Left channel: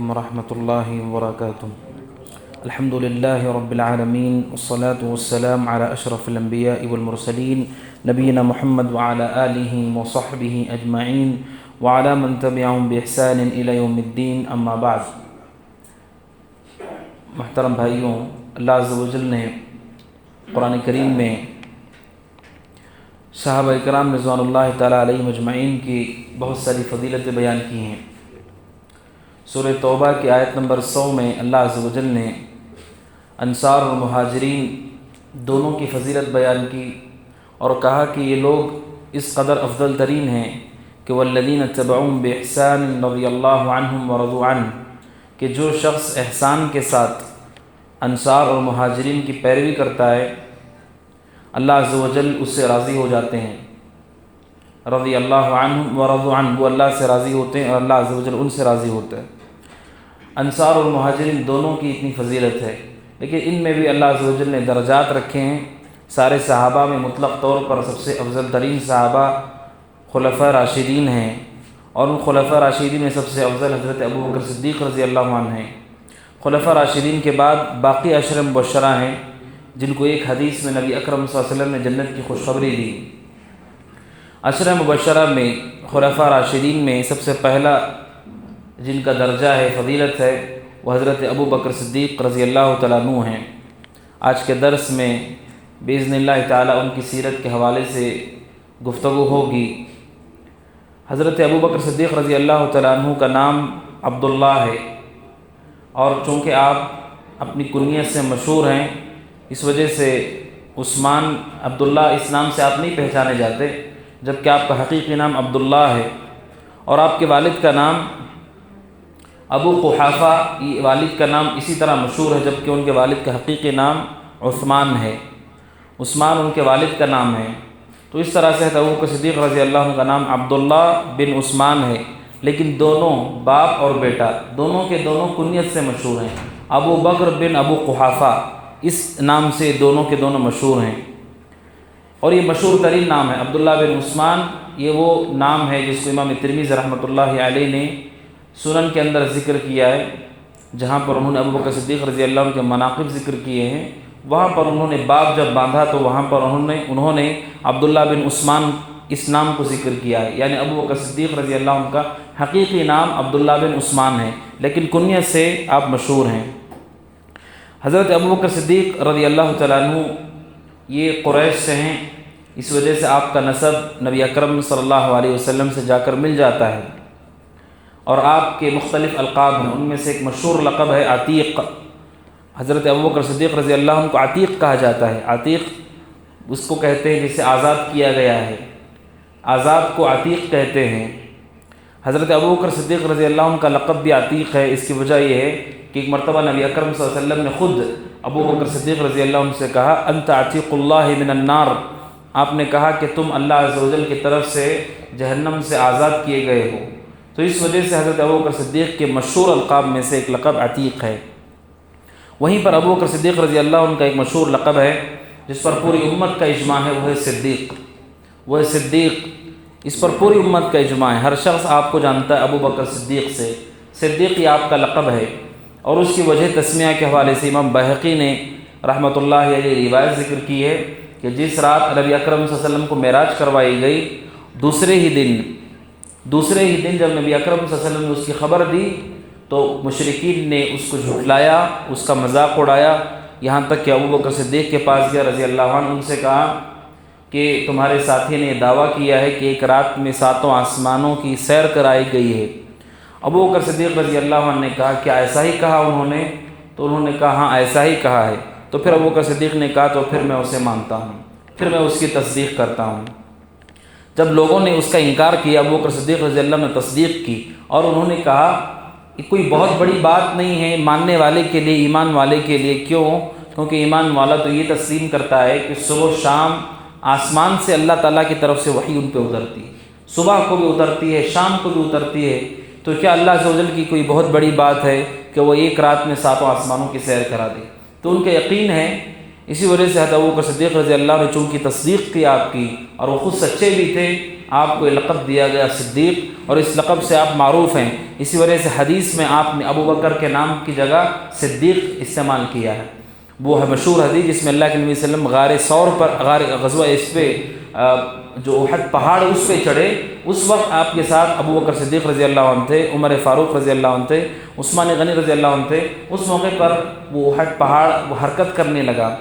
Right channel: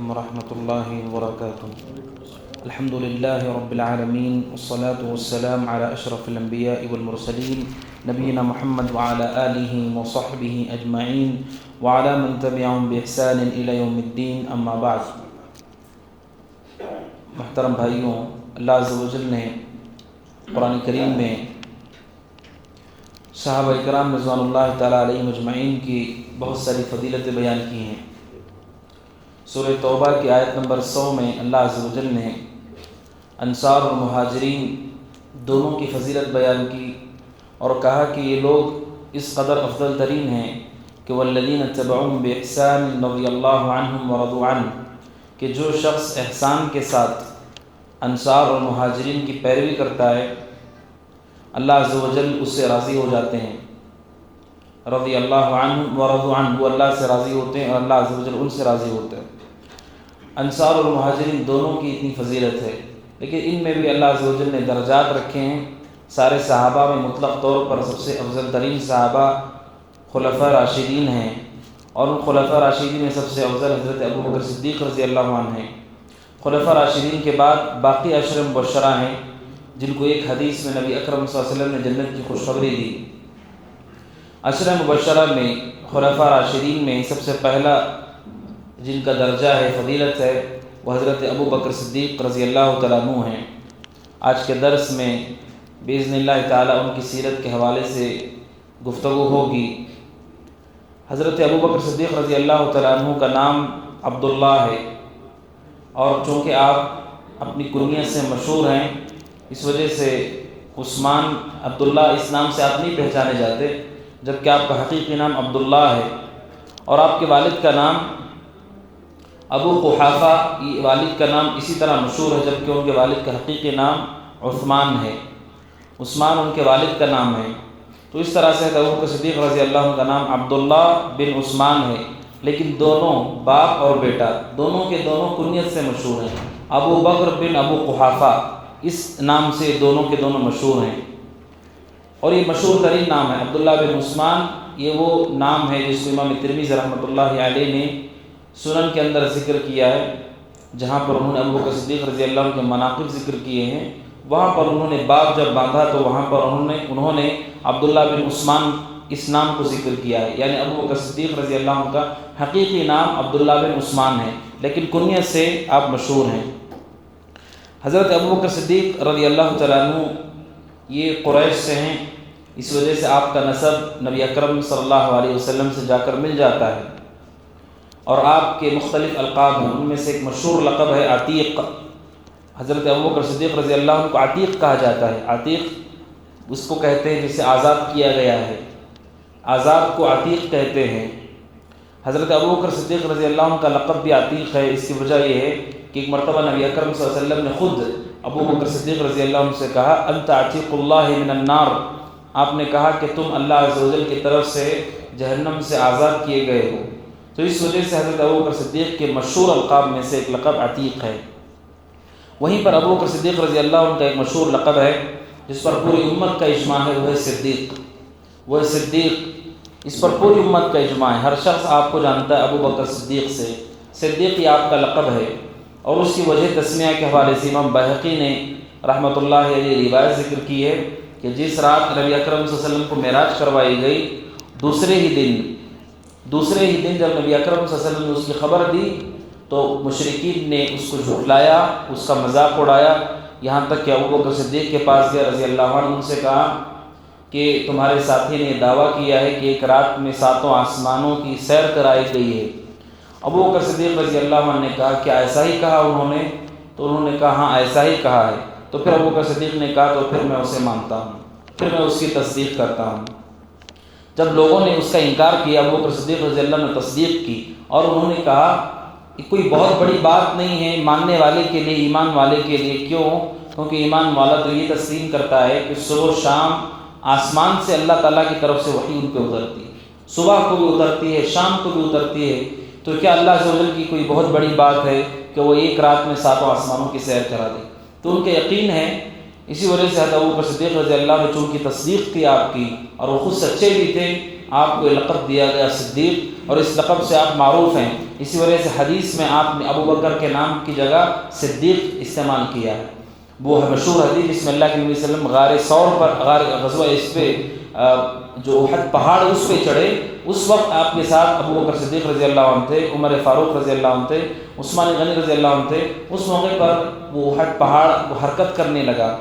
علیکم ورحمۃ اللہ وبرکاتہ۔ الحمد للہ رب العالمین والصلاة والسلام علی اشرف الانبیاء والمرسلین نبینا محمد وعلی آلہ وصحبہ اجمعین وعلی من تبعہم بإحسان الی یوم الدین، اما بعد۔ محترم بھائیوں، اللہ عز و جل نے قرآن کریم میں صحابہ کرام رضوان اللہ تعالیٰ علیہم اجمعین کی بہت ساری فضیلتیں بیان کی ہیں۔ سورہ توبہ کی آیت نمبر 100 میں اللہ عز و جل نے انصار اور مہاجرین دونوں کی فضیلت بیان کی اور کہا کہ یہ لوگ اس قدر افضل ترین ہیں کہ والذین اتبعوہم بإحسان رضی اللہ عنہم ورضوا عنہ، کہ جو شخص احسان کے ساتھ انصار اور مہاجرین کی پیروی کرتا ہے اللہ عز و جل اس سے راضی ہو جاتے ہیں۔ رضی اللہ عنہ ورضوا عنہ، وہ اللہ سے راضی ہوتے ہیں اور اللہ عز و جل ان سے راضی ہوتا ہے۔ انصار اور مہاجرین دونوں کی اتنی فضیلت ہے، لیکن ان میں بھی اللہ عز و جل نے درجات رکھے ہیں۔ سارے صحابہ میں مطلق طور پر سب سے افضل ترین صحابہ خلفاء راشدین ہیں، اور ان خلفاء راشدین میں سب سے افضل حضرت ابوبکر صدیق رضی اللہ عنہ ہیں۔ خلفاء راشدین کے بعد باقی عشر مبشرہ ہیں، جن کو ایک حدیث میں نبی اکرم صلی اللہ علیہ وسلم نے جنت کی خوشخبری دی۔ عشر مبشرہ میں خلفاء راشدین میں سب سے پہلا جن کا درجہ ہے، فضیلت ہے، وہ حضرت ابوبکر صدیق رضی اللہ تعالیٰ عنہ ہیں۔ آج کے درس میں باذن اللہ تعالیٰ ان کی سیرت کے حوالے سے گفتگو ہوگی۔ حضرت ابوبکر صدیق رضی اللہ تعالیٰ عنہ کا نام عبداللہ ہے، اور چونکہ آپ اپنی کنیت سے مشہور ہیں، اس وجہ سے عثمان عبداللہ اس نام سے آپ نہیں پہچانے جاتے، جبکہ آپ کا حقیقی نام عبداللہ ہے، اور آپ کے والد کا نام ابو قحافہ، یہ والد کا نام اسی طرح مشہور ہے، جبکہ ان کے والد کا حقیقی نام عثمان ہے۔ عثمان ان کے والد کا نام ہے، تو اس طرح سے ابوبکر صدیق رضی اللہ عنہ کا نام عبداللہ بن عثمان ہے، لیکن دونوں باپ اور بیٹا دونوں کے دونوں کنیت سے مشہور ہیں۔ ابو بکر بن ابو قحافہ اس نام سے دونوں کے دونوں مشہور ہیں، اور یہ مشہور ترین نام ہے عبداللہ بن عثمان۔ یہ وہ نام ہے جس کو امام ترمذی رحمۃ اللہ علیہ نے سنن کے اندر ذکر کیا ہے، جہاں پر انہوں نے ابوبکر صدیق رضی اللہ عنہ کے مناقب ذکر کیے ہیں۔ وہاں پر انہوں نے باب جب باندھا تو وہاں پر انہوں نے عبداللہ بن عثمان اس نام کو ذکر کیا ہے، یعنی ابوبکر صدیق رضی اللہ عنہ کا حقیقی نام عبداللہ بن عثمان ہے، لیکن کنیت سے آپ مشہور ہیں۔ حضرت ابوبکر صدیق رضی اللہ تعالیٰ عنہ یہ قریش سے ہیں، اس وجہ سے آپ کا نسب نبی اکرم صلی اللہ علیہ وسلم سے جا کر مل جاتا ہے، اور آپ کے مختلف القاب ہیں۔ ان میں سے ایک مشہور لقب ہے عتیق۔ حضرت ابوبکر صدیق رضی اللہ عنہ کو عتیق کہا جاتا ہے۔ عتیق اس کو کہتے ہیں جسے آزاد کیا گیا ہے، آزاد کو عتیق کہتے ہیں۔ حضرت ابوبکر صدیق رضی اللہ عنہ کا لقب بھی عتیق ہے۔ اس کی وجہ یہ ہے کہ ایک مرتبہ نبی اکرم صلی اللہ علیہ وسلم نے خود ابوبکر صدیق رضی اللہ عنہ سے کہا انت عتیق اللہ من النار، آپ نے کہا کہ تم اللہ عز و جل کی طرف سے جہنم سے آزاد کیے گئے ہو۔ تو اس وجہ سے حضرت ابوبکر صدیق کے مشہور القاب میں سے ایک لقب عتیق ہے۔ وہیں پر ابوبکر صدیق رضی اللہ عنہ کا ایک مشہور لقب ہے جس پر پوری امت کا اجماع ہے، وہ ہے صدیق۔ وہ ہے صدیق، اس پر پوری امت کا اجماع ہے، ہر شخص آپ کو جانتا ہے ابوبکر صدیق سے۔ صدیق یہ آپ کا لقب ہے، اور اس کی وجہ تسمیہ کے حوالے سے امام بہقی نے رحمۃ اللہ علیہ روایت ذکر کی ہے کہ جس رات نبی اکرم صلی اللہ علیہ وسلم کو معراج کروائی گئی، دوسرے ہی دن جب نبی اکرم صلی اللہ علیہ وسلم نے اس کی خبر دی تو مشرکین نے اس کو جھٹلایا، اس کا مذاق اڑایا، یہاں تک کہ ابوبکر صدیق کے پاس گیا رضی اللہ عنہ، ان سے کہا کہ تمہارے ساتھی نے یہ دعویٰ کیا ہے کہ ایک رات میں 7 آسمانوں کی سیر کرائی گئی ہے۔ ابوبکر صدیق رضی اللہ عنہ نے کہا کہ ایسا ہی کہا انہوں نے؟ تو انہوں نے کہا ہاں ایسا ہی کہا ہے۔ تو پھر ابوبکر صدیق نے کہا تو پھر میں اسے مانتا ہوں، پھر میں اس کی تصدیق کرتا ہوں۔ جب لوگوں نے اس کا انکار کیا، ابوبکر صدیق رضی اللہ عنہ نے تصدیق کی، اور انہوں نے کہا کہ کوئی بہت بڑی بات نہیں ہے ماننے والے کے لیے، ایمان والے کے لیے۔ کیوں؟ کیونکہ ایمان والا تو یہ تسلیم کرتا ہے کہ صبح و شام آسمان سے اللہ تعالیٰ کی طرف سے وحی ان پہ اترتی ہے، صبح کو بھی اترتی ہے، شام کو بھی اترتی ہے۔ تو کیا اللہ عز و جل کی کوئی بہت بڑی بات ہے کہ وہ ایک رات میں 7 آسمانوں کی سیر کرا دے؟ تو ان کا یقین ہے، اسی وجہ سے حضرت ابوبکر صدیق رضی اللہ عنہ نے چونکہ تصدیق کی آپ کی، اور وہ خود سچے بھی تھے، آپ کو یہ لقب دیا گیا صدیق، اور اس لقب سے آپ معروف ہیں۔ اسی وجہ سے حدیث میں آپ نے ابو بکر کے نام کی جگہ صدیق استعمال کیا ہے۔ وہ مشہور حدیث جس میں اللہ کے نبی صلی اللہ علیہ وسلم غار ثور پر، غار غزوہ اس پہ جو احد پہاڑ اس پہ چڑھے، اس وقت آپ کے ساتھ ابو بکر صدیق رضی اللہ عنہ تھے، عمر فاروق رضی اللہ عنہ تھے، عثمان غنی رضی اللہ عنہ تھے۔ اس موقع پر وہ احد پہاڑ وہ حرکت کرنے لگا،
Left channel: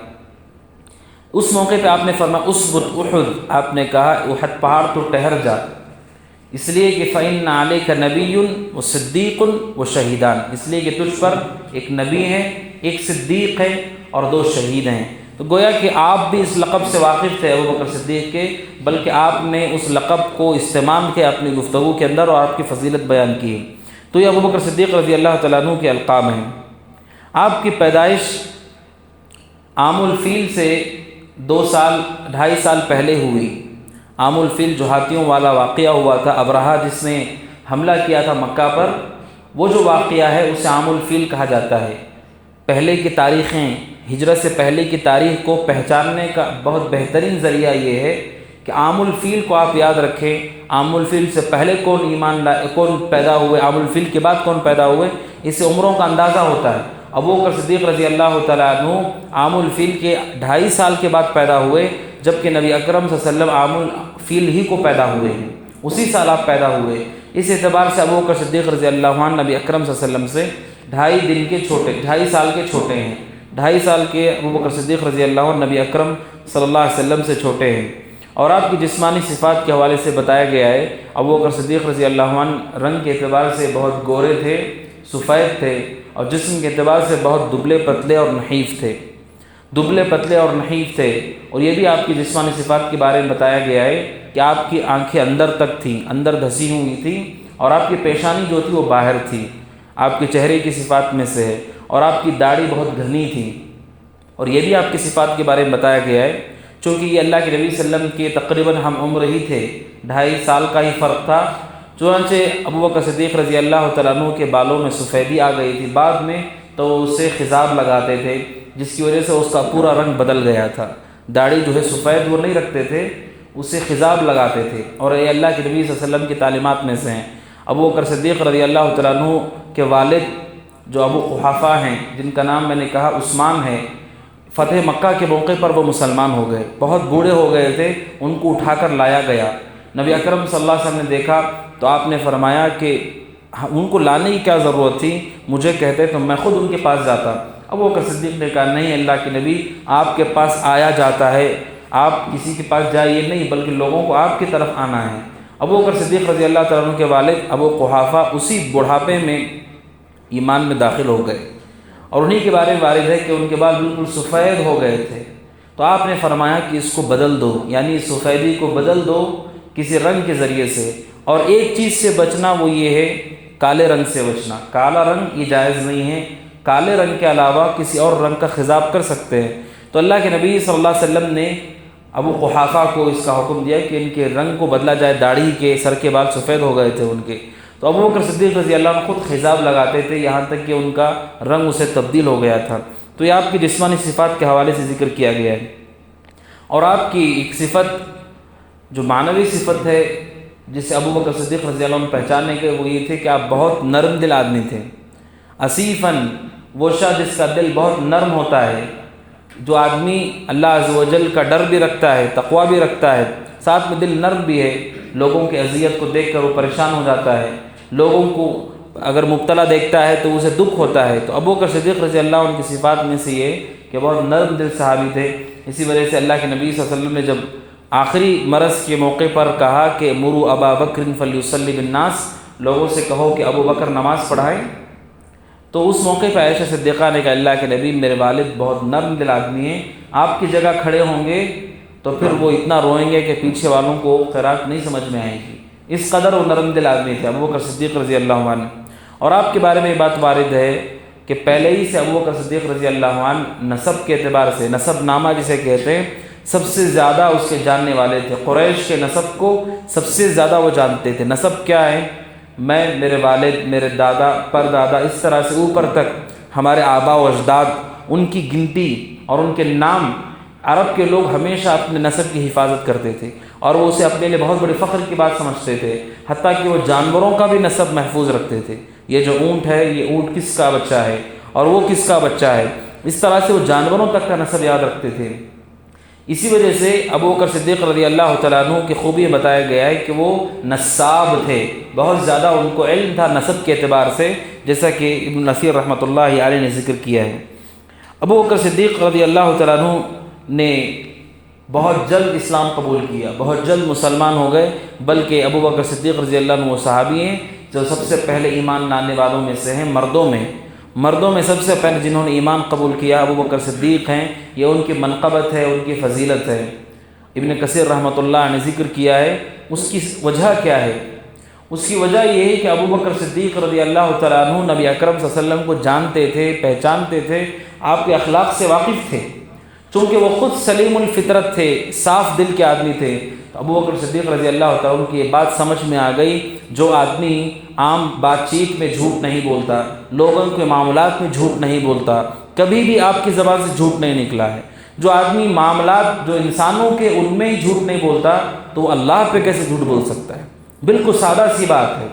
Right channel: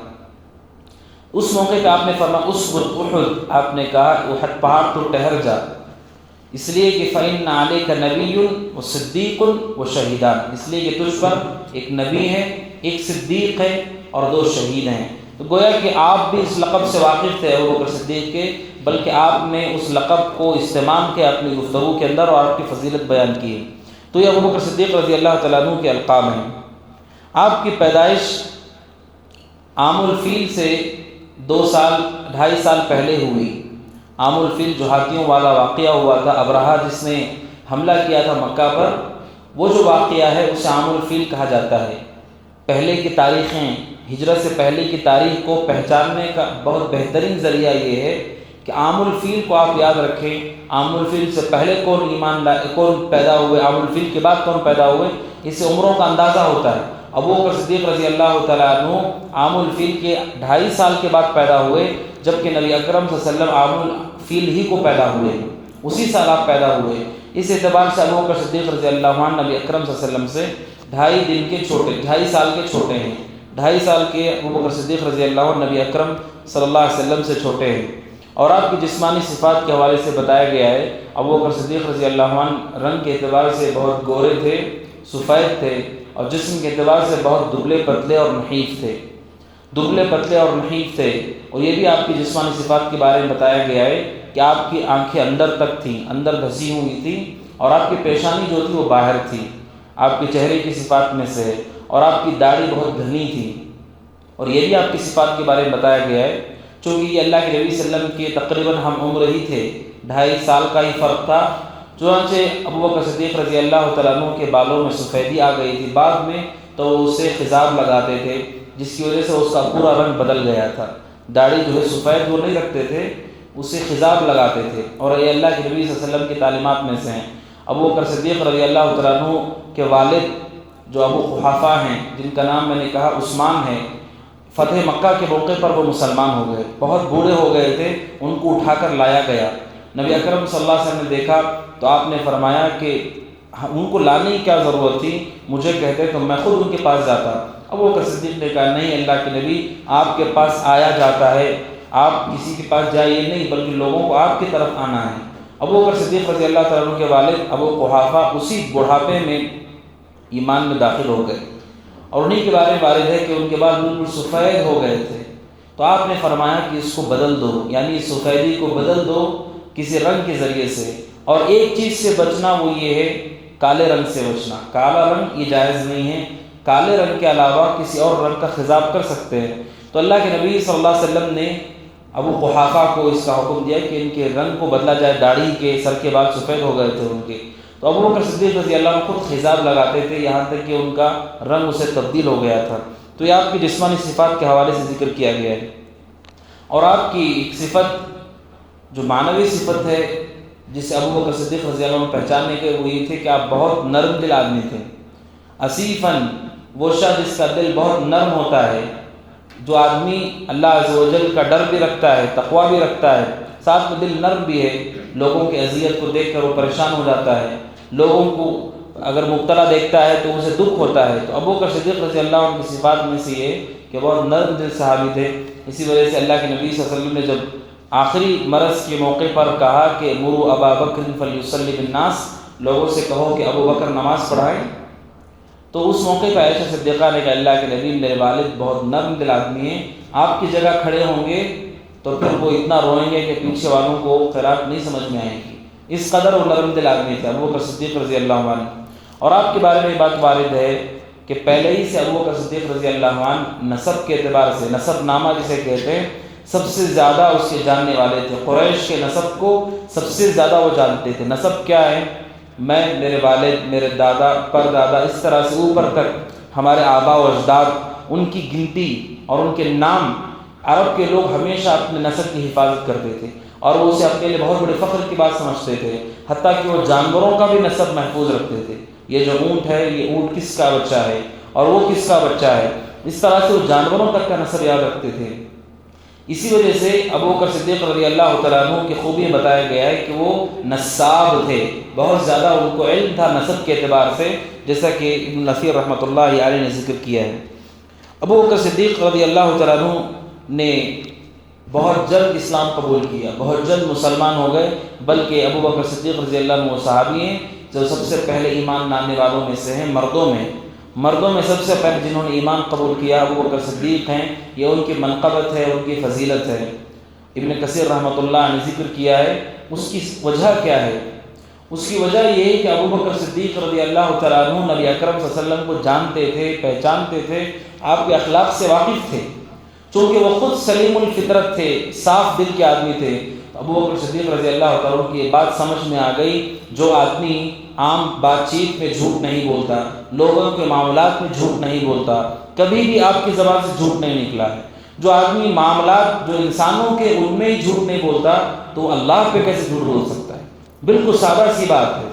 اس موقع پہ آپ نے فرمایا اسبت احد، آپ نے کہا احد پہاڑ تو ٹھہر جا، اس لیے کہ فإن علیک نبی و صدیق و شہیدان، اس لیے کہ تجھ پر ایک نبی ہے، ایک صدیق ہے اور 2 شہید ہیں۔ تو گویا کہ آپ بھی اس لقب سے واقف تھے ابو بکر صدیق کے، بلکہ آپ نے اس لقب کو استعمال کیا اپنی گفتگو کے اندر اور آپ کی فضیلت بیان کی۔ تو یہ ابو بکر صدیق رضی اللہ تعالیٰ عنہ کے القاب ہیں۔ آپ کی پیدائش عام الفیل سے 2 سال 2.5 سال پہلے ہوئی۔ عام الفیل جو ہاتھیوں والا واقعہ ہوا تھا، ابرہہ جس نے حملہ کیا تھا مکہ پر، وہ جو واقعہ ہے اسے عام الفیل کہا جاتا ہے۔ پہلے کی تاریخیں، ہجرت سے پہلے کی تاریخ کو پہچاننے کا بہت بہترین ذریعہ یہ ہے کہ عام الفیل کو آپ یاد رکھیں۔ عام الفیل سے پہلے کون پیدا ہوئے، عام الفیل کے بعد کون پیدا ہوئے، اس سے عمروں کا اندازہ ہوتا ہے۔ ابو بکر صدیق رضی اللہ تعالیٰ عنہ عام الفیل کے 2.5 سال کے بعد پیدا ہوئے، جبکہ نبی اکرم صلی اللہ علیہ وسلم عام الفیل ہی کو پیدا ہوئے ہیں، اسی سال آپ پیدا ہوئے۔ اس اعتبار سے ابو بکر صدیق رضی اللہ عنہ نبی اکرم صلی اللہ علیہ وسلم سے 2.5 سال کے چھوٹے ہیں۔ 2.5 سال کے ابو بکر صدیق رضی اللہ عنہ نبی اکرم صلی اللہ علیہ وسلم سے چھوٹے ہیں۔ اور آپ کی جسمانی صفات کے حوالے سے بتایا گیا ہے، ابو بکر صدیق رضی اللہ عنہ رنگ کے اعتبار سے بہت گورے تھے، سفید تھے، اور جسم کے اعتبار سے بہت دبلے پتلے اور نحیف تھے، اور یہ بھی آپ کی جسمانی صفات کے بارے میں بتایا گیا ہے کہ آپ کی آنکھیں اندر تک تھیں، اندر دھسی ہوئی تھیں، اور آپ کی پیشانی جو تھی وہ باہر تھی، آپ کے چہرے کی صفات میں سے ہے، اور آپ کی داڑھی بہت گھنی تھی۔ اور یہ بھی آپ کی صفات کے بارے میں بتایا گیا ہے، چونکہ یہ اللہ کے نبی صلی اللہ علیہ وسلم کے تقریباً ہم عمر ہی تھے، 2.5 سال کا ہی فرق تھا۔ چنانچہ ابو بکر صدیق رضی اللہ تعالیٰ عنہ کے بالوں میں سفیدی آ گئی تھی، بعد میں تو اسے خضاب لگاتے تھے، جس کی وجہ سے اس کا پورا رنگ بدل گیا تھا۔ داڑھی جو ہے سفید وہ نہیں رکھتے تھے، اسے خضاب لگاتے تھے، اور یہ اللہ کے نبی صلی اللہ علیہ وسلم کی تعلیمات میں سے ہیں۔ ابو بکر صدیق رضی اللہ تعالیٰ عنہ کے والد جو ابو قحافہ ہیں، جن کا نام میں نے کہا عثمان ہے، فتح مکہ کے موقع پر وہ مسلمان ہو گئے، بہت بوڑھے ہو گئے تھے، ان کو اٹھا کر لایا گیا۔ نبی اکرم صلی اللہ علیہ وسلم نے دیکھا تو آپ نے فرمایا کہ ان کو لانے کی کیا ضرورت تھی، مجھے کہتے تو میں خود ان کے پاس جاتا۔ ابو بکر صدیق نے کہا نہیں اللہ کے نبی، آپ کے پاس آیا جاتا ہے، آپ کسی کے پاس جائیے نہیں، بلکہ لوگوں کو آپ کی طرف آنا ہے۔ ابو بکر صدیق رضی اللہ تعالیٰ عنہ کے والد ابو قحافہ اسی بڑھاپے میں ایمان میں داخل ہو گئے، اور انہی کے بارے میں وارد ہے کہ ان کے بعد بالکل سفید ہو گئے تھے۔ تو آپ نے فرمایا کہ اس کو بدل دو، یعنی اس سفیدی کو بدل دو کسی رنگ کے ذریعے سے، اور ایک چیز سے بچنا، وہ یہ ہے کالے رنگ سے بچنا۔ کالا رنگ یہ جائز نہیں ہے، کالے رنگ کے علاوہ کسی اور رنگ کا خضاب کر سکتے ہیں۔ تو اللہ کے نبی صلی اللہ علیہ وسلم نے ابو قحافہ کو اس کا حکم دیا کہ ان کے رنگ کو بدلا جائے، داڑھی کے سر کے بال سفید ہو گئے تھے ان کے، تو ابو بکر صدیق رضی اللہ عنہ خود خضاب لگاتے تھے، یہاں تک کہ ان کا رنگ اسے تبدیل ہو گیا تھا۔ تو یہ آپ کی جسمانی صفات کے حوالے سے ذکر کیا گیا ہے۔ اور آپ کی ایک صفت جو معنوی صفت ہے جسے ابو بکر صدیق رضی اللہ عنہ پہچاننے کے، وہ یہ تھے کہ آپ بہت نرم دل آدمی تھے۔ اسیفاً، وہ شخص جس کا دل بہت نرم ہوتا ہے، جو آدمی اللہ عز و جل کا ڈر بھی رکھتا ہے، تقوی بھی رکھتا ہے، ساتھ میں دل نرم بھی ہے، لوگوں کی اذیت کو دیکھ کر وہ پریشان ہو جاتا ہے، لوگوں کو اگر مبتلا دیکھتا ہے تو اسے دکھ ہوتا ہے۔ تو ابو بکر صدیق رضی اللہ عنہ کی صفات میں سے یہ کہ بہت نرم دل صحابی تھے۔ اسی وجہ سے اللہ کے نبی صلی اللہ علیہ وسلم نے جب آخری مرض کے موقع پر کہا کہ مروا ابا بکر فلیصلی بالناس، لوگوں سے کہو کہ ابو بکر نماز پڑھائیں، تو اس موقع پہ عائشہ صدیقہ نے کہا اللہ کے نبی میرے والد بہت نرم دل آدمی ہیں، آپ کی جگہ کھڑے ہوں گے تو پھر وہ اتنا روئیں گے کہ پیچھے والوں کو قرات نہیں سمجھ میں آئے گی، اس قدر وہ نرم دل آدمی تھے ابو بکر صدیق رضی اللہ عنہ۔ اور آپ کے بارے میں یہ بات وارد ہے کہ پہلے ہی سے ابو بکر صدیق رضی اللہ عنہ نسب کے اعتبار سے، نسب نامہ جسے کہتے ہیں، سب سے زیادہ اس کے جاننے والے تھے، قریش کے نسب کو سب سے زیادہ وہ جانتے تھے۔ نسب کیا ہے؟ میں، میرے والد، میرے دادا، پردادا، اس طرح سے اوپر تک ہمارے آبا و اجداد، ان کی گنتی اور ان کے نام، عرب کے لوگ ہمیشہ اپنے نسب کی حفاظت کرتے تھے، اور وہ اسے اپنے لیے بہت بڑے فخر کی بات سمجھتے تھے، حتیٰ کہ وہ جانوروں کا بھی نسب محفوظ رکھتے تھے۔ یہ جو اونٹ ہے، یہ اونٹ کس کا بچہ ہے اور وہ کس کا بچہ ہے، اس طرح سے وہ جانوروں تک کا نسب یاد رکھتے تھے۔ اسی وجہ سے ابو بکر صدیق رضی اللہ تعالیٰ عنہ کی خوبی بتایا گیا ہے کہ وہ نساب تھے، بہت زیادہ ان کو علم تھا نسب کے اعتبار سے، جیسا کہ ابن نصیر رحمۃ اللہ علیہ نے ذکر کیا ہے۔ ابو بکر صدیق رضی اللہ تعالیٰ عنہ نے بہت جلد اسلام قبول کیا، بہت جلد مسلمان ہو گئے، بلکہ ابو بکر صدیق رضی اللہ عنہ وہ صحابی ہیں جو سب سے پہلے ایمان لانے والوں میں سے ہیں، مردوں میں سب سے پہلے جنہوں نے ایمان قبول کیا ابو بکر صدیق ہیں۔ یہ ان کی منقبت ہے، ان کی فضیلت ہے۔ ابن کثیر رحمۃ اللہ نے ذکر کیا ہے، اس کی وجہ کیا ہے؟ اس کی وجہ یہ ہے کہ ابو بکر صدیق رضی اللہ تعالیٰ عنہ نبی اکرم صلی اللہ علیہ وسلم کو جانتے تھے، پہچانتے تھے، آپ کے اخلاق سے واقف تھے، چونکہ وہ خود سلیم الفطرت تھے، صاف دل کے آدمی تھے۔ ابو بکر صدیق رضی اللہ تعالیٰ عنہ کی یہ بات سمجھ میں آ گئی، جو آدمی عام بات چیت میں جھوٹ نہیں بولتا، لوگوں کے معاملات میں جھوٹ نہیں بولتا، کبھی بھی آپ کی زبان سے جھوٹ نہیں نکلا ہے، جو آدمی معاملات جو انسانوں کے ان میں ہی جھوٹ نہیں بولتا، تو اللہ پہ کیسے جھوٹ بول سکتا ہے؟ بالکل سادہ سی بات ہے،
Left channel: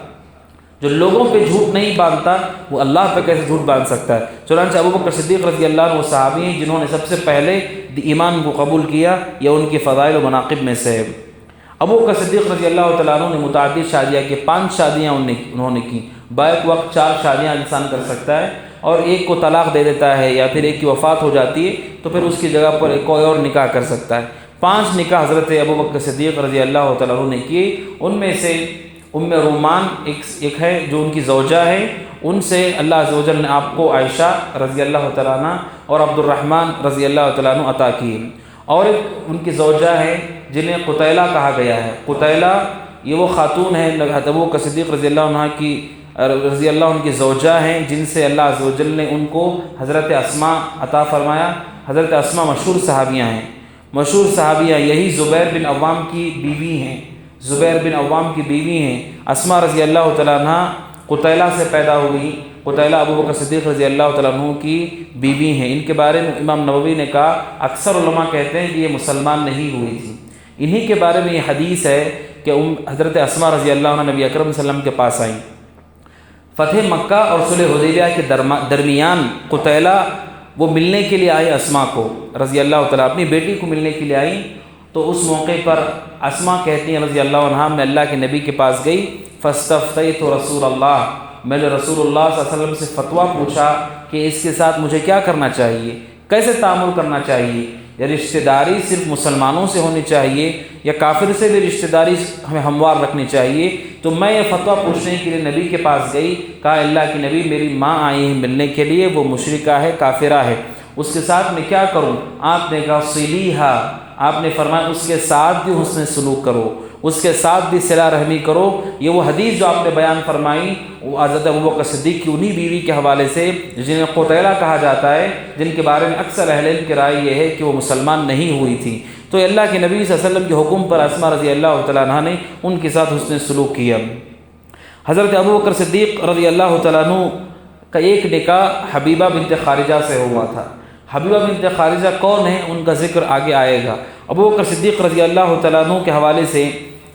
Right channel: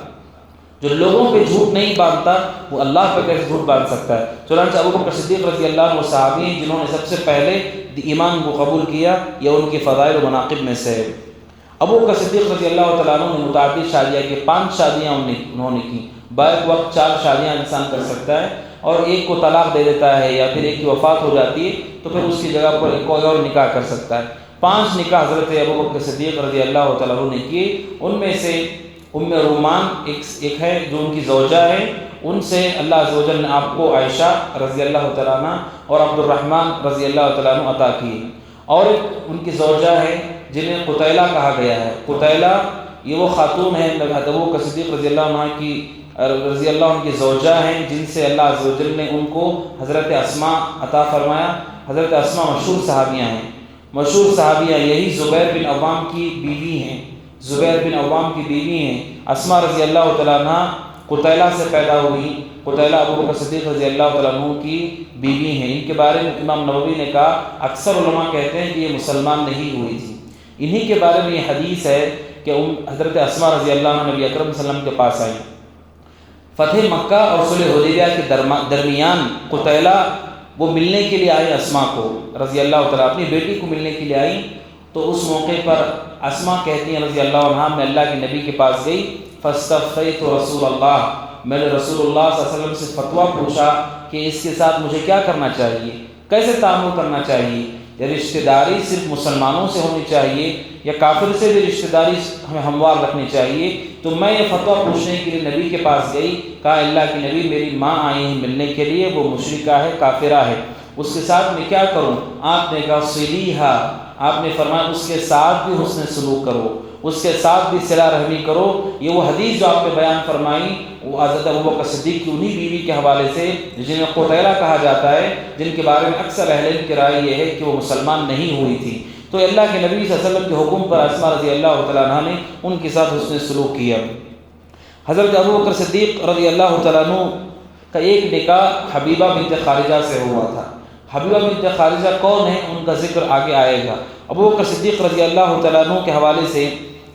جو لوگوں پہ جھوٹ نہیں باندھتا وہ اللہ پہ کیسے جھوٹ باندھ سکتا ہے؟ چنانچہ ابو بکر صدیق رضی اللہ عنہ صحابی ہیں جنہوں نے سب سے پہلے ایمان کو قبول کیا، یا ان کی فضائل و مناقب میں سے ہے۔ ابو بکر صدیق رضی اللہ تعالیٰ عنہ نے متعدد شادیاں کی، 5 شادیاں انہوں نے کی۔ بیک وقت 4 شادیاں انسان کر سکتا ہے، اور ایک کو طلاق دے دیتا ہے یا پھر ایک کی وفات ہو جاتی ہے تو پھر اس کی جگہ پر ایک کوئی اور نکاح کر سکتا ہے۔ 5 نکاح حضرت ابو بکر صدیق رضی اللہ تعالیٰ عنہ نے کیے۔ ان میں سے ام رومان ایک ہے جو ان کی زوجہ ہے، ان سے اللہ عز و جل نے آپ کو عائشہ رضی اللہ تعالیٰ عنہ اور عبد الرحمن رضی اللہ تعالیٰ عنہ عطا کی، اور ان کی زوجہ ہے جنہیں قتیلہ کہا گیا ہے۔ قتیلہ یہ وہ خاتون ہے ابو بکر صدیق رضی اللہ عنہ کی زوجہ ہیں، جن سے اللہ عز و جل نے ان کو حضرت اسماء عطا فرمایا۔ حضرت اسماء مشہور صحابیاں ہیں، مشہور صحابیہ یہی زبیر بن عوام کی بیوی ہیں، زبیر بن عوام کی بیوی ہیں۔ اسماء رضی اللہ تعالیٰ عنہ قتیلہ سے پیدا ہوئی، قتیلہ ابو بکر صدیق رضی اللہ تعالیٰ عنہ کی بیوی ہیں۔ ان کے بارے میں امام نووی نے کہا، اکثر علماء کہتے ہیں کہ یہ مسلمان نہیں ہوئی تھی۔ انہی کے بارے میں یہ حدیث ہے کہ حضرت اسماء رضی اللہ عنہ نبی اکرم صلی اللہ علیہ وسلم کے پاس آئیں۔ فتح مکہ اور صلح حدیبیہ کے درمیان قتیلہ وہ ملنے کے لیے آئے اسماء کو رضی اللہ تعالیٰ، اپنی بیٹی کو ملنے کے لیے آئیں۔ تو اس موقع پر اسماء کہتی ہیں رضی اللہ عنہا، میں اللہ کے نبی کے پاس گئی، فاستفتیت رسول اللہ، میں نے رسول اللہ صلی اللہ علیہ وسلم سے فتویٰ پوچھا کہ اس کے ساتھ مجھے کیا کرنا چاہیے، کیسے تعامل کرنا چاہیے، یا رشتہ داری صرف مسلمانوں سے ہونی چاہیے یا کافر سے بھی رشتہ داری ہمیں ہموار رکھنی چاہیے؟ تو میں یہ فتویٰ پوچھنے کے لیے نبی کے پاس گئی، کہا اللہ کے نبی میری ماں آئی ہے ملنے کے لیے، وہ مشرکہ ہے، کافرہ ہے، اس کے ساتھ میں کیا کروں؟ آپ نے کہا صلیھا، آپ نے فرمایا اس کے ساتھ بھی حسن سلوک کرو، اس کے ساتھ بھی صلہ رحمی کرو۔ یہ وہ حدیث جو آپ نے بیان فرمائی وہ حضرت ابو بکر صدیق کی انہی بیوی کے حوالے سے جنہیں قتیلہ کہا جاتا ہے، جن کے بارے میں اکثر اہل علم کی رائے یہ ہے کہ وہ مسلمان نہیں ہوئی تھی۔ تو اللہ کے نبی صلی اللہ علیہ وسلم کے حکم پر اسماء رضی اللہ تعالیٰ عنہ نے ان کے ساتھ حسن سلوک کیا۔ حضرت ابو بکر صدیق رضی اللہ تعالیٰ عنہ کا ایک نکاح حبیبہ بنت خارجہ سے ہوا تھا۔ حبیبہ بنت خارجہ کون ہے، ان کا ذکر آگے آئے گا۔ ابو بکر صدیق رضی اللہ تعالیٰ عنہ کے حوالے سے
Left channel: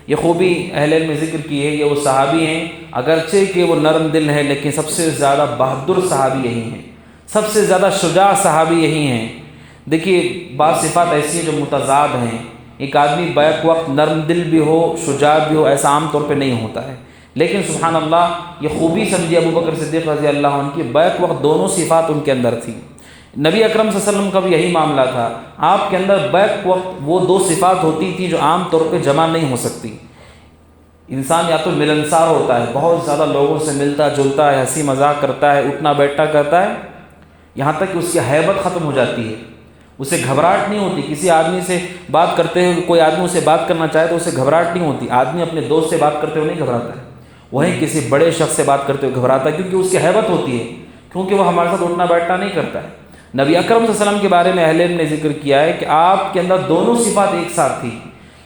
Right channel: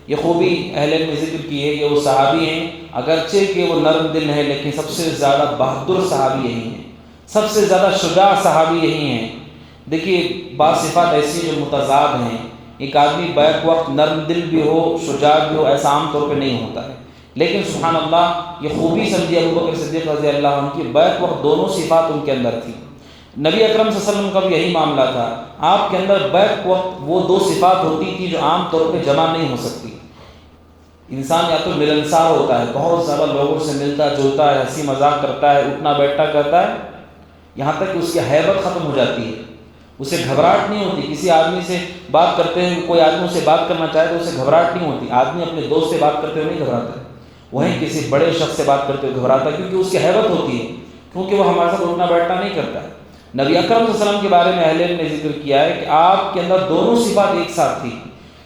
یہ خوبی اہل علم نے ذکر کی ہے، یہ وہ صحابی ہیں، اگرچہ کہ وہ نرم دل ہیں لیکن سب سے زیادہ بہادر صحابی یہی ہیں، سب سے زیادہ شجاع صحابی یہی ہیں۔ دیکھیے بعض صفات ایسی جو متضاد ہیں، ایک آدمی بیک وقت نرم دل بھی ہو، شجاع بھی ہو، ایسا عام طور پہ نہیں ہوتا ہے، لیکن سبحان اللہ یہ خوبی سمجھے ابو بکر صدیق رضی اللہ عنہ کی، بیک وقت دونوں صفات ان کے اندر تھی۔ نبی اکرم صلی اللہ علیہ وسلم کا بھی یہی معاملہ تھا، آپ کے اندر بیک وقت وہ 2 صفات ہوتی تھی جو عام طور پہ جمع نہیں ہو سکتی۔ انسان یا تو ملنسار ہوتا ہے، بہت زیادہ لوگوں سے ملتا جلتا ہے، ہنسی مذاق کرتا ہے، اٹھنا بیٹھنا کرتا ہے، یہاں تک کہ اس کی ہیبت ختم ہو جاتی ہے، اسے گھبراہٹ نہیں ہوتی۔ کسی آدمی سے بات کرتے ہیں، کوئی آدمی اسے بات کرنا چاہے تو اسے گھبراہٹ نہیں ہوتی۔ آدمی اپنے دوست سے بات کرتے ہوئے نہیں گھبراتا ہے، وہیں کسی بڑے شخص سے بات کرتے ہوئے گھبراتا ہے، کیونکہ اس کی ہیبت ہوتی ہے، کیونکہ وہ ہمارے ساتھ اٹھنا بیٹھنا نہیں کرتا ہے۔ نبی اکرم صلی اللہ علیہ وسلم کے بارے میں اہل علم نے ذکر کیا ہے کہ آپ کے اندر دونوں صفات ایک ساتھ تھی،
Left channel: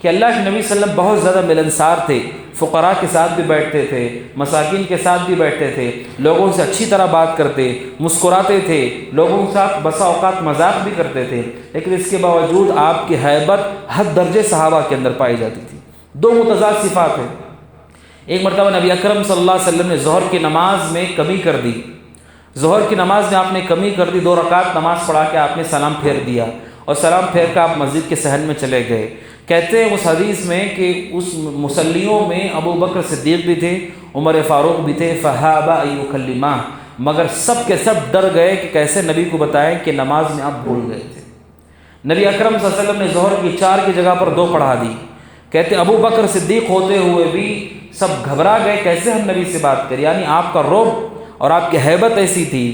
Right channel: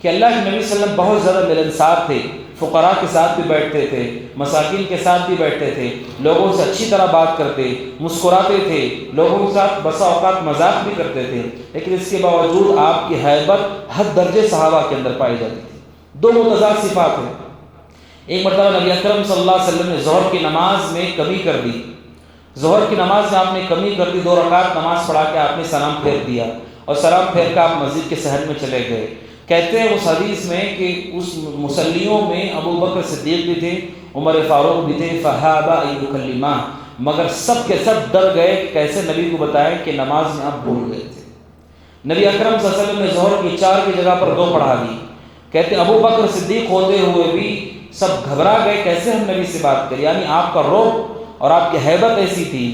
کہ اللہ کے نبی صلی اللہ علیہ وسلم بہت زیادہ ملنسار تھے، فقراء کے ساتھ بھی بیٹھتے تھے، مساکین کے ساتھ بھی بیٹھتے تھے، لوگوں سے اچھی طرح بات کرتے، مسکراتے تھے، لوگوں کے ساتھ بسا اوقات مذاق بھی کرتے تھے، لیکن اس کے باوجود آپ کی ہیبت حد درجے صحابہ کے اندر پائی جاتی تھی۔ دو متضاد صفات ہیں۔ ایک مرتبہ نبی اکرم صلی اللہ علیہ وسلم نے ظہر کی نماز میں کمی کر دی، ظہر کی نماز میں آپ نے کمی کر دی، 2 رکعت نماز پڑھا کے آپ نے سلام پھیر دیا اور سلام پھیر کر آپ مسجد کے صحن میں چلے گئے۔ کہتے ہیں اس حدیث میں کہ اس مصلیوں میں ابو بکر صدیق بھی تھے، عمر فاروق بھی تھے، فہابا یکلمہ، مگر سب کے سب ڈر گئے کہ کیسے نبی کو بتائیں کہ نماز میں آپ بھول گئے تھے۔ نبی اکرم صلی اللہ علیہ وسلم نے ظہر کی 4 کی جگہ پر 2 پڑھا دی۔ کہتے ہیں ابو بکر صدیق ہوتے ہوئے بھی سب گھبرا گئے، کیسے ہم نبی سے بات کریں، یعنی آپ کا رعب اور آپ کی ہیبت ایسی تھی۔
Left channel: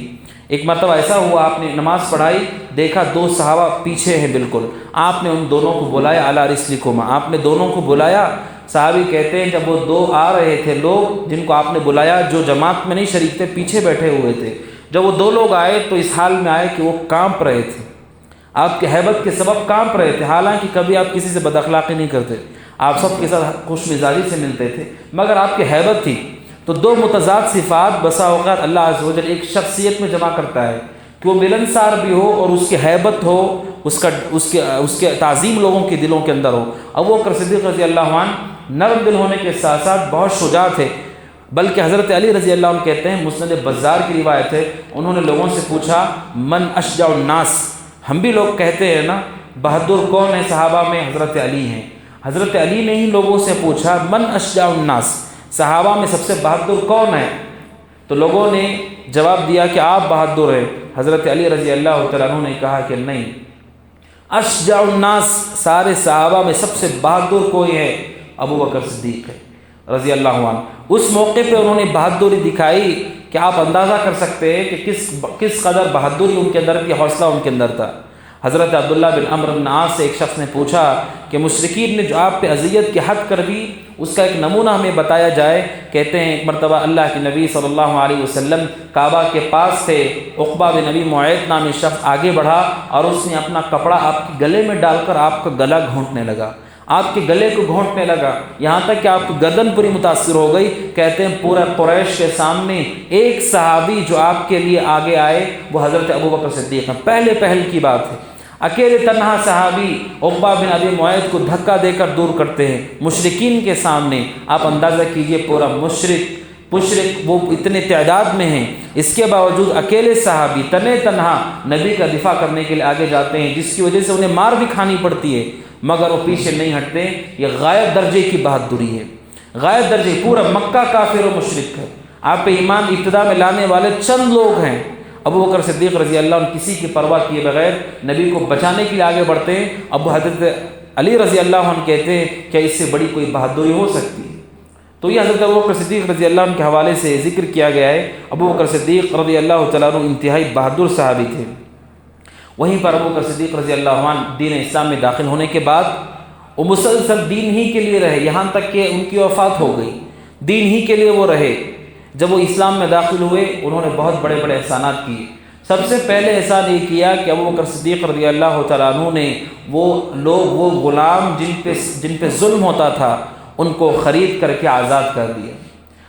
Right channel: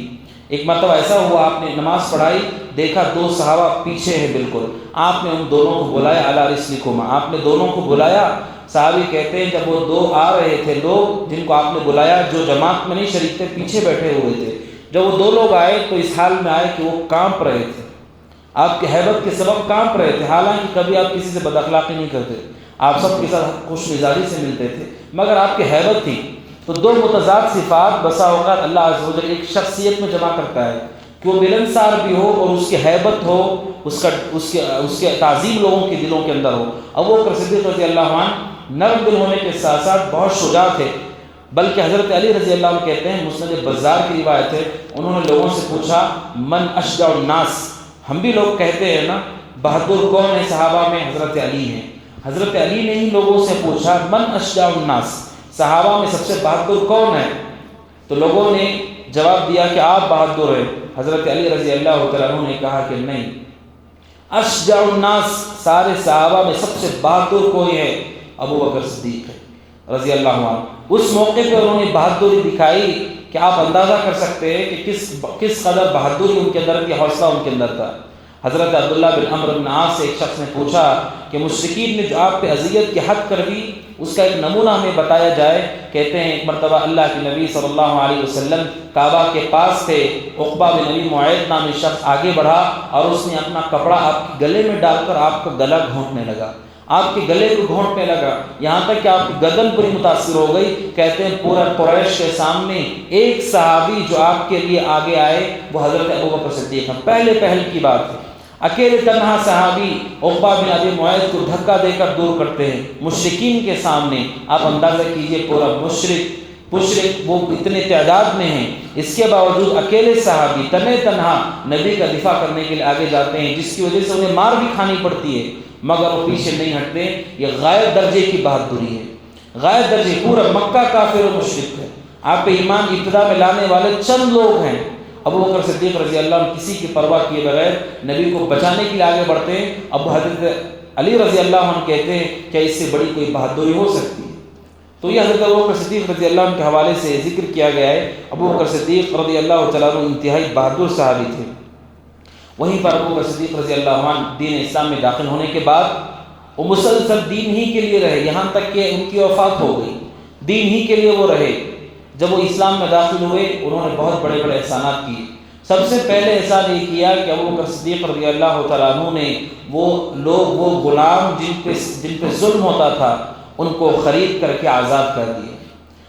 ایک مرتبہ ایسا ہوا، آپ نے نماز پڑھائی، دیکھا 2 صحابہ پیچھے ہیں بالکل، آپ نے ان دونوں کو بلایا، اعلیٰ رسلکما، آپ نے دونوں کو بلایا۔ صحابی کہتے ہیں جب وہ 2 آ رہے تھے لوگ جن کو آپ نے بلایا، جو جماعت میں نہیں شریک تھے، پیچھے بیٹھے ہوئے تھے، جب وہ 2 لوگ آئے تو اس حال میں آئے کہ وہ کانپ رہے تھے، آپ کے ہیبت کے سبب کانپ رہے تھے، حالانکہ کبھی آپ کسی سے بد اخلاقی نہیں کرتے، آپ سب کے ساتھ خوش مزاجی سے ملتے تھے، مگر آپ کی ہیبت تھی۔ تو 2 متضاد صفات بسا اوقات اللہ عز و جل ایک شخصیت میں جمع کرتا ہے کہ وہ ملنسار بھی ہو اور اس کی ہیبت ہو، اس کے تعظیم لوگوں کے دلوں کے اندر ہو۔ ابو بکر صدیق رضی اللہ عنہ نرم دل ہونے کے ساتھ ساتھ بہت شجاع تھے، بلکہ حضرت علی رضی اللہ عنہ کہتے ہیں، مسند بزار کی روایت ہے، انہوں نے لوگوں سے پوچھا من اشجع الناس، ہم بھی لوگ کہتے ہیں نا بہادر کون ہے صحابہ میں، حضرت علی ہیں۔ حضرت علی نے ہی لوگوں سے پوچھا من اشجع الناس، صحابہ میں سب سے بہادر کون ہے؟ تو لوگوں نے جواب دیا کہ آپ بہادر ہیں۔ حضرت علی رضی اللہ تعالیٰ عنہ نے کہا کہ نہیں، اشجع الناس، سارے صحابہ میں سب سے بہادر کوئی ہے، ابو بکر صدیق ہے رضی اللہ عنہ۔ اس موقع پہ انہوں نے بہادری دکھائی کہ آپ اندازہ کر سکتے ہیں کہ کس قدر بہادری ان کے اندر کی، حوصلہ ان کے اندر تھا۔ حضرت عبداللہ بن عمرو بن عاص سے ایک شخص نے پوچھا کہ مشرکین نے جو آپ پہ اذیت کی حد کر دی، اس کا ایک نمونہ ہمیں بتایا جائے۔ کہتے ہیں ایک مرتبہ اللہ کے نبی صلی اللہ علیہ وسلم کعبہ کے پاس تھے، عقبہ بن ابی معیط نامی شخص آگے بڑھا اور اس نے اپنا کپڑا آپ کے گلے میں ڈال کر آپ کا گلا گھونٹنے لگا، آپ کے گلے کو گھونٹنے لگا، یہاں تک کہ آپ کی گردن پوری متاثر ہو گئی۔ کہتے ہیں پورا قریش کے سامنے ایک صحابی جو آپ کے لیے آگے آئے وہ حضرت ابو بکر صدیق ہیں، پہل کی بات ہے، اکیلے تنہا صحابی عقبہ بن ابی معیط کو دھکا دے کر دور کرتے ہیں مشرکین کے سامنے۔ آپ اندازہ کیجئے پورا مشرک وہ اتنے تعداد میں ہیں، اس کے باوجود اکیلے صحابی تنہا نبی کا دفاع کرنے کے لیے آگے جاتے ہیں، جس کی وجہ سے انہیں مار بھی کھانی پڑتی ہے، مگر وہ پیچھے نہیں ہٹتے۔ یہ غائب درجے کی بہادری ہے، غائب درجے، پورا مکہ کافر و مشرک ہے، آپ پہ ایمان ابتدا میں لانے والے چند لوگ ہیں۔ ابو بکر صدیق رضی اللہ عنہ کسی کی پرواہ کیے بغیر نبی کو بچانے کے لیے آگے بڑھتے ہیں۔ اب حضرت علی رضی اللہ عنہ کہتے ہیں کہ اس سے بڑی کوئی بہادری ہو سکتی ہے؟ تو یہ حضرت ابو بکر صدیق رضی اللہ عنہ کے حوالے سے ذکر کیا گیا ہے۔ ابو بکر صدیق رضی اللہ تعالیٰ عنہ انتہائی بہادر صحابی تھے۔ وہیں پر ابو بکر صدیق رضی اللہ عنہ دین اسلام میں داخل ہونے کے بعد وہ مسلسل دین ہی کے لیے رہے، یہاں تک کہ ان کی وفات ہو گئی، دین ہی کے لیے وہ رہے۔ جب وہ اسلام میں داخل ہوئے انہوں نے بہت بڑے بڑے احسانات کیے۔ سب سے پہلے احسان یہ کیا کہ ابو بکر صدیق رضی اللہ تعالیٰ عنہ نے وہ غلام جن پہ ظلم ہوتا تھا ان کو خرید کر کے آزاد کر دیا۔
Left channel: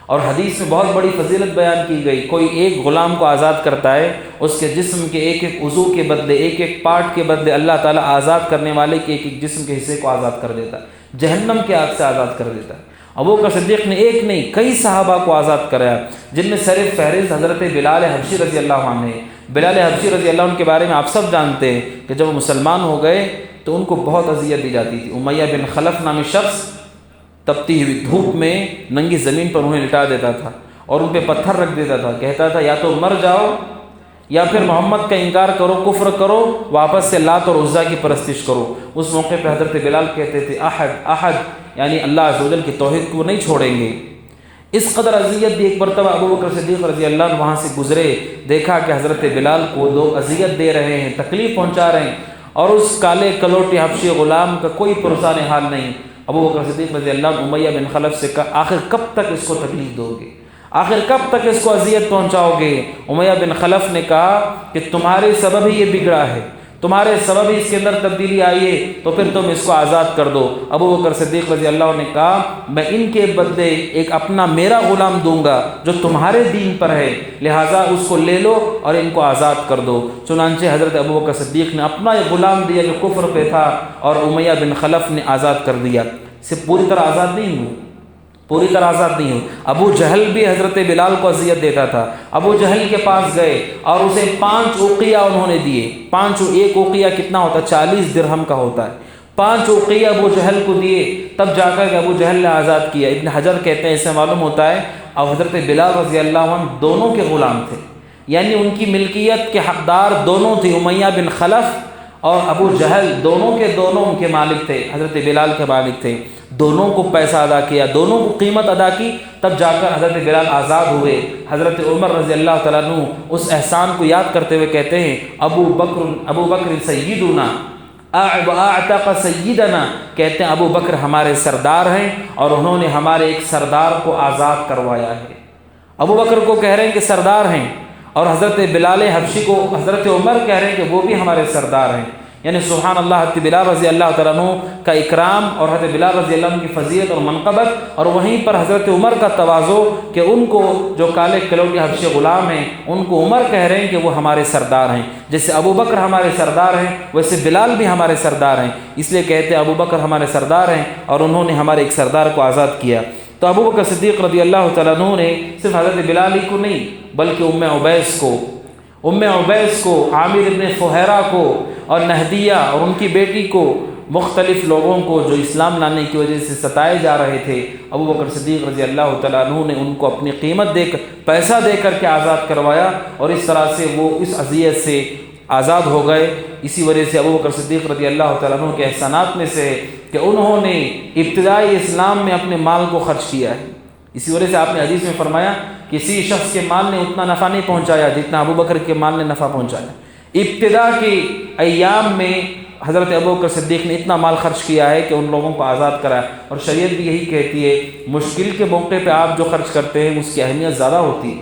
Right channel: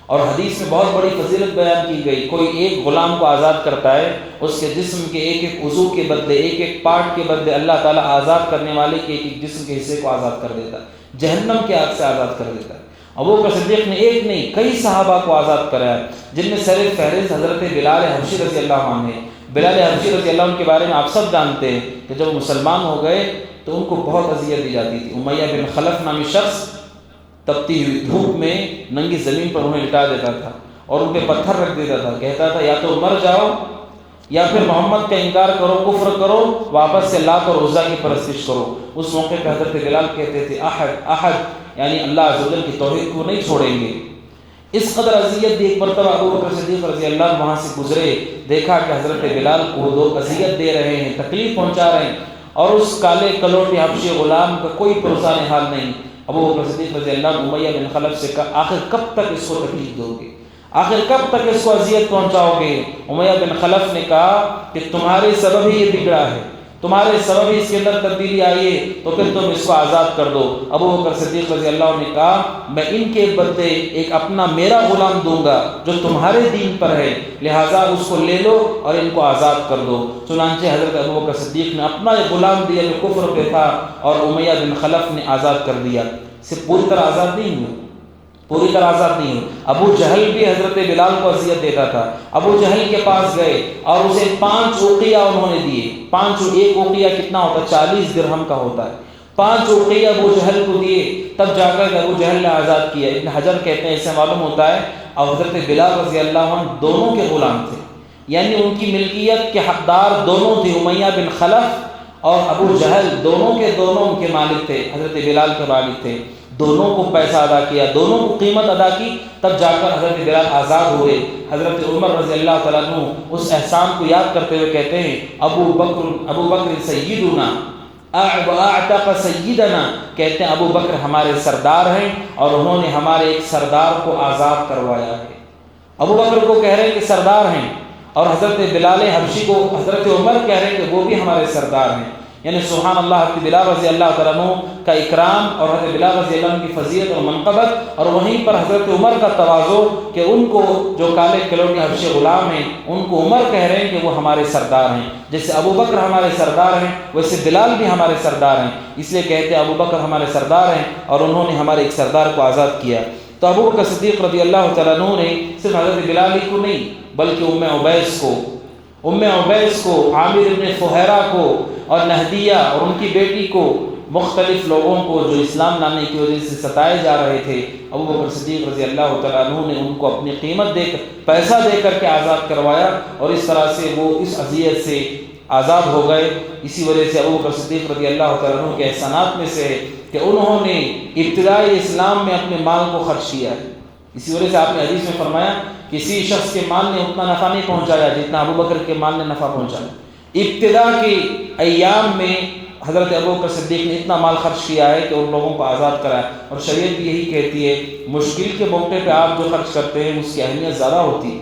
اور حدیث میں بہت بڑی فضیلت بیان کی گئی، کوئی ایک غلام کو آزاد کرتا ہے، اس کے جسم کے ایک ایک عضو کے بدلے، ایک ایک پارٹ کے بدلے اللہ تعالیٰ آزاد کرنے والے کے ایک ایک جسم کے حصے کو آزاد کر دیتا ہے، جہنم کے آگ سے آزاد کر دیتا ہے۔ ابو بکر صدیق نے ایک نہیں کئی صحابہ کو آزاد کرایا، جن میں سر فہرست حضرت بلال حبشی رضی اللہ عنہ ہے۔ بلال حبشی رضی اللہ عنہ کے بارے میں آپ سب جانتے ہیں کہ جب مسلمان ہو گئے تو ان کو بہت اذیت دی جاتی تھی۔ امیہ بن خلف نامی شخص تپتی ہوئی دھوپ میں ننگی زمین پر انہیں لٹا دیتا تھا اور ان پہ پتھر رکھ دیتا تھا، کہتا تھا یا تو مر جاؤ یا پھر محمد کا انکار کرو، کفر کرو، واپس سے لات اور عزا کی پرستش کرو۔ اس موقع پہ حضرت بلال کہتے تھے احد احد، یعنی اللہ عز و جل کی توحید کو نہیں چھوڑیں گے۔ اس قدر اذیت دی۔ ایک مرتبہ ابو بکر صدیق رضی اللہ عنہ وہاں سے گزرے، دیکھا کہ حضرت بلال کو لوگ اذیت دے رہے ہیں، تکلیف پہنچا رہے ہیں، اور اس کالے کلوٹے حبشی غلام کا کوئی پرسان حال نہیں۔ ابو بکر صدیق رضی اللہ عنہ امیہ بن خلف سے کہا آخر کب تک اس کو تکلیف دو گے، آخر کب تک اس کو اذیت پہنچاؤ گے؟ امیہ بن خلف نے کہا کہ تمہارے سبب ہی یہ بگڑا ہے، تمہارے سبب ہی اس کے اندر تبدیلی آئی ہے، تو پھر تم اس کو آزاد کر دو۔ ابو بکر صدیق رضی اللہ عنہ نے کہا میں ان کے بدلے ایک اپنا میرا غلام دوں گا جو تمہارے دین پر ہے، لہٰذا اس کو لے لو اور ان کو آزاد کر دو۔ چنانچہ حضرت ابو بکر صدیق نے اپنا ایک غلام دیا جو کفر پہ تھا اور امیہ بن خلف نے آزاد کر دیا۔ سے پوری طرح آزاد نہیں ہوئے، پوری طرح آزاد نہیں ہوئے۔ ابو جہل بھی حضرت بلال کو اذیت دیتا تھا۔ ابو جہل کے پاس گئے اور اسے 5 اوقیہ انہوں نے دیے۔ 5 ایک اوقیہ کتنا ہوتا ہے؟ 40 درہم کا ہوتا ہے۔ 5 اوقیہ ابو جہل کو دیے، تب جا کر ابو جہل نے آزاد کیا۔ ابن حجر کہتے ہیں اس سے معلوم ہوتا ہے اور حضرت بلال رضی اللہ عنہ دونوں کے غلام تھے، یعنی ان کی ملکیت کے حقدار دونوں تھے، امیہ بن خلف اور ابو جہل دونوں ان کے مالک تھے، حضرت بلال کے مالک تھے۔ دونوں کو پیسہ ادا کیا، دونوں کو قیمت ادا کی، تب جا کر حضرت بلال آزاد ہوئے۔ حضرت عمر رضی اللہ تعالیٰ عنہ اس احسان کو یاد کرتے ہوئے کہتے ہیں ابو بکر سیدنا اعتق سیدنا، کہتے ہیں ابو بکر ہمارے سردار ہیں اور انہوں نے ہمارے ایک سردار کو آزاد کروایا ہے۔ ابو بکر کو کہہ رہے ہیں کہ سردار ہیں، اور حضرت بلال حبشی کو حضرت عمر کہہ رہے ہیں کہ وہ بھی ہمارے سردار ہیں۔ یعنی سبحان اللہ، حضرت بلال رضی اللہ تعالیٰ عنہ کا اکرام اور حضرت بلال رضی اللہ عنہ کی فضیلت اور منقبت، اور وہیں پر حضرت عمر کا تواضع کہ ان کو جو کالے کلوٹے حبشی غلام ہیں ان کو عمر کہہ رہے ہیں کہ وہ ہمارے سردار ہیں۔ جیسے ابو بکر ہمارے سردار ہیں ویسے بلال بھی ہمارے سردار ہیں، اس لیے کہتے ہیں ابو بکر ہمارے سردار ہیں اور انہوں نے ہمارے ایک سردار کو آزاد کیا۔ تو ابو بکر صدیق رضی اللہ تعالیٰ عنہ نے صرف حضرت بلال کو نہیں بلکہ ام عبیس کو، عامر ابن فہیرہ کو اور نہدیہ اور ان کی بیٹی کو، مختلف لوگوں کو جو اسلام لانے کی وجہ سے ستائے جا رہے تھے، ابو بکر صدیق رضی اللہ تعالیٰ عنہ نے ان کو اپنی قیمت دے کر، پیسہ دے کر کے آزاد کروایا، اور اس طرح سے وہ اس اذیت سے آزاد ہو گئے۔ اسی وجہ سے ابو بکر صدیق رضی اللہ تعالیٰ عنہ کے احسانات میں سے ہے کہ انہوں نے ابتدائی اسلام میں اپنے مال کو خرچ کیا ہے۔ اسی وجہ سے آپ نے حدیث میں فرمایا کسی شخص کے مال نے اتنا نفع نہیں پہنچایا جتنا ابو بکر کے مال نے نفع پہنچایا۔ ابتدا کے ایام میں حضرت ابو بکر صدیق نے اتنا مال خرچ کیا ہے کہ ان لوگوں کو آزاد کرایا، اور شریعت بھی یہی کہتی ہے مشکل کے موقع پہ آپ جو خرچ کرتے ہیں اس کی اہمیت زیادہ ہوتی ہے،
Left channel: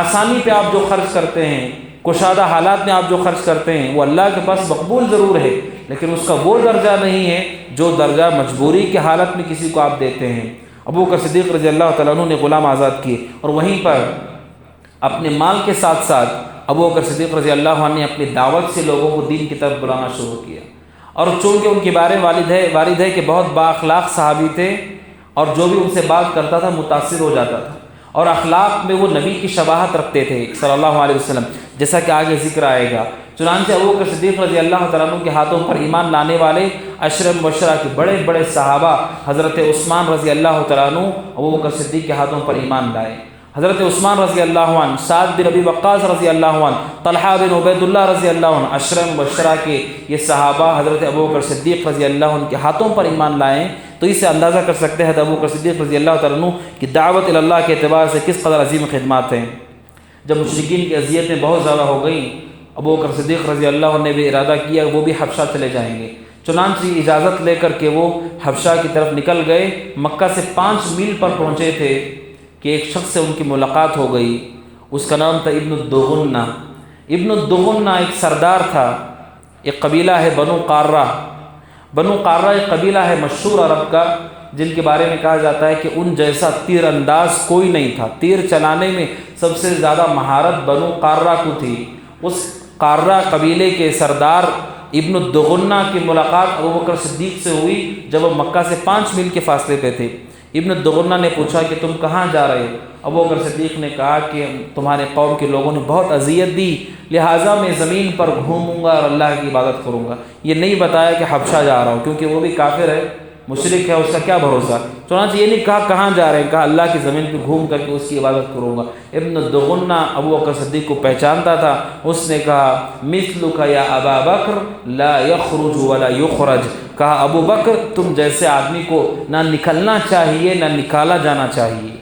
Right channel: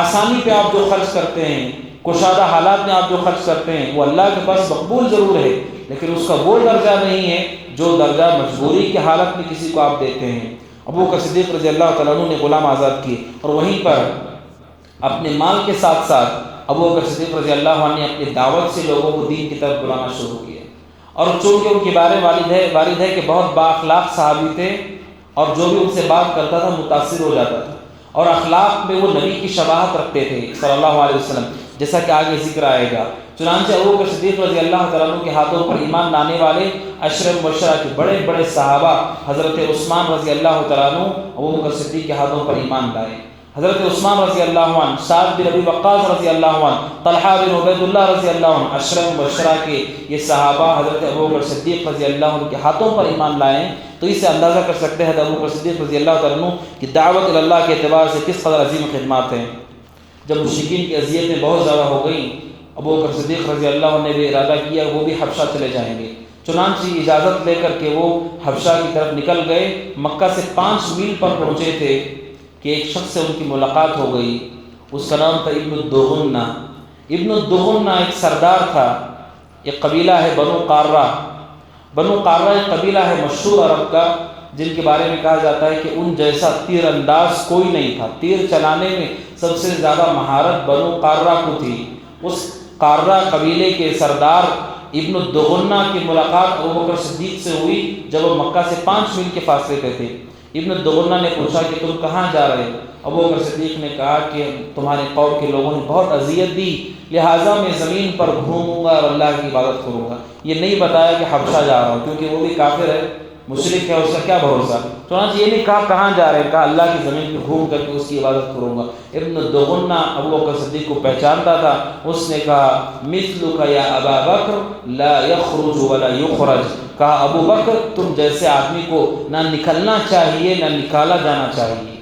آسانی پہ آپ جو خرچ کرتے ہیں، کشادہ حالات میں آپ جو خرچ کرتے ہیں وہ اللہ کے پاس مقبول ضرور ہے، لیکن اس کا وہ درجہ نہیں ہے جو درجہ مجبوری کی حالت میں کسی کو آپ دیتے ہیں۔ ابو بکر صدیق رضی اللہ تعالیٰ عنہ نے غلام آزاد کیے، اور وہیں پر اپنے مال کے ساتھ ساتھ ابو بکر صدیق رضی اللہ عنہ نے اپنی دعوت سے لوگوں کو دین کی طرف بلانا شروع کیا۔ اور چونکہ ان کے بارے والد ہے کہ بہت با اخلاق صحابی تھے، اور جو بھی ان سے بات کرتا تھا متاثر ہو جاتا تھا، اور اخلاق میں وہ نبی کی شباہت رکھتے تھے صلی اللہ علیہ وسلم، جیسا کہ آگے ذکر آئے گا۔ چنانچہ ابو بکر صدیق رضی اللہ تعالیٰ عنہ کے ہاتھوں پر ایمان لانے والے عشرہ مبشرہ کے بڑے بڑے صحابہ، حضرت عثمان رضی اللہ تعالیٰ عنہ ابو بکر صدیق کے ہاتھوں پر ایمان لائے۔ حضرت عثمان رضی اللہ عنہ، سعد بن ابی وقاص رضی اللہ عنہ، طلحہ بن عبید اللہ رضی اللہ عنہ، عشرہ مبشرہ کے یہ صحابہ حضرت ابو بکر صدیق رضی اللہ عنہ کے ہاتھوں پر ایمان لائے، تو اس سے اندازہ کر سکتے ہیں ابو بکر صدیق رضی اللہ تعالیٰ عنہ کی دعوت اللہ کے اعتبار سے کس قدر عظیم خدمات ہیں۔ جب مشرکین کی اذیتیں بہت زیادہ ہو گئیں، ابو بکر صدیق رضی اللہ عنہ نے بھی ارادہ کیا وہ بھی حبشہ چلے جائیں گے۔ چنانچہ اجازت لے کر کے وہ حبشہ کی طرف نکل گئے۔ مکہ سے 5 میل پر پہنچے تھے کہ ایک شخص سے ان کی ملاقات ہو گئی، اس کا نام تھا ابن الدغنہ۔ ابن الدغنہ ایک سردار تھا، ایک قبیلہ ہے بنو قارہ۔ بنو قارہ ایک قبیلہ ہے مشہور عرب کا، جن کے بارے میں کہا جاتا ہے کہ ان جیسا تیر انداز کوئی نہیں تھا، تیر چلانے میں سب سے زیادہ مہارت بنو قارہ کو تھی۔ اس قارہ قبیلے کے سردار ابن الدغنہ کی ملاقات ابو بکر صدیق سے ہوئی جب وہ مکہ سے 5 میل کے فاصلے پہ تھے۔ ابن الدغنہ نے پوچھا کہ تم کہاں جا رہے؟ ابو بکر صدیق نے کہا کہ تمہارے قوم کے لوگوں نے بہت اذیت دی، لہٰذا میں زمین پر گھوموں گا اور اللہ کی عبادت کروں گا۔ یہ نہیں بتایا کہ حبشہ جا رہا ہوں، کیونکہ وہ بھی کافر ہے، مشرک ہے، اس کا کیا بھروسہ۔ چنانچہ یہ نہیں کہا کہاں جا رہے ہیں، کہا اللہ کی زمین پہ گھوم کر کے اس کی عبادت کروں گا۔ ابن الدغنہ ابو بکر صدیق کو پہچانتا تھا، اس نے کہا مثلک یا ابا بکر لا یخرج ولا یخرج، کہا ابو بکر تم جیسے آدمی کو نہ نکلنا چاہیے نہ نکالا جانا چاہیے،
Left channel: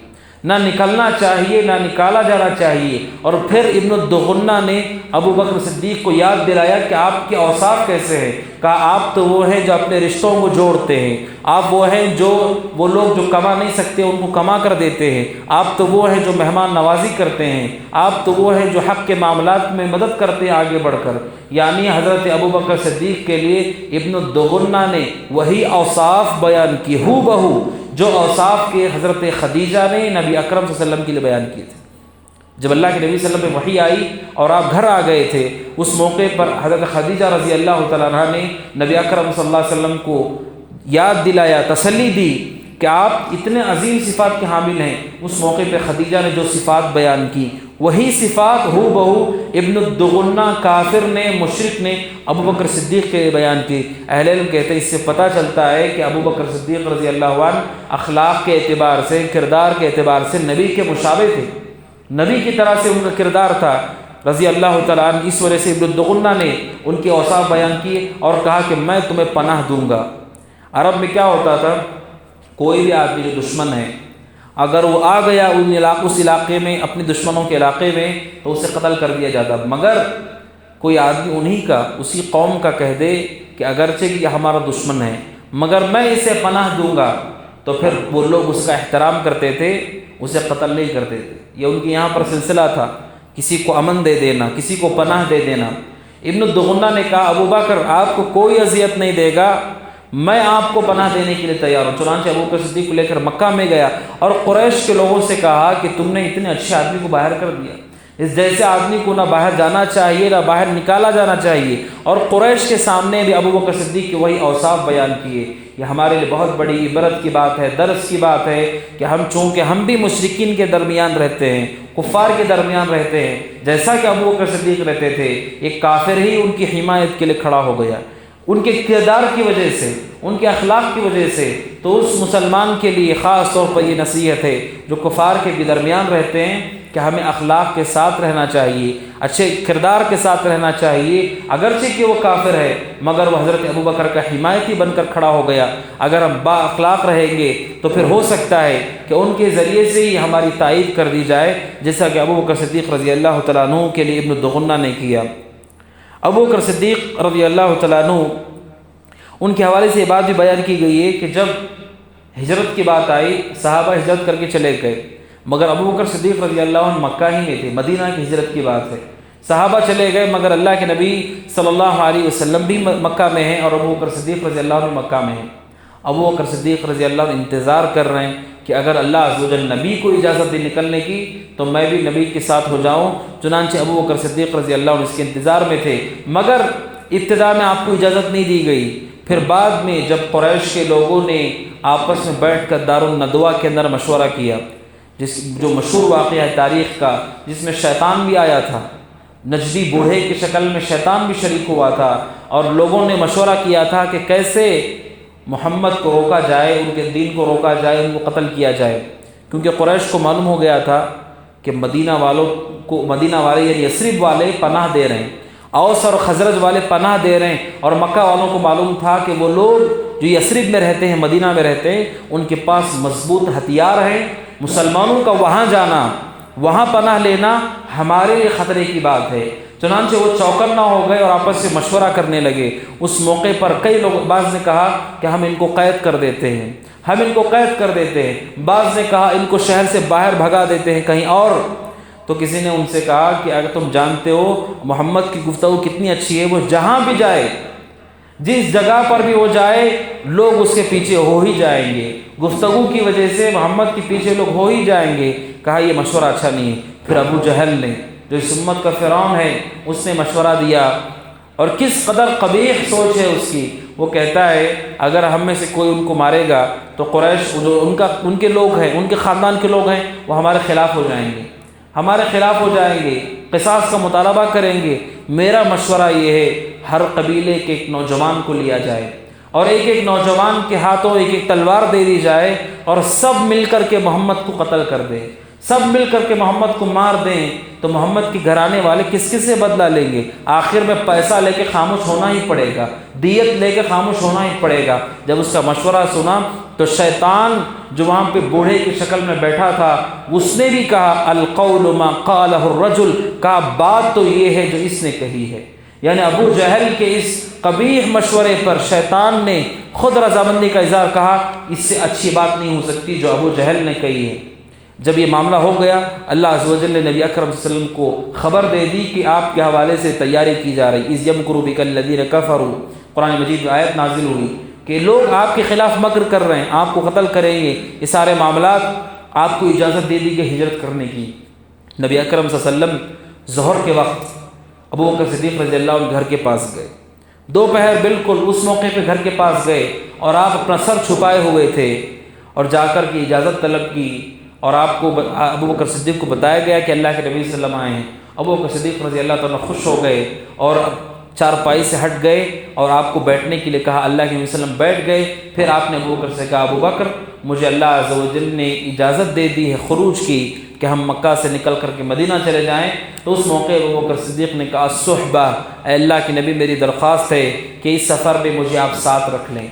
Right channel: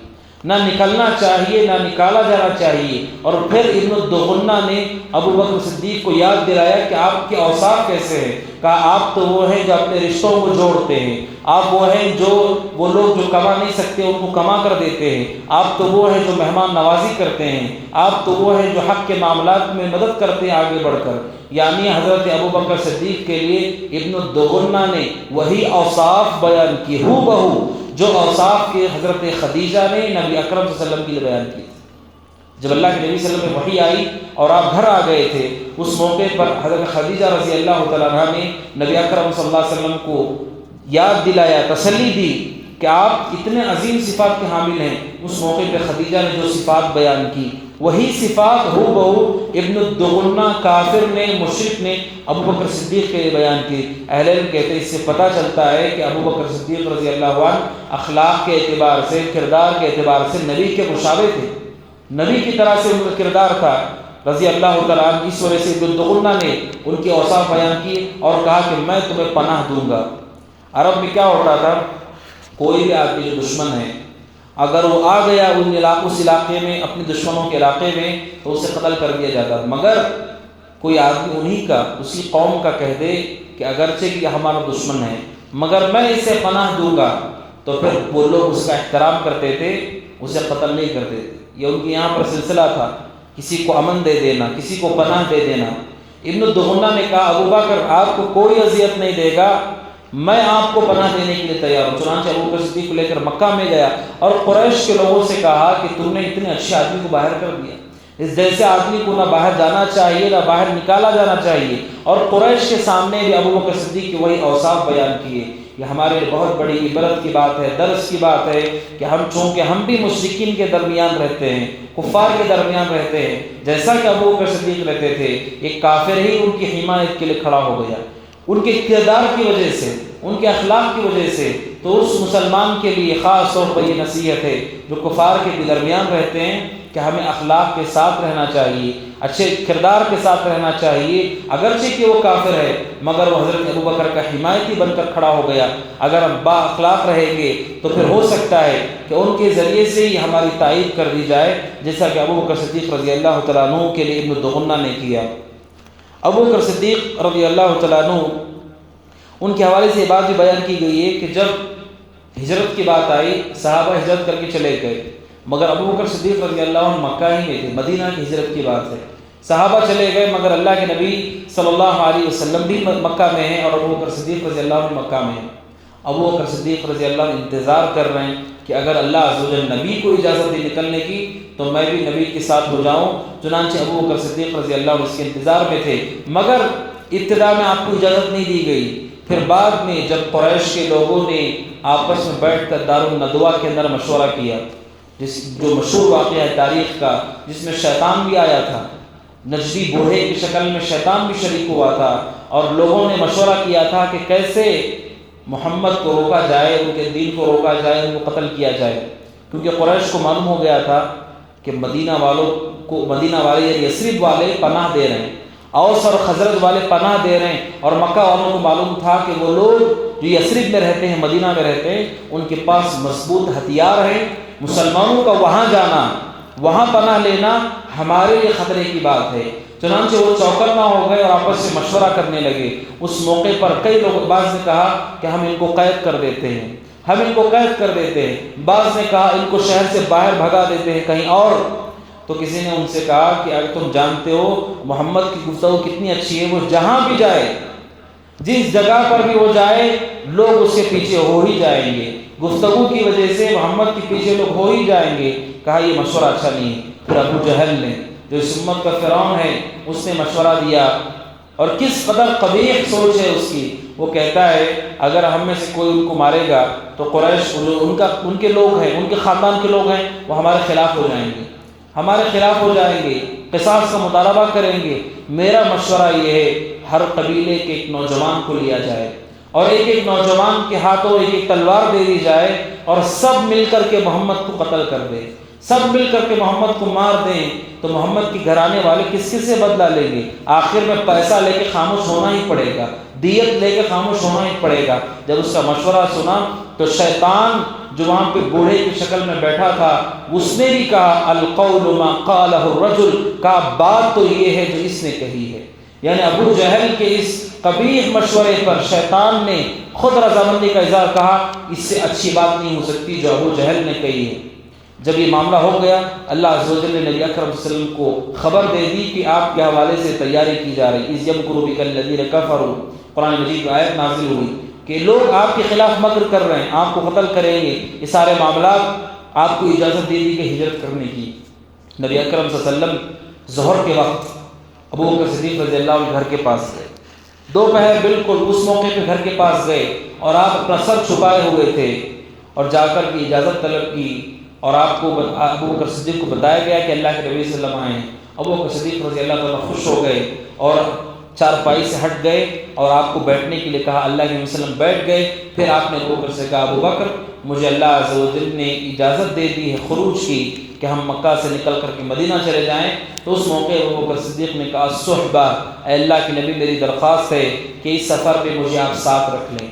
نہ نکلنا چاہیے نہ نکالا جانا چاہیے۔ اور پھر ابن الدغنہ نے ابو بکر صدیق کو یاد دلایا کہ آپ کے اوصاف کیسے ہیں، کہا آپ تو وہ ہیں جو اپنے رشتوں کو جوڑتے ہیں، آپ وہ ہیں جو وہ لوگ جو کما نہیں سکتے ان کو کما کر دیتے ہیں، آپ تو وہ ہیں جو مہمان نوازی کرتے ہیں، آپ تو وہ ہیں جو حق کے معاملات میں مدد کرتے ہیں آگے بڑھ کر۔ یعنی حضرت ابو بکر صدیق کے لیے ابن الدغنہ نے وہی اوصاف بیان کی ہو بہو جو اوصاف کے حضرت خدیجہ نے نبی اکرم صلی اللہ علیہ وسلم کے لیے بیان کیے تھے۔ جب اللہ کے نبی صلی اللہ علیہ وسلم پہ وحی آئی اور آپ گھر آ گئے تھے، اس موقع پر حضرت خدیجہ رضی اللہ تعالیٰ عنہ نے نبی اکرم صلی اللہ علیہ وسلم کو یاد دلایا، تسلی دی کہ آپ اتنے عظیم صفات کے حامل ہیں۔ اس موقع پہ خدیجہ نے جو صفات بیان کی وہی صفات ہو بہو ابن الدغنہ کافر نے، مشرک نے ابو بکر صدیق کے بیان کی۔ اہل علم کہتے ہیں اس سے پتہ چلتا ہے کہ ابو بکر صدیق رضی اللہ عنہ اخلاق کے اعتبار سے، کردار کے اعتبار سے نبی کے مشابہ تھے، نبی کی طرح سے ان کا کردار تھا رضی اللہ تعالیٰ عنہ۔ اس وجہ سے ابن الدغنہ نے ان کے اوصاف بیان کیے اور کہا کہ میں تمہیں پناہ دوں گا۔ عرب میں کیا ہوتا تھا، کوئی بھی آدمی جو دشمن ہے اگر وہ آ گیا اس علاقے میں، اپنے دشمنوں کے علاقے میں، تو اسے قتل کر دیا جاتا تھا۔ مگر کوئی آدمی انہی کا، اسی قوم کا کہہ دے کہ اگرچہ کہ ہمارا دشمن ہے مگر میں اسے پناہ دوں گا، تو پھر وہ لوگ اس کا احترام کرتے تھے، اسے قتل نہیں کرتے تھے۔ یہ ان کے یہاں پر سلسلہ تھا، کسی کو امن دے دینا، کسی کو پناہ دے دینا۔ ابن الدغنہ نے کہا ابو بکر آپ کو کوئی اذیت نہیں دے گا، میں آپ کو پناہ دینے کے لیے تیار ہوں۔ چنانچہ ابو بکر صدیق لے کر مکہ میں گیا اور قریش کے لوگوں سے کہا کہ تم نے اتنے اچھے آدمی کو باہر کر دیا، اس جیسے آدمی کو نہ باہر جانا چاہیے نہ باہر نکالا جانا چاہیے۔ اور قریش کے سامنے بھی ابو بکر صدیق کے وہی اوصاف بیان کیے۔ یہ ہمارے لیے بہت بڑی عبرت کی بات ہے، درس کی بات ہے کہ ہم چونکہ ہم بھی مشرکین کے درمیان رہتے ہیں، کفار کے درمیان رہتے ہیں، جیسا کہ ابو بکر صدیق رہتے تھے، ایک کافر ہی ان کی حمایت کے لیے کھڑا ہو گیا، ان کے کردار کی وجہ سے، ان کے اخلاق کی وجہ سے۔ تو اس مسلمان کے لیے خاص طور پر یہ نصیحت ہے جو کفار کے درمیان رہتے ہیں کہ ہمیں اخلاق کے ساتھ رہنا چاہیے، اچھے کردار کے ساتھ رہنا چاہیے، اگرچہ کہ وہ کافر ہے مگر وہ حضرت ابو بکر کا حمایتی بن کر کھڑا ہو گیا۔ اگر ہم با اخلاق رہیں گے تو پھر ہو سکتا ہے کہ ان کے ذریعے سے ہی ہماری تائید کر دی جائے، جیسا کہ ابو بکر صدیق رضی اللہ تعالیٰ عنہ کے لیے ابن الدغنہ نے کیا۔ ابو بکر صدیق رضی اللہ تعالیٰ عنہ ان کے حوالے سے یہ بات بھی بیان کی گئی ہے کہ جب ہجرت کی بات آئی صحابہ ہجرت کر کے چلے گئے، مگر ابو بکر صدیق رضی اللہ عنہ مکہ ہی میں تھے، مدینہ کی ہجرت کی بات ہے۔ صحابہ چلے گئے مگر اللہ کے نبی صلی اللہ علیہ وسلم بھی مکہ میں ہیں اور ابو بکر صدیق رضی اللہ عنہ مکہ میں ہیں۔ ابو بکر صدیق رضی اللہ عنہ انتظار کر رہے ہیں کہ اگر اللہ عز و جل نبی کو اجازت دے نکلنے کی تو میں بھی نبی کے ساتھ ہو جاؤں۔ چنانچہ ابو بکر صدیق رضی اللہ عنہ اس کے انتظار میں تھے، مگر ابتدا میں آپ کو اجازت نہیں دی گئی۔ پھر بعد میں جب قریش کے لوگوں نے آپس میں بیٹھ کر دار الندوہ کے اندر مشورہ کیا، جو مشہور واقعہ ہے تاریخ کا، جس میں شیطان بھی آیا تھا، نجدی بوڑھے کی شکل میں شیطان بھی شریک ہوا تھا، اور لوگوں نے مشورہ کیا تھا کہ کیسے محمد کو روکا جائے، ان کے دین کو روکا جائے، ان کو قتل کیا جائے، کیونکہ قریش کو معلوم ہو گیا تھا کہ مدینہ والے یعنی یثرب والے پناہ دے رہے ہیں، اوس اور خزرج والے پناہ دے رہے ہیں، اور مکہ والوں کو معلوم تھا کہ وہ لوگ جو یثرب میں رہتے ہیں، مدینہ میں رہتے ہیں، ان کے پاس مضبوط ہتھیار ہیں، مسلمانوں کا وہاں جانا، وہاں پناہ لینا ہمارے لیے خطرے کی بات ہے۔ چنانچہ وہ چوکنا ہو گئے اور آپس سے مشورہ کرنے لگے۔ اس موقع پر کئی لوگ، بعض نے کہا کہ ہم ان کو قید کر دیتے ہیں، ہم ان کو قید کر دیتے ہیں، بعض نے کہا ان کو شہر سے باہر بھگا دیتے ہیں کہیں اور۔ تو کسی نے ان سے کہا کہ اگر تم جانتے ہو محمد کی گفتگو کتنی اچھی ہے، وہ جہاں بھی جائے، جس جگہ پر بھی وہ جائے، لوگ اس کے پیچھے ہو ہی جائیں گے، گفتگو کی وجہ سے محمد کے پیچھے لوگ ہو ہی جائیں گے۔ کہا یہ مشورہ اچھا نہیں ہے۔ پھر ابو جہل نے، جو اس امت کا فرعون ہے، اس نے مشورہ دیا، اور کس قدر قبیح سوچ ہے اس کی۔ وہ کہتا ہے اگر ہم میں سے کوئی ان کو مارے گا تو قریش ان کے لوگ ہیں، ان کے خاندان کے لوگ ہیں، وہ ہمارے خلاف ہو جائیں گے، ہمارے خلاف ہو جائیں گے، قصاص کا مطالبہ کریں گے۔ میرا مشورہ یہ ہے ہر قبیلے کے ایک نوجوان کو لیا جائے اور ایک ایک نوجوان کے ہاتھوں ایک ایک تلوار دے دی جائے، اور سب مل کر کے محمد کو قتل کر دیں، سب مل کر کے محمد کو مار دیں، تو محمد کے گھرانے والے کس کس سے بدلہ لیں گے؟ آخر میں پیسہ لے کے خاموش ہونا ہی پڑے گا، دیت لے کے خاموش ہونا ہی پڑے گا۔ جب اس کا مشورہ سنا تو شیطان جو وہاں پہ بوڑھے کی شکل میں بیٹھا تھا، اس نے بھی کہا القول ما قالہ الرجل، کہا بات تو یہ ہے جو اس نے کہی ہے۔ یعنی ابو جہل کے اس قبیح مشورے پر شیطان نے خود رضامندی کا اظہار کہا، اس سے اچھی بات نہیں ہو سکتی جو ابو جہل نے کہی ہے۔ جب یہ معاملہ ہو گیا، اللہ عز و جل نے نبی اکرم صلی اللہ علیہ وسلم کو خبر دے دی کہ آپ کے حوالے سے تیاری کی جا رہی۔ اذ یمکر بک الذین کفروا، قرآن مجید کی آیت نازل ہوئی کہ لوگ آپ کے خلاف مکر کر رہے ہیں، آپ کو قتل کریں گے۔ یہ سارے معاملات آپ کو اجازت دے دی کہ ہجرت کرنے کی۔ نبی اکرم صلی اللہ علیہ وسلم ظہر کے وقت ابو بکر صدیق رضی اللہ عنہ گھر کے پاس گئے، دوپہر بالکل اس موقع پہ گھر کے پاس گئے اور آپ اپنا سر چھپائے ہوئے تھے اور جا کر کے اجازت طلب کی، اور آپ کو ابو بکر صدیق کو بتایا گیا کہ اللہ کے نبی صلی اللہ علیہ وسلم آئے ہیں۔ ابو بکر صدیق رضی اللہ تعالیٰ خوش ہو گئے اور چارپائی سے ہٹ گئے اور آپ کو بیٹھنے کے لیے کہا۔ اللہ کے نبی صلی اللہ علیہ وسلم بیٹھ گئے۔ پھر آپ نے ابو بکر سے کہا ابو بکر مجھے اللہ عز و جل نے اجازت دے دی ہے خروج کی کہ ہم مکہ سے نکل کر کے مدینہ چلے جائیں۔ تو اس موقع ابو بکر صدیق نے کہا الصحبہ، اے اللہ کے نبی میری درخواست ہے کہ اس سفر میں مجھے آپ ساتھ رکھ لیں،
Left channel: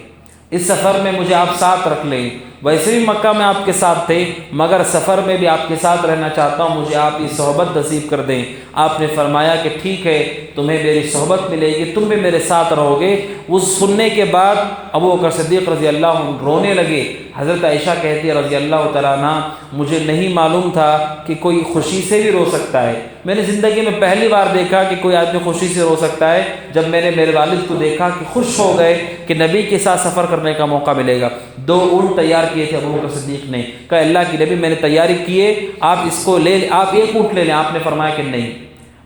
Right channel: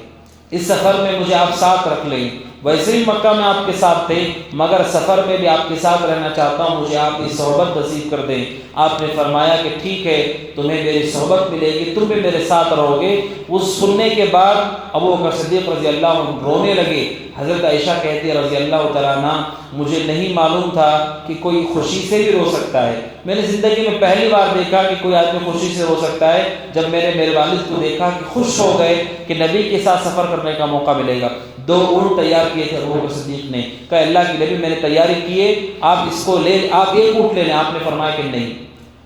اس سفر میں مجھے آپ ساتھ رکھ لیں۔ ویسے بھی مکہ میں آپ کے ساتھ تھے مگر سفر میں بھی آپ کے ساتھ رہنا چاہتا ہوں، مجھے آپ کی صحبت نصیب کر دیں۔ آپ نے فرمایا کہ ٹھیک ہے تمہیں میری صحبت ملے گی، تم بھی میرے ساتھ رہو گے۔ اس سننے کے بعد ابو بکر صدیق رضی اللہ عنہ رونے لگے۔ حضرت عائشہ کہتی ہے رضی اللہ تعالیٰ عنہ مجھے نہیں معلوم تھا کہ کوئی خوشی سے بھی رو سکتا ہے۔ میں نے زندگی میں پہلی بار دیکھا کہ کوئی آدمی خوشی سے رو سکتا ہے جب میں نے میرے والد کو دیکھا کہ خوش ہو گئے کہ نبی کے ساتھ سفر کرنے کا موقع ملے گا۔ 2 اونٹ تیار کیے تھے ابو بکر صدیق نے، کہا اللہ کی نبی میں نے تیاری کیے، آپ اس کو لے، آپ 1 اونٹ لے لیں۔ آپ نے فرمایا کہ نہیں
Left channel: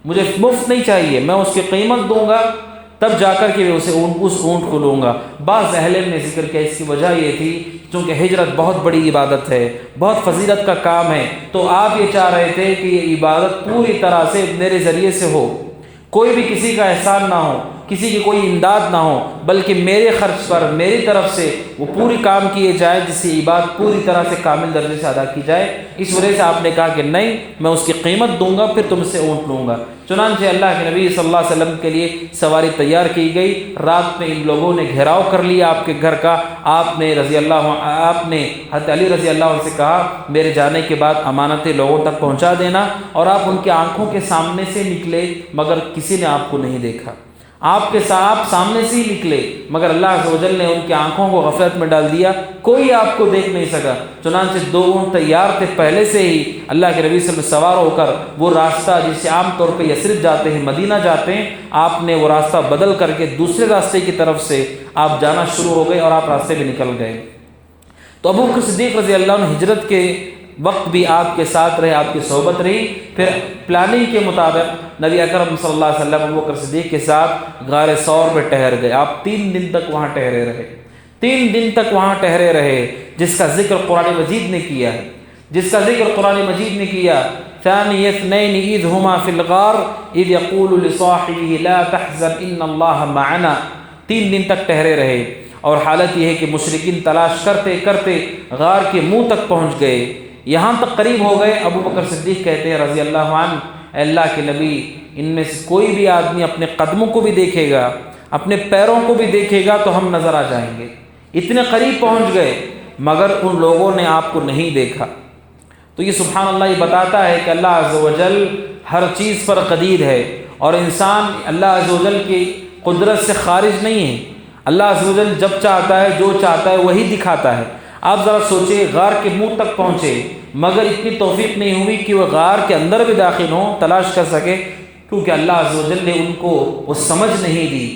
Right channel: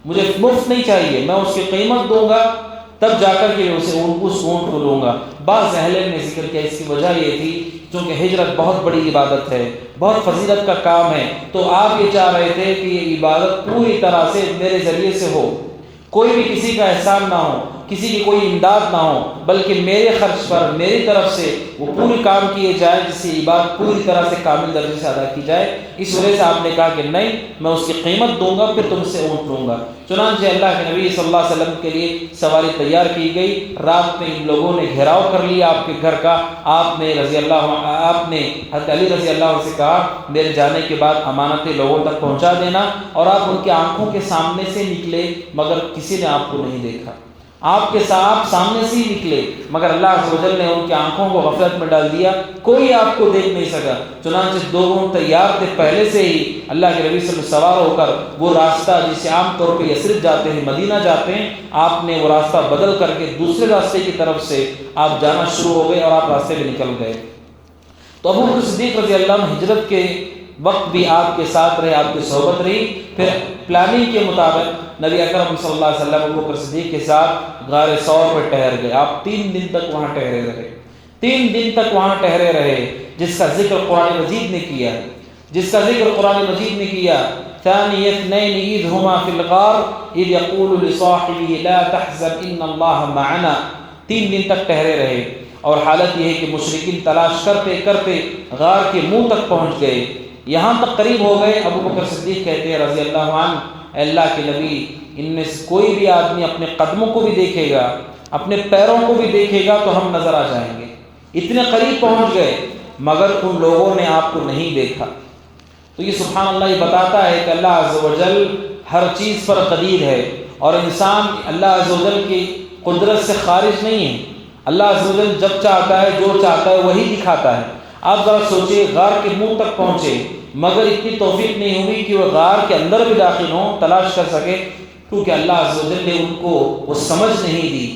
مجھے مفت نہیں چاہیے، میں اس کی قیمت دوں گا تب جا کر کے اس اونٹ کو لوں گا۔ بعض اہل علم نے ذکر کیا اس کی وجہ یہ تھی چونکہ ہجرت بہت بڑی عبادت ہے، بہت فضیلت کا کام ہے، تو آپ یہ چاہ رہے تھے کہ یہ عبادت پوری طرح سے میرے ذریعے سے ہو، کوئی بھی کسی کا احسان نہ ہو، کسی کی کوئی امداد نہ ہو، بلکہ میرے خرچ پر میری طرف سے وہ پوری کام کیے جائے جس سے عبادت پوری طرح سے کامل درجے سے ادا کی جائے۔ اس وجہ سے آپ نے کہا کہ نہیں میں اس کی قیمت دوں گا پھر تم سے اونٹ لوں گا۔ چنانچہ اللہ کے نبی صلی اللہ علیہ وسلم کے لیے سواری تیار کی گئی۔ رات میں ان لوگوں نے گھیراؤ کر لیا آپ کے گھر کا۔ آپ نے حضرت علی رضی اللہ عنہ سے کہا میرے جانے کے بعد امانتیں لوگوں تک پہنچا دینا، اور آپ ان کے آنکھوں کے سامنے سے نکلے مگر کسی نے آپ کو نہیں دیکھا، آپ کے ساتھ سامنے سے ہی نکلے مگر اللہ عز و جل نے ان کی آنکھوں کو غفلت میں ڈال دیا، کوئی آپ کو دیکھ نہیں سکا۔ چنانچہ 2 اونٹ تیار تھے پہلے سے ہی، اللہ کے نبی صلی اللہ علیہ وسلم سوار ہو کر وہ راستہ جسے عام طور پہ یثرب جاتے ہیں مدینہ جاتے ہیں، آپ نے وہ راستہ بدل کر کے دوسرے راستے کی طرف سے آپ جانا شروع ہو گئے اور آپ راستے میں نکل گئے۔ تو ابو بکر صدیق رضی اللہ عنہ ہجرت کے وقت بھی آپ کے ساتھ رہے، آپ کی صحبت رہی۔ پھر پلاننگ کے مطابق نبی اکرم صلی اللہ علیہ وسلم ابو بکر صدیق کے ساتھ غار ثور پہ ٹھہر گئے۔ آپ 3 دن تک وہاں ٹھہرے رہے، 3 دن تک وہاں ٹھہرے رہے، جس کا ذکر قرآن مجید نے کیا، جس کا ذکر قرآن مجید نے کیا۔ ثانی اثنین اذ ہما فی الغار اذ یقول لصاحبہ لا تحزن ان اللہ معنا۔ 3 دن تک ٹھہرے رہے، اور حالت یہ ہے کہ مشرکین تلاش کرتے کرتے غار کے منہ تک پہنچ گئے، یہاں تک قریب ہو گئے۔ ابو بکر صدیق کہتے ہیں رضی اللہ عنہ اے اللہ کے نبی ان میں سے کوئی بھی آدمی اپنے قدموں کو بھی دیکھے گا، اپنے پیروں کو بھی دیکھے گا تو ہم نظر آ جائیں گے۔ اتنے قریب پہنچ گئے مگر ان لوگوں نے آپ کو نہیں دیکھا۔ تو یہ سبحان اللہ یہ بتاتا ہے کہ اللہ عز و جل ہر چیز پر قدیر ہے، اور انسان اللہ عز و جل کی قدرت سے خارج نہیں ہے۔ اللہ عز و جل جب چاہتا ہے جو چاہتا ہے وہی دکھاتا ہے۔ آپ ذرا سوچیں غار کے منہ تک پہنچے مگر اتنی توفیق نہیں ہوئی کہ وہ غار کے اندر بھی داخل ہوں، تلاش کر سکے، کیونکہ اللہ عز و جل نے ان کو وہ سمجھ نہیں دی،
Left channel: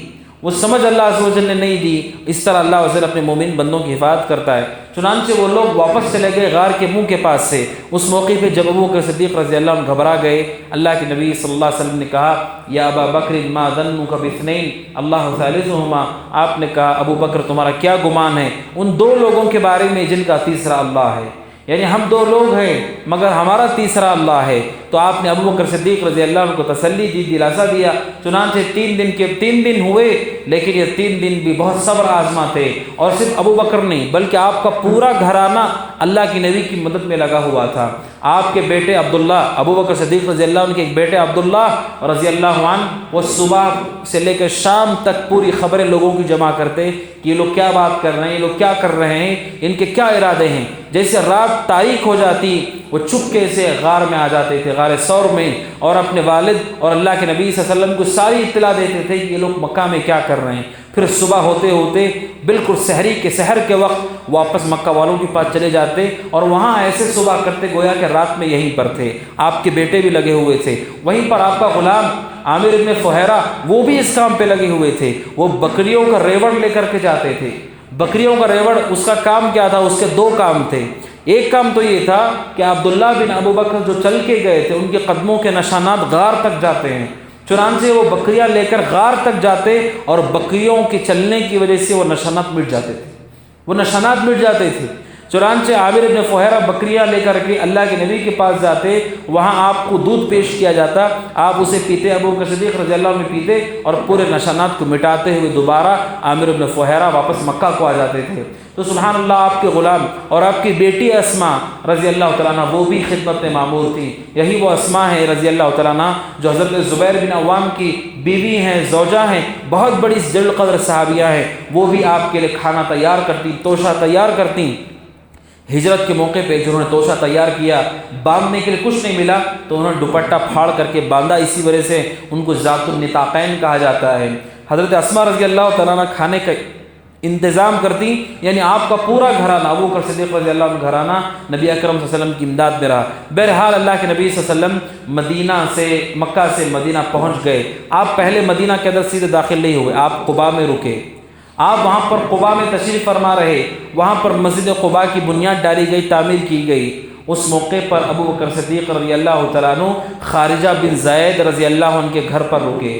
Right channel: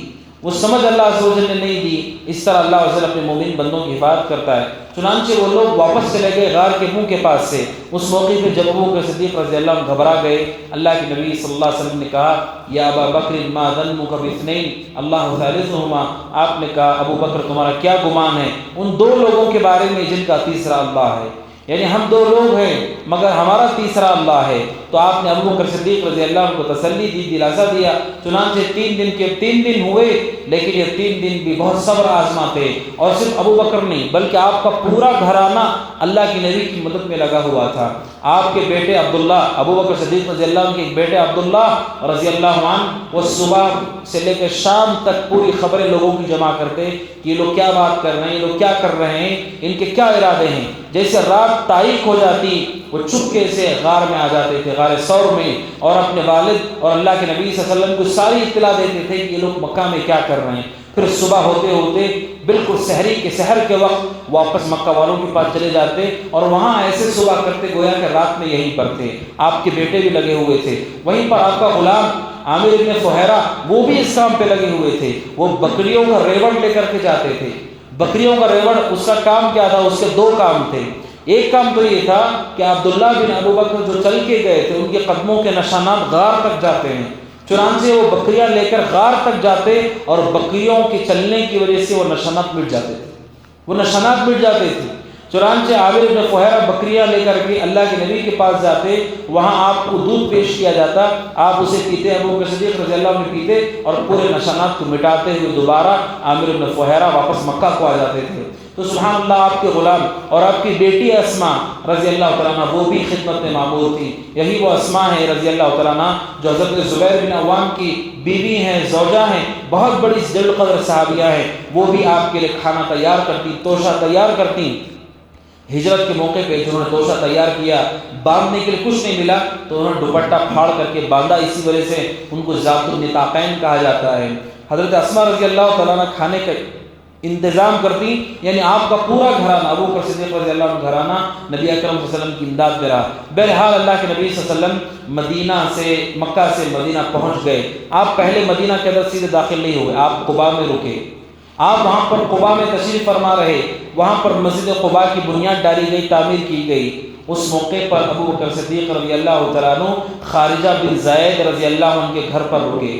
وہ سمجھ اللہ عز و جل نے نہیں دی۔ اس طرح اللہ عز و جل اپنے مومن بندوں کی حفاظت کرتا ہے۔ چنانچہ وہ لوگ واپس چلے گئے غار کے منہ کے پاس سے۔ اس موقع پہ جب ابو بکر صدیق رضی اللہ عنہ گھبرا گئے، اللہ کے نبی صلی اللہ علیہ وسلم نے کہا یا ابا بکر ما ظنک باثنین اللہ ثالثہما۔ آپ نے کہا ابو بکر تمہارا کیا گمان ہے ان 2 لوگوں کے بارے میں جن کا تیسرا اللہ ہے، یعنی ہم 2 لوگ ہیں مگر ہمارا تیسرا اللہ ہے۔ تو آپ نے ابو بکر صدیق رضی اللہ عنہ کو تسلی دی، دلاسا دیا۔ چنانچہ 3 دن ہوئے، لیکن یہ 3 دن بھی بہت صبر آزما تھے، اور صرف ابو بکر نہیں بلکہ آپ کا پورا گھرانہ اللہ کی نبی کی مدد میں لگا ہوا تھا۔ آپ کے بیٹے عبداللہ، ابو بکر صدیق رضی اللہ عنہ کے ایک بیٹے عبداللہ رضی اللہ عنہ، وہ صبح سے لے کر شام تک پوری خبریں لوگوں کی جمع کرتے، یہ لوگ کیا بات کر رہے ہیں، یہ لوگ کیا کر رہے ہیں، ان کے کیا ارادے ہیں۔ جیسے رات تاریک ہو جاتی وہ چپکے سے غار میں آ جاتے تھے، غار ثور میں، اور اپنے والد اور اللہ کے نبی صلی اللہ علیہ وسلم کو ساری اطلاع دیتے تھے کہ یہ لوگ مکہ میں کیا کر رہے ہیں۔ پھر صبح ہوتے ہوتے بالکل سحر کے وقت واپس مکہ والوں کے پاس چلے جاتے، اور وہاں ایسے صبح کرتے گویا کہ رات میں یہیں پر تھے۔ آپ کے بیٹے بھی لگے ہوئے تھے، وہیں پر آپ کا غلام عامر ابن فہیرہ وہ بھی اس کام پہ لگے ہوئے تھے۔ وہ بکریوں کا ریوڑ لے کر کے جاتے تھے، بکریوں کا ریوڑ، اس کا کام کیا تھا؟ اس کے 2 کام تھے۔ ایک کام تو یہ تھا کہ عبداللہ بن ابو بکر جو چل کے گئے تھے ان کے قدموں کے نشانات غار تک جاتے ہیں، چنانچہ وہ بکریاں لے کر غار تک جاتے اور بکریوں کے چلنے کی وجہ سے وہ نشانات مٹ جاتے تھے۔ وہ نشانات مٹ جاتے تھے۔ چنانچہ عامر بن فہیرہ بکریاں لے کر کے اللہ کے نبی کے پاس جاتے، وہاں آپ کو دودھ پیش کیا جاتا، آپ اسے پیتے، ابو بکر صدیق رضی اللہ عنہ پیتے اور پورے نشانات کو مٹاتے ہوئے دوبارہ عامر بن فہیرہ واپس مکہ کو آ جاتے تھے۔ تو سبحان اللہ، آپ کے غلام اور آپ کی بیٹی اسماء رضی اللہ تعالیٰ عنہ وہ بھی خدمت میں معمور تھی۔ یہی وہ اسماء ہے رضی اللہ تعالیٰ عنہ جو حضرت زبیر بن عوام کی بیوی ہیں، زوجہ ہیں، بہت بڑی جلیل قدر صحابیہ ہیں۔ وہ بھی آپ کے لیے کھانا تیار کرتی، توشہ تیار کرتی۔ ہجرت کے موقع پہ جنہوں نے توشہ تیار کیا، باندھنے کے لیے کچھ نہیں ملا تو انہوں نے دوپٹہ پھاڑ کر کے باندھا، اسی وجہ سے ان کو ذات النطاقین کہا جاتا ہے۔ حضرت اسماء رضی اللہ تعالیٰ عنہ کھانے کا انتظام کرتی، یعنی آپ کا پورا گھرانہ، ابو بکر صدیق رضی اللہ عنہ گھرانہ نبی اکرم صلی اللہ علیہ وسلم کی امداد میں رہا۔ بہرحال اللہ کے نبی صلی اللہ علیہ وسلم مدینہ سے، مکہ سے مدینہ پہنچ گئے۔ آپ پہلے مدینہ کے اندر سیدھے داخل نہیں ہوئے، آپ قباء میں رکے۔ آپ وہاں پر قباء میں تشریف فرما رہے، وہاں پر مسجد قباء کی بنیاد ڈالی گئی، تعمیر کی گئی۔ اس موقع پر ابو بکر صدیق رضی اللہ تعالیٰ عنہ خارجہ بن زید رضی اللہ عنہ کے گھر پر رکے۔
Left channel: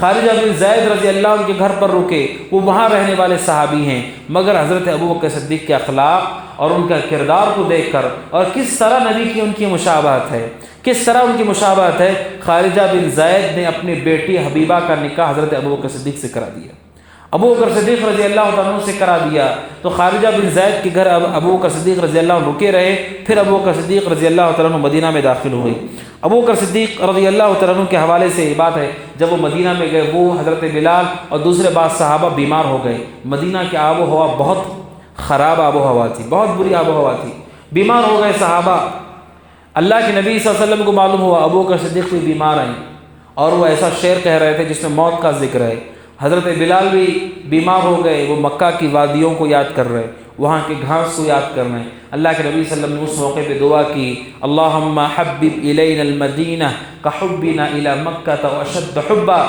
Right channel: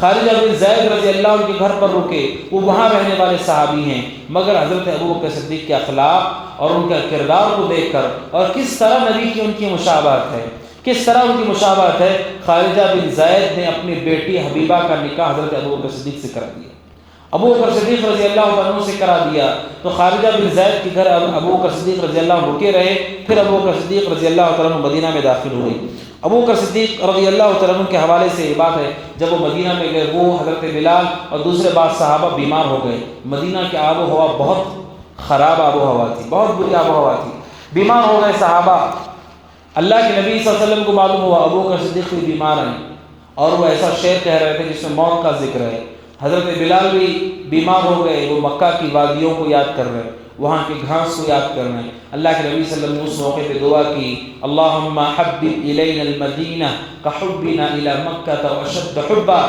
خارجہ بن زید رضی اللہ عنہ کے گھر پر رکے، وہ وہاں رہنے والے صحابی ہیں، مگر حضرت ابو بکر صدیق کے اخلاق اور ان کا کردار کو دیکھ کر، اور کس طرح نبی کی ان کی مشابہت ہے، کس طرح ان کی مشابہت ہے، خارجہ بن زید نے اپنی بیٹی حبیبہ کا نکاح حضرت ابو بکر صدیق سے کر دیا، ابو بکر صدیق رضی اللہ عنہ سے کرا دیا۔ تو خارجہ بن زید کے گھر ابو بکر صدیق رضی اللہ عنہ رکے رہے، پھر ابو بکر صدیق رضی اللہ عنہ مدینہ میں داخل ہوئی۔ ابو بکر صدیق رضی اللہ عنہ کے حوالے سے یہ بات ہے، جب وہ مدینہ میں گئے، وہ حضرت بلال اور دوسرے بعض صحابہ بیمار ہو گئے۔ مدینہ کی آب و ہوا بہت خراب آب و ہوا تھی، بہت بری آب و ہوا تھی، بیمار ہو گئے صحابہ۔ اللہ کے نبی صلی اللہ علیہ وسلم کو معلوم ہوا ابو بکر صدیق بھی بیمار ہیں، اور وہ ایسا شعر کہہ رہے تھے جس میں موت کا ذکر ہے۔ حضرت بلال بھی بیمار ہو گئے، وہ مکہ کی وادیوں کو یاد کر رہے، وہاں کے گھاس کو یاد کر رہے ہیں۔ اللہ کے نبی صلی اللہ علیہ وسلم نے اس موقع پہ دعا کی، اللہم حبب الینا المدینہ کحبنا الی مکہ واشد حبا۔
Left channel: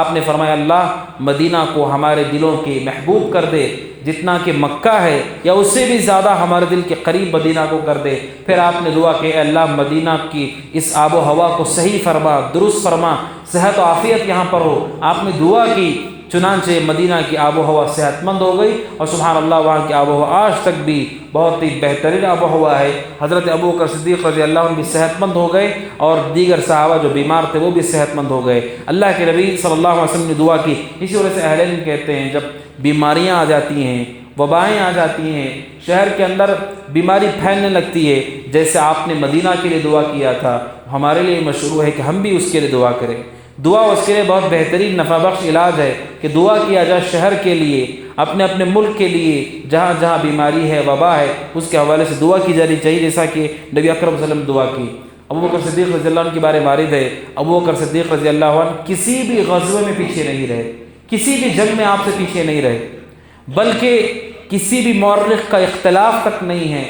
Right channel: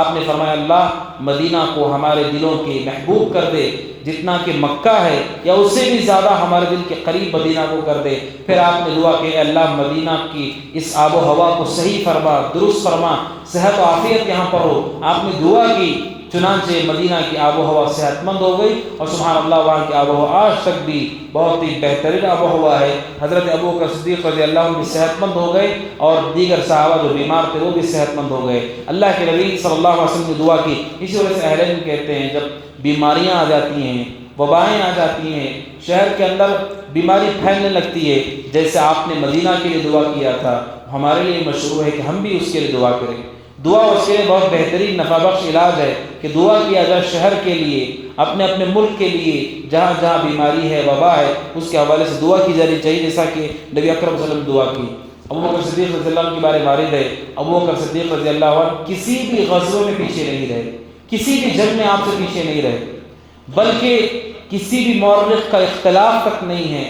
آپ نے فرمایا اللہ مدینہ کو ہمارے دلوں کے محبوب کر دے، جتنا کہ مکہ ہے یا اس سے بھی زیادہ ہمارے دل کے قریب مدینہ کو کر دے۔ پھر آپ نے دعا کہ اے اللہ مدینہ کی اس آب و ہوا کو صحیح فرما، درست فرما، صحت و عافیت یہاں پر ہو۔ آپ نے دعا کی، چنانچہ مدینہ کی آب و ہوا صحت مند ہو گئی، اور سبحان اللہ وہاں کی آب و ہوا آج تک بھی بہت ہی بہترین آب و ہوا ہے۔ حضرت ابو بکر صدیق رضی اللہ عنہ بھی صحت مند ہو گئے، اور دیگر صحابہ جو بیمار تھے وہ بھی صحت مند ہو گئے۔ اللہ کے نبی صلی اللہ علیہ وسلم نے دعا کی۔ اسی وجہ سے اہل علم کہتے ہیں جب بیماریاں آ جاتی ہیں، وبائیں آ جاتی ہیں، شہر کے اندر بیماری پھیلنے لگتی ہے، جیسے آپ نے مدینہ کے لیے دعا کیا تھا، ہمارے لیے مشروع ہے کہ ہم بھی اس کے لیے دعا کریں۔ دعا اس کے لیے بہت بہترین نفع بخش علاج ہے کہ دعا کیا جائے شہر کے لیے، اپنے اپنے ملک کے لیے، جہاں جہاں بیماری ہے، وبا ہے، اس کے حوالے سے دعا کی جانی چاہیے، جیسا کہ نبی اکرم صلی اللہ علیہ وسلم دعا کی۔ ابو بکر صدیق رضی اللہ عنہ کے بارے وارد ہے، ابو بکر صدیق رضی اللہ عنہ کسی بھی غزوے میں پیچھے نہیں رہے، کسی بھی جنگ میں آپ سے پیچھے نہیں رہے، بلکہ کسی بھی مورخ کا اختلاف تک نہیں ہے۔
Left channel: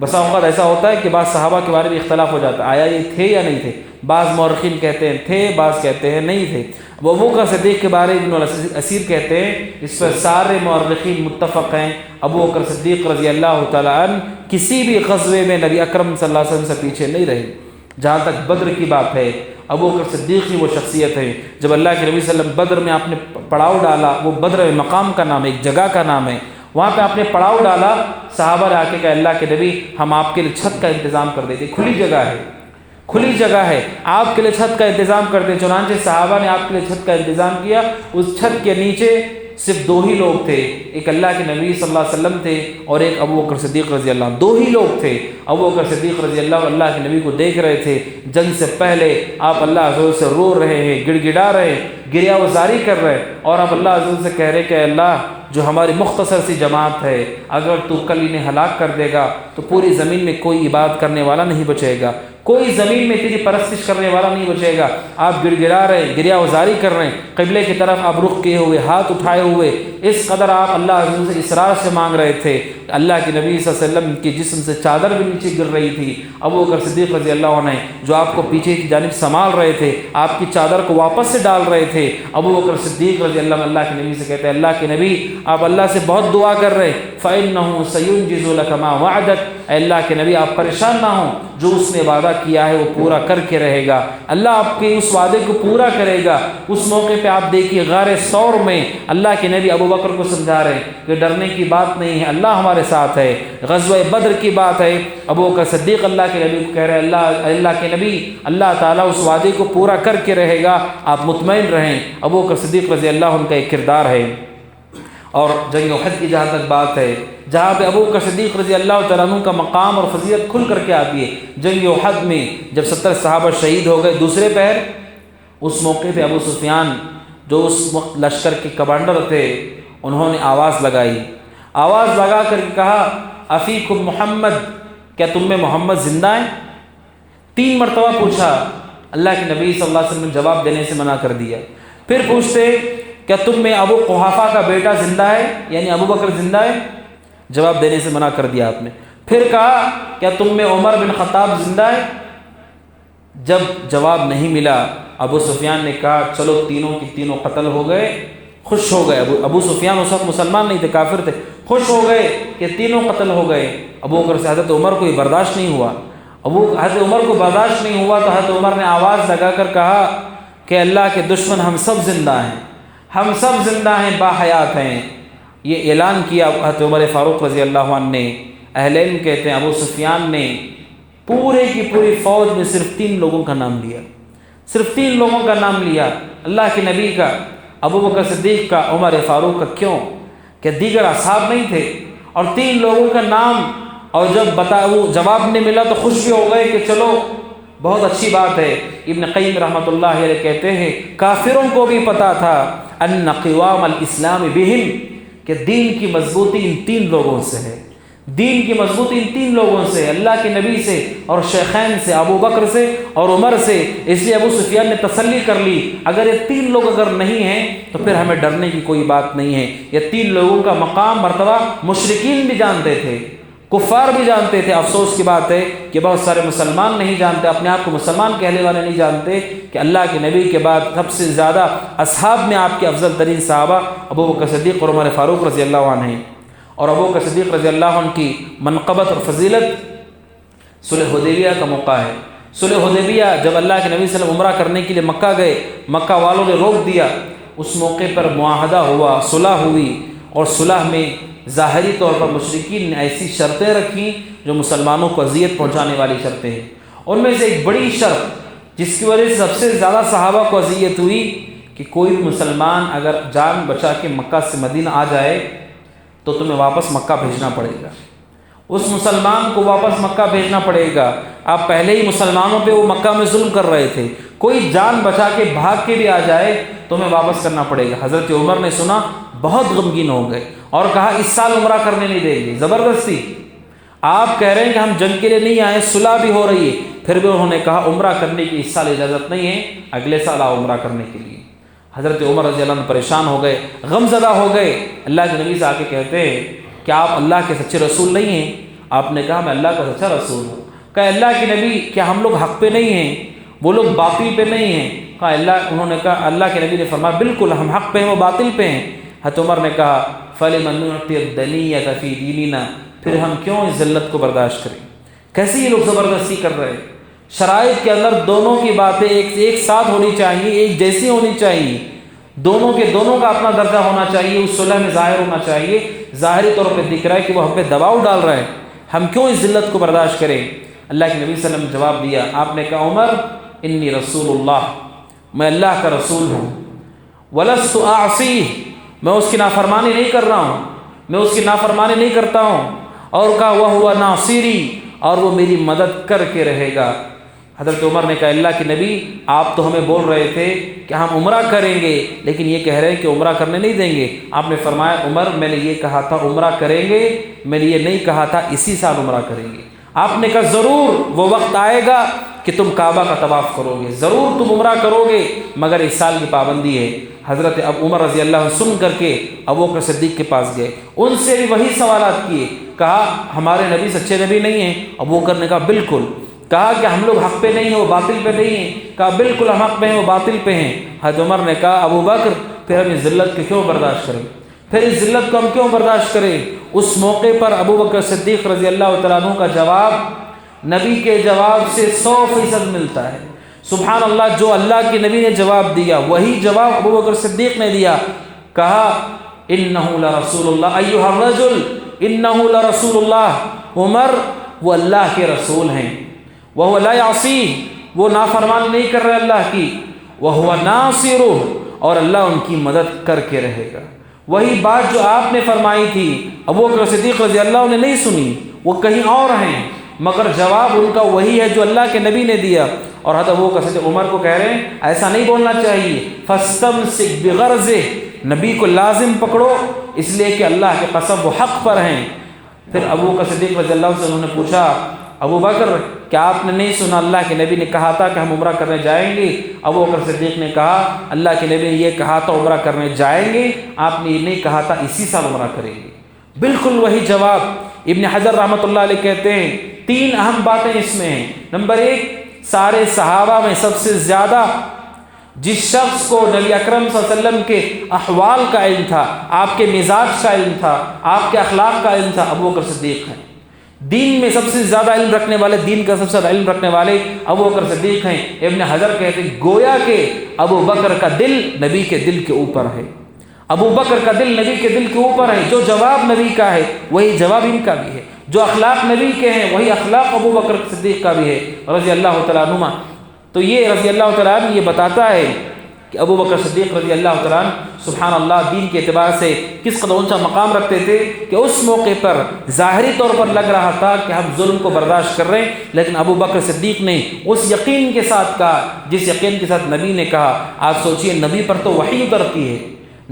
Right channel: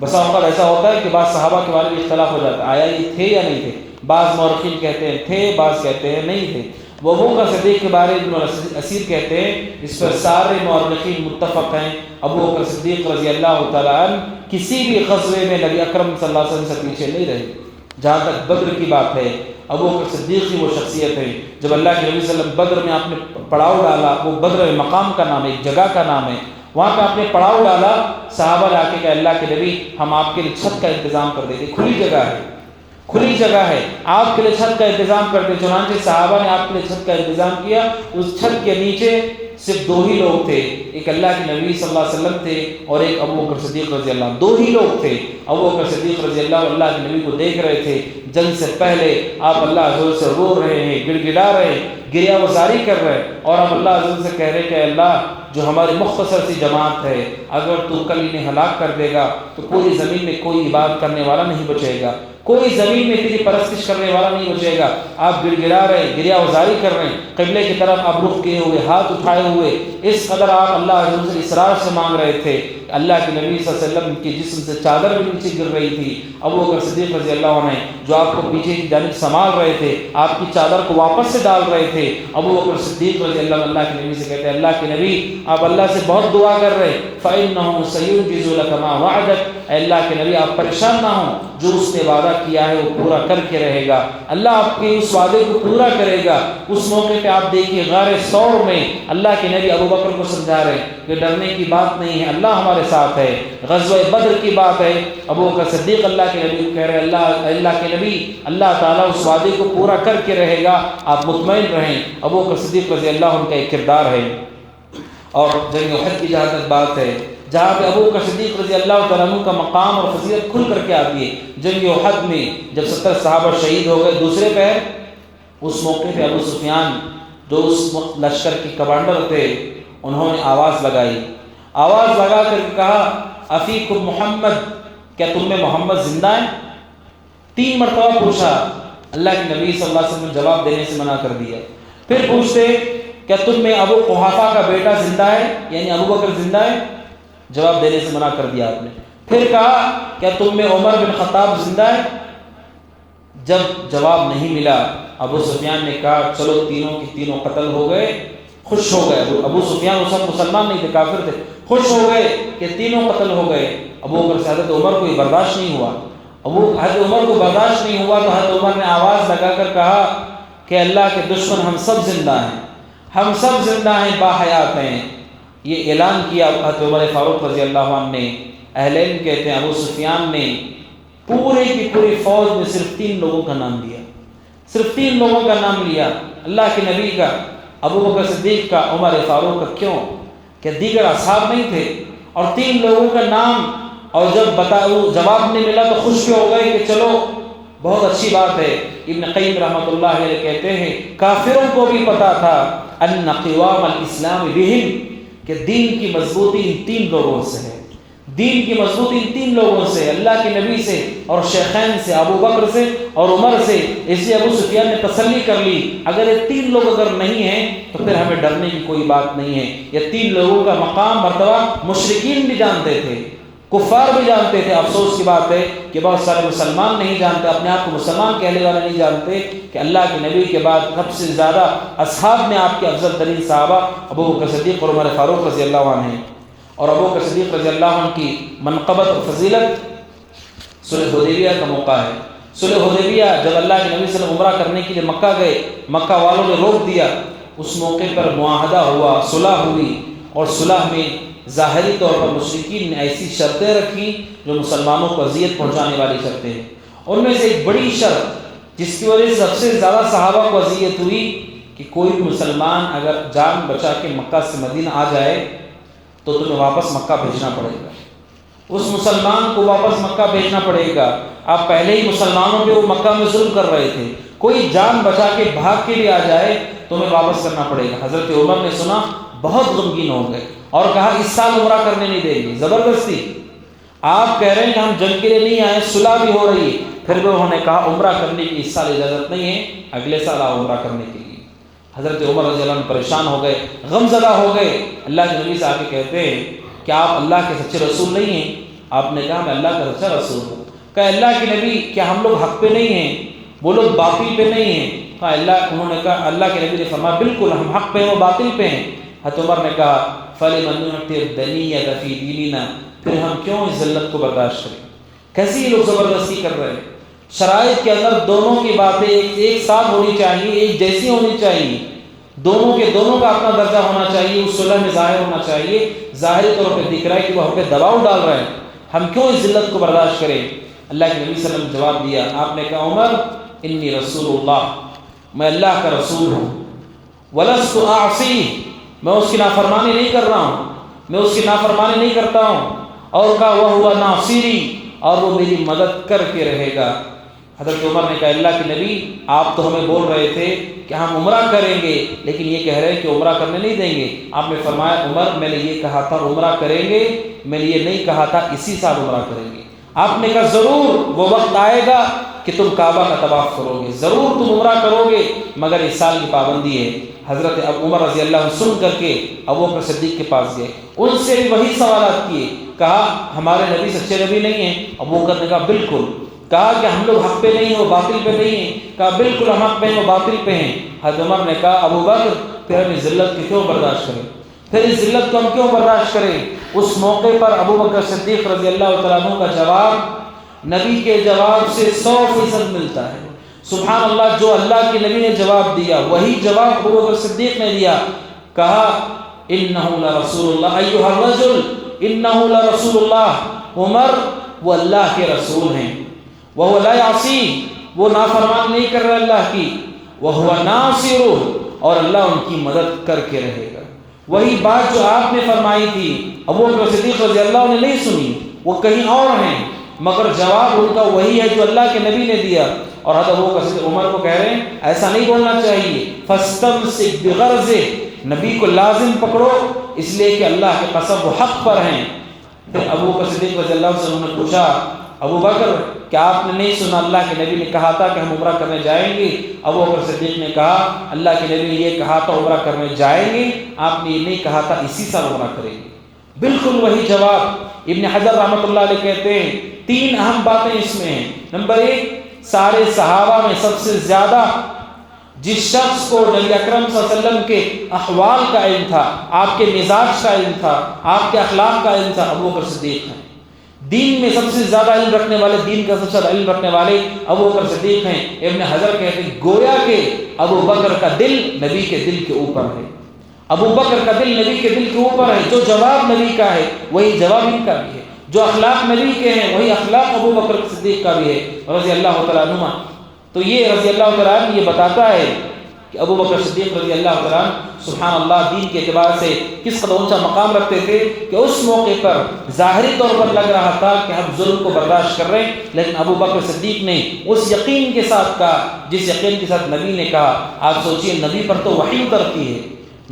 بسا اوقات ایسا ہوتا ہے کہ بعض صحابہ کے بارے میں اختلاف ہو جاتا ہے، آیا یہ تھے یا نہیں تھے، بعض مورخین کہتے ہیں تھے، بعض کہتے ہیں نہیں تھے۔ وہ ابو بکر صدیق کے بارے میں ابن اسیر کہتے ہیں، اس پر سارے مورخین متفق ہیں، ابو بکر صدیق رضی اللہ تعالیٰ عنہ کسی بھی غزوے میں نبی اکرم صلی اللہ علیہ وسلم سے پیچھے نہیں رہے۔ جہاں تک بدر کی بات ہے، ابو بکر صدیق کی وہ شخصیت ہے جب اللہ کے نبی صلی اللہ علیہ وسلم بدر میں آپ نے پڑاؤ ڈالا، وہ بدر مقام کا نام ہے، ایک جگہ کا نام ہے، وہاں پہ آپ نے پڑاؤ ڈالا، صحابہ نے آ کے کہا اللہ کے نبی ہم آپ کے لیے چھت کا انتظام کر دیتے، کھلی جگہ ہے، کھلی جگہ ہے، آپ کے لیے چھت کا انتظام کرتے۔ چنانچہ صحابہ نے آپ کے لیے چھت کا انتظام کیا۔ اس چھت کے نیچے صرف دو ہی لوگ تھے، ایک اللہ کے نبی صلی اللہ علیہ وسلم تھے اور ایک ابو بکر صدیق رضی اللہ عنہ، دو ہی لوگ تھے۔ ابو بکر صدیق رضی اللہ کے نبی کو دیکھ رہے تھے، جنگ سے پہلے آپ اللہ عز و جل سے رو رہے ہیں، گڑ گڑا رہے ہیں، گریہ وزاری کر رہے ہیں، اور آپ اللہ عز و جل سے کہہ رہے کہ اللہ جو ہماری مختصر سی جماعت ہے، اگر تو کل انہیں ہلاک کر دے گا تو پوری زمین میں کوئی عبادت کرنے والا نہیں بچے گا، کوئی زمین میں تیری پرستش کرنے والا نہیں بچے گا۔ آپ گڑ گڑا رہے ہیں، گریہ وزاری کر رہے ہیں، قبلے کی طرف آپ رخ کیے ہوئے، ہاتھ اٹھائے ہوئے، اس قدر آپ اللہ عز و جل سے اسرار سے مانگ رہے تھے، اللہ کے نبی صلی اللہ علیہ وسلم کے جسم سے چادر بھی نیچے گر رہی تھی، ابو بکر صدیق رضی اللہ عنہ جو آپ کو پیچھے کی جانب سنبھال رہے تھے، آپ کی چادر کو واپس سے ڈال رہے تھے، ابو بکر صدیق رضی اللہ کے نبی سے کہتے ہیں اللہ کے نبی آپ اللہ سے بہت دعا کر رہے فَإِنَّهُ سَيُنْجِزُ لَكَ مَا وَعَدَكَ، اے اللہ کے نبی آپ پریشان نہ ہوں، جو اس نے وعدہ کیا ہے وہ پورا کر کے رہے گا، اللہ آپ کے اس وعدے کو پورا کرے گا۔ اس موقع پہ آپ دیکھیے غار ثور میں اللہ کے نبی ابو بکر کو سمجھا رہے کہ ڈرنے کی بات نہیں ہے، اللہ ہمارے ساتھ ہے۔ غزوہ بدر کی بات ہے، ابو بکر صدیق اللہ کے نبی کہہ رہے اللہ کے نبی اللہ تعالیٰ اس وعدے کو پورا کر کے رہے گا، آپ مطمئن رہیں۔ ابو بکر صدیق رضی اللہ عنہ کا ایک کردار ہے۔ اور جنگ احد کی جہاں تک بات ہے، جہاں پہ ابو بکر صدیق رضی اللہ تعالیٰ عنہ کا مقام اور فضیلت کھل کر کے آتی ہے، جنگ احد میں جب 70 صحابہ شہید ہو گئے دوسرے پہر، اس موقع پہ ابو سفیان جو اس لشکر کے کمانڈر تھے انہوں نے آواز لگائی، آواز لگا کر کہا افیکم محمد، کیا تم میں محمد زندہ ہے؟ 3 مرتبہ پوچھا، اللہ کے نبی صلی اللہ علیہ وسلم نے جواب دینے سے منع کر دیا۔ پھر پوچھتے کیا تم میں ابو قحافہ کا بیٹا زندہ ہے، یعنی ابو بکر زندہ ہے؟ جواب دینے سے منع کر دیا آپ نے۔ پھر کہا کیا تم میں عمر بن خطاب زندہ ہے؟ جب جواب نہیں ملا ابو سفیان نے کہا چلو تینوں کی تینوں قتل ہو گئے، خوش ہو گئے۔ ابو سفیان اس وقت مسلمان نہیں تھے، کافر تھے، خوش ہو گئے کہ تینوں قتل ہو گئے۔ ابو بکر سے حضرت عمر کو یہ برداشت نہیں ہوا، حضرت عمر کو برداشت نہیں ہوا تو حضرت عمر نے آواز لگا کر کہا کہ اللہ کے دشمن ہم سب زندہ ہیں، ہم سب زندہ ہیں، باحیات ہیں۔ یہ اعلان کیا حضرت عمر فاروق رضی اللہ عنہ نے۔ اہل علم کہتے ہیں ابو سفیان نے پورے کی پوری فوج میں صرف 3 لوگوں کا نام لیا، صرف 3 لوگوں کا نام لیا، اللہ کے نبی کا، ابو بکر صدیق کا، عمر فاروق کا۔ کیوں کہ دیگر اصحاب نہیں تھے، اور 3 لوگوں کا نام، اور جب جواب نہیں ملا تو خوش بھی ہو گئے کہ چلو بہت اچھی بات ہے۔ ابن قیم رحمۃ اللہ علیہ کہتے ہیں کافروں کو بھی پتا تھا ان قوام الاسلام بہم، کہ دین کی مضبوطی ان 3 لوگوں سے ہے، دین کی مضبوطی ان 3 لوگوں سے، اللہ کے نبی سے اور شیخین سے، ابو بکر سے اور عمر سے۔ اس لیے ابو سفیان نے تسلی کر لی اگر یہ 3 لوگ اگر نہیں ہیں تو پھر ہمیں ڈرنے کی کوئی بات نہیں ہے۔ یہ 3 لوگوں کا مقام مرتبہ مشرکین بھی جانتے تھے، کفار بھی جانتے تھے۔ افسوس کی بات ہے کہ بہت سارے مسلمان نہیں جانتے، اپنے آپ کو مسلمان کہنے والے نہیں جانتے کہ اللہ کے نبی کے بعد سب سے زیادہ اصحاب میں آپ کے افضل ترین صحابہ ابو بکر صدیق اور عمر فاروق رضی اللہ عنہ ہیں۔ اور ابو بکر صدیق رضی اللہ عنہ کی منقبت اور فضیلت، صلح حدیبیہ کا موقع ہے۔ صلح حدیبیہ جب اللہ کے نبی صلی اللہ علیہ وسلم عمرہ کرنے کے لیے مکہ گئے، مکہ والوں نے روک دیا، اس موقع پر معاہدہ ہوا، صلح ہوئی، اور صلح میں ظاہری طور پر مشرکین نے ایسی شرطیں رکھی جو مسلمانوں کو اذیت پہنچانے والی شرطیں ہیں۔ ان میں سے ایک بڑی شرط جس کی وجہ سے سب سے زیادہ صحابہ کو اذیت ہوئی کہ کوئی بھی مسلمان اگر جان بچا کے مکہ سے مدینہ آ جائے تو تمہیں واپس مکہ بھیجنا پڑے گا، اس مسلمان کو واپس مکہ بھیجنا پڑے گا۔ آپ پہلے ہی مسلمانوں پہ وہ مکہ میں ظلم کر رہے تھے، کوئی جان بچا کے بھاگ کے بھی آ جائے تمہیں واپس کرنا پڑے گا۔ حضرت عمر نے سنا، بہت غمگین ہو گئے اور کہا اس سال عمرہ کرنے نہیں دیں گے، زبردستی۔ آپ کہہ رہے ہیں کہ ہم جنگ کے لیے نہیں آئے، صلح بھی ہو رہی ہے، پھر بھی انہوں نے کہا عمرہ کرنے کی اس سال اجازت نہیں ہے، اگلے سال آؤ عمرہ کرنے کے لیے۔ حضرت عمر رضی اللہ عنہ پریشان ہو گئے، غم زدہ ہو گئے، اللہ کے نبی سے آ کے کہتے ہیں کہ آپ اللہ کے سچے رسول نہیں ہیں؟ آپ نے کہا میں اللہ کا سچا رسول ہوں۔ کہا اللہ کے نبی کیا ہم لوگ حق پہ نہیں ہیں، وہ لوگ باطل پہ نہیں ہیں؟ کہا انہوں نے کہا، اللہ کے نبی نے فرمایا بالکل ہم حق پہ ہیں، وہ باطل پہ ہیں۔ حضرت عمر نے کہا فَلِمَن نُعْطِي الدَّنِيَّةَ فِي دِينِنَا، پھر ہم کیوں اس ذلت کو برداشت کریں؟ کیسے یہ لوگ زبردستی کر رہے ہیں؟ شرائط کے اندر دونوں کی باتیں ایک ساتھ ہونی چاہیے، ایک جیسی ہونی چاہیے، دونوں کا اپنا درجہ ہونا چاہیے، اس صلح میں ظاہر ہونا چاہیے۔ ظاہری طور پہ دکھ رہا ہے کہ وہ ہم پہ دباؤ ڈال رہا ہے، ہم کیوں اس ذلت کو برداشت کریں؟ اللہ کے نبی صلی اللہ علیہ وسلم نے جواب دیا، آپ نے کہا عمر انی رسول اللہ، میں اللہ کا رسول ہوں، وَلَسْتُ أَعْصِيهِ، میں اس کی نافرمانی نہیں کر رہا ہوں، میں اس کی نافرمانی نہیں کرتا ہوں۔ اور کہا وَهُوَ نَاصِرِي، اور وہ میری مدد کر کے رہے گا۔ حضرت عمر نے کہا اللہ کے نبی آپ تو ہمیں بول رہے تھے کہ ہم عمرہ کریں گے، لیکن یہ کہہ رہے ہیں کہ عمرہ کرنے نہیں دیں گے۔ آپ نے فرمایا عمر میں نے یہ کہا تھا عمرہ کریں گے، میں نے یہ نہیں کہا تھا اسی سال عمرہ کریں گے۔ آپ نے کہا ضرور وہ وقت آئے گا کہ تم کعبہ کا طواف کرو گے، ضرور تم عمرہ کرو گے، مگر اس سال کی پابندی ہے۔ حضرت عمر رضی اللہ عنہ سن کر کے ابو بکر صدیق کے پاس گئے، ان سے بھی وہی سوالات کیے، کہا ہمارے نبی سچے نبی نہیں ہیں؟ ابو بکر نے کہا بالکل۔ کہا کہ ہم لوگ حق پہ نہیں ہیں، وہ باطل پہ نہیں ہیں؟ کہا بالکل ہم حق پہ ہیں، وہ باطل پہ ہیں۔ حضرت عمر نے کہا ابو بکر پھر ہم اس ذلت کو کیوں برداشت کریں، پھر اس ذلت کو ہم کیوں برداشت کریں؟ اس موقع پر ابو بکر صدیق رضی اللہ تعالیٰ عنہ کا جواب نبی کے جواب سے 100% ملتا ہے۔ سبحان اللہ، جو اللہ کے نبی نے جواب دیا وہی جواب ابو بکر صدیق نے دیا۔ کہا انہ لرسول اللہ ایھا الرجل انہ لرسول اللہ، عمر وہ اللہ کے رسول ہیں، وہو لا یعصی، وہ نافرمان نہیں کر رہا اللہ کی، وہو ناصرہ، اور اللہ ان کی مدد کر کے رہے گا۔ وہی بات جو آپ نے فرمائی تھی ابو بکر صدیق رضی اللہ عنہ نے نہیں سنی، وہ کہیں اور ہیں، مگر جواب ان کا وہی ہے جو اللہ کے نبی نے دیا۔ اور حضرت ابو بکر صدیق عمر کو کہہ رہے ہیں ایسا نہیں بولنا چاہیے، فاستمسک بغرضہ، نبی کو لازم پکڑو، اس لیے کہ اللہ کے قسم وہ حق پر ہیں۔ پھر ابو بکر صدیق رضی اللہ عنہ نے پوچھا ابو بکر کیا آپ نے نہیں سنا اللہ کے نبی نے کہا تھا کہ ہم عمرہ کرنے جائیں گے؟ ابو بکر صدیق نے کہا اللہ کے نبی نے یہ کہا تھا عمرہ کرنے جائیں گے، آپ نے یہ نہیں کہا تھا اسی سال عمرہ کریں گے۔ بالکل وہی جواب۔ ابن حجر رحمۃ اللہ علیہ کہتے ہیں 3 اہم باتیں اس میں ہیں۔ نمبر 1، سارے صحابہ میں سب سے زیادہ جس شخص کو نبی اکرم صلی اللہ علیہ وسلم کے احوال کا علم تھا، آپ کے مزاج کا علم تھا، آپ کے اخلاق کا علم تھا، ابو بکر صدیق ہیں۔ دین میں سب سے زیادہ علم رکھنے والے، دین کا سب سے زیادہ علم رکھنے والے ابو بکر صدیق ہیں۔ ابن حجر کہتے ہیں گویا کہ ابو بکر کا دل نبی کے دل کے اوپر ہے، ابو بکر کا دل نبی کے دل کے اوپر ہے۔ جو جواب نبی کا ہے وہی جواب ان کا بھی ہے، جو اخلاق نبی کے ہیں وہی اخلاق ابو بکر صدیق کا بھی ہے رضی اللہ تعالیٰ عنہ۔ تو یہ رضی اللہ تعالیٰ عنہ یہ بتاتا ہے کہ ابو بکر صدیق رضی اللہ تعالیٰ عنہ سبحان اللہ دین کے اعتبار سے کس قدر اونچا مقام رکھتے تھے کہ اس موقع پر ظاہری طور پر لگ رہا تھا کہ ہم ظلم کو برداشت کر رہے ہیں، لیکن ابو بکر صدیق نے اس یقین کے ساتھ کہا جس یقین کے ساتھ نبی نے کہا۔ آپ سوچئے نبی پر تو وحی اترتی ہے،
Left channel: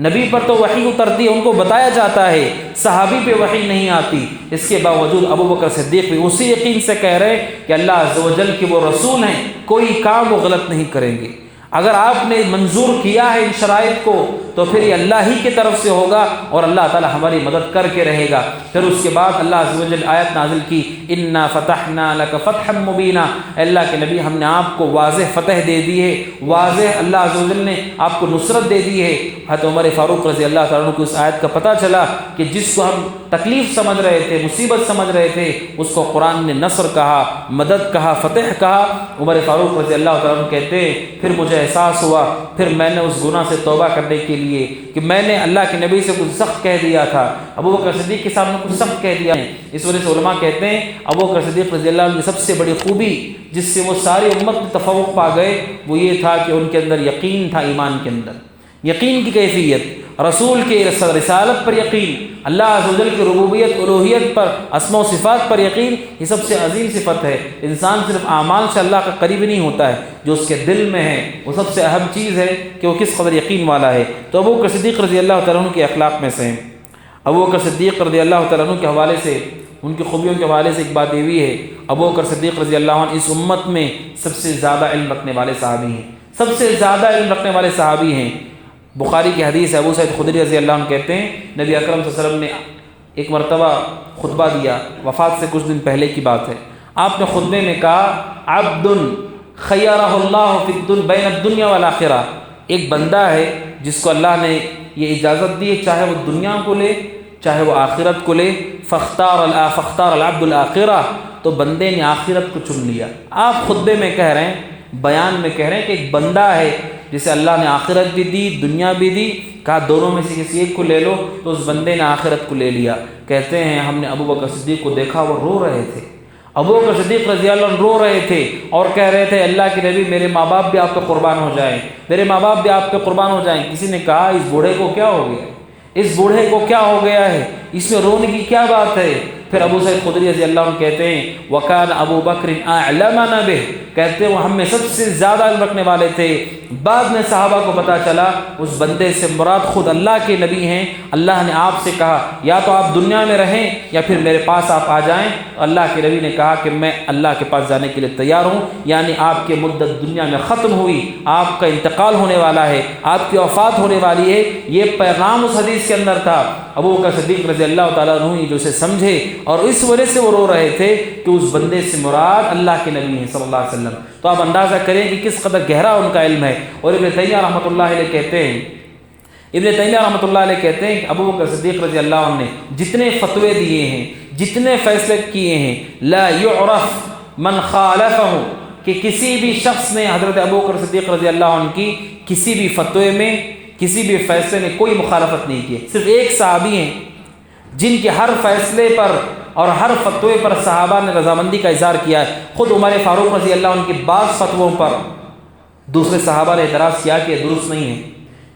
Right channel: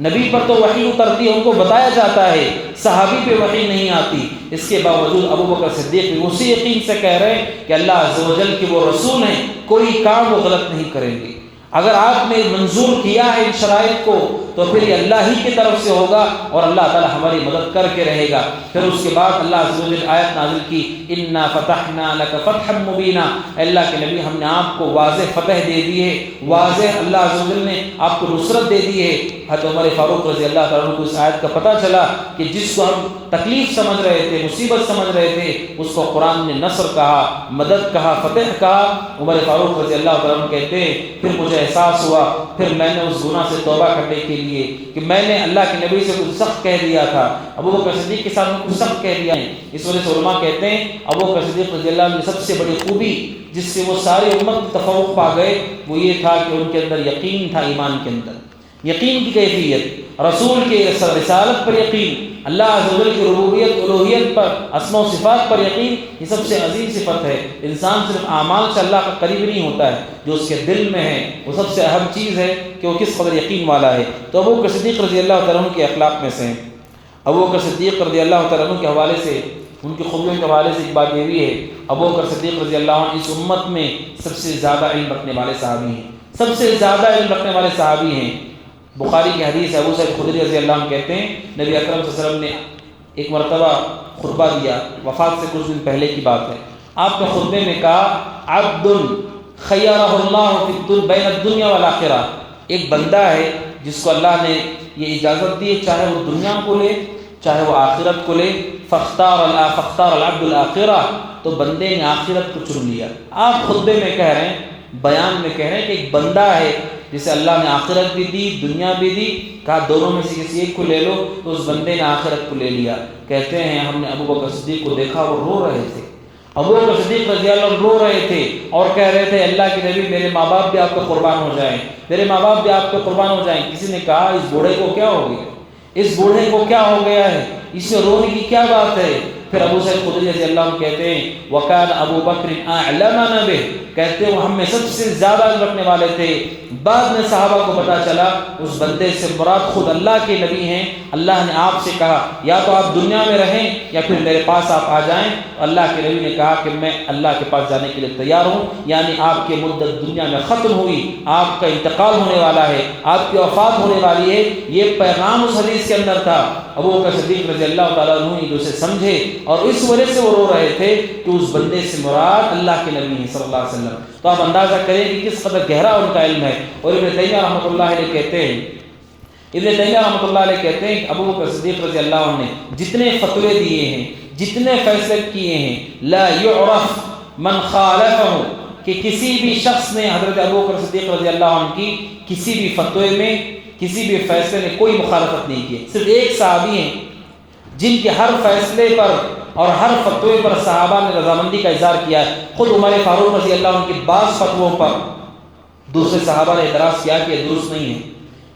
نبی پر تو وحی اترتی ہے، ان کو بتایا جاتا ہے، صحابی پہ وحی نہیں آتی، اس کے باوجود ابو بکر صدیق بھی اسی یقین سے کہہ رہے ہیں کہ اللہ عز و جل کے وہ رسول ہیں، کوئی کام وہ غلط نہیں کریں گے۔ اگر آپ نے منظور کیا ہے ان شرائط کو تو پھر یہ اللہ ہی کی طرف سے ہوگا اور اللہ تعالی ہماری مدد کر کے رہے گا۔ پھر اس کے بعد اللہ عز و جل آیت نازل کی انا فتحنا لک فتحا مبینا، اللہ کے نبی ہم نے آپ کو واضح فتح دے دی ہے، واضح اللہ عز و جل نے آپ کو نصرت دے دی ہے۔ حضرت عمر فاروق رضی اللہ تعالیٰ عنہ کو اس آیت کا پتہ چلا کہ جس کو ہم تکلیف سمجھ رہے تھے، مصیبت سمجھ رہے تھے، اس کو قرآن نے نصر کہا، مدد کہا، فتح کہا۔ عمر فاروق رضی اللہ تعالیٰ عنہ کہتے ہیں پھر مجھے احساس ہوا، پھر میں نے اس گناہ سے توبہ کرنے کے لیے کہ میں نے اللہ کے نبی سے کچھ سخت کہہ دیا تھا، ابو بکر صدیق کے ساتھ کچھ سخت کہہ دیا ہے۔ اس وجہ سے علماء کہتے ہیں ابو بکر صدیق رضی اللہ عنہ کی سب سے بڑی خوبی جس سے وہ ساری امت کو تفوق پا گئے وہ یہ تھا کہ ان کے اندر یقین تھا، ایمان کے اندر یقین کی کیفیت، رسول کے رسالت پر یقین، اللہ عز و جل کی ربوبیت الوہیت پر، اسماء و صفات پر یقین۔ یہ سب سے عظیم صفت ہے۔ انسان صرف اعمال سے اللہ کا قریب نہیں ہوتا ہے، جو اس کے دل میں ہے وہ سب سے اہم چیز ہے کہ وہ کس قدر یقین والا ہے۔ تو ابو بکر صدیق رضی اللہ تعالیٰ عنہ کے اخلاق میں سے ہیں۔ ابو بکر صدیق رضی اللہ تعالیٰ عنہ کے حوالے سے، ان کی خوبیوں کے حوالے سے ایک بات یہ بھی ہے، ابو بکر صدیق رضی اللہ عنہ اس امت میں سب سے زیادہ علم رکھنے والے صحابی ہیں، سب سے زیادہ علم رکھنے والے صحابی ہیں۔ بخاری کی حدیث ہے، ابو سعید خدری رضی اللہ عنہ کہتے ہیں نبی اکرم صلی اللہ علیہ وسلم نے ایک مرتبہ خطبہ دیا، وفات سے کچھ دن پہلے کی بات ہے۔ آپ نے خطبے میں کہا عبد خیرہ اللہ فی بین الدنیا والآخرہ، ایک بندہ ہے جس کو اللہ نے یہ اجازت دی چاہے وہ دنیا کو لے چاہے وہ آخرت کو لے، فاختار العبد الآخرہ، تو بندے نے آخرت کو چن لیا۔ آپ خطبے میں کہہ رہے ہیں، بیان میں کہہ رہے ہیں کہ ایک بندہ ہے جسے اللہ نے آخرت بھی دی، دنیا بھی دی، کہا دونوں میں سے کسی ایک کو لے لو، تو اس بندے نے آخرت کو لے لیا۔ کہتے ہیں ہم نے ابو بکر صدیق کو دیکھا وہ رو رہے تھے، ابو بکر صدیق رضی اللہ عنہ رو رہے تھے اور کہہ رہے تھے اللہ کے نبی میرے ماں باپ بھی آپ پہ قربان ہو جائیں، میرے ماں باپ بھی آپ پہ قربان ہو جائیں۔ کسی نے کہا اس بوڑھے کو کیا ہو گیا، اس بوڑھے کو کیا ہو گیا ہے، اس میں رونے کی کیا بات ہے؟ پھر ابو سعید خدری رضی اللہ عنہ کہتے ہیں وَكَانَ أَبُو بَكْرٍ أَعْلَمَنَا بِهِ، کہتے ہیں وہ ہم میں سب سے زیادہ علم رکھنے والے تھے۔ بعد میں صحابہ کو پتہ چلا اس بندے سے مراد خود اللہ کے نبی ہیں، اللہ نے آپ سے کہا یا تو آپ دنیا میں رہیں یا پھر میرے پاس آپ آ جائیں۔ اللہ کے نبی نے کہا کہ میں اللہ کے پاس جانے کے لیے تیار ہوں، یعنی آپ کی مدت دنیا میں ختم ہوئی، آپ کا انتقال ہونے والا ہے، آپ کی وفات ہونے والی ہے، یہ پیغام اس حدیث کے اندر تھا۔ ابو بکر صدیق رضی اللہ تعالیٰ عنہ جو اسے سمجھے اور اس وجہ سے وہ رو رہے تھے کہ اس بندے سے مراد اللہ کے نبی ہیں صلی اللہ علیہ وسلم۔ تو آپ اندازہ کریں کہ کس قدر گہرا ان کا علم ہے۔ اور ابن تیمیہ رحمۃ اللہ علیہ کہتے ہیں کہ ابو بکر صدیق رضی اللہ عنہ نے جتنے فتوے دیے ہیں، جتنے فیصلے کیے ہیں، لا یعرف من خالفہ، کہ کسی بھی شخص نے حضرت ابو بکر صدیق رضی اللہ عنہ کی کسی بھی فتوے میں، کسی بھی فیصلے میں کوئی مخالفت نہیں کی۔ صرف ایک صحابی ہیں جن کے ہر فیصلے پر اور ہر فتوے پر صحابہ نے رضامندی کا اظہار کیا ہے۔ خود عمر فاروق رضی اللہ عنہ کی بعض فتووں پر دوسرے صحابہ نے اعتراض کیا کہ یہ درست نہیں ہے،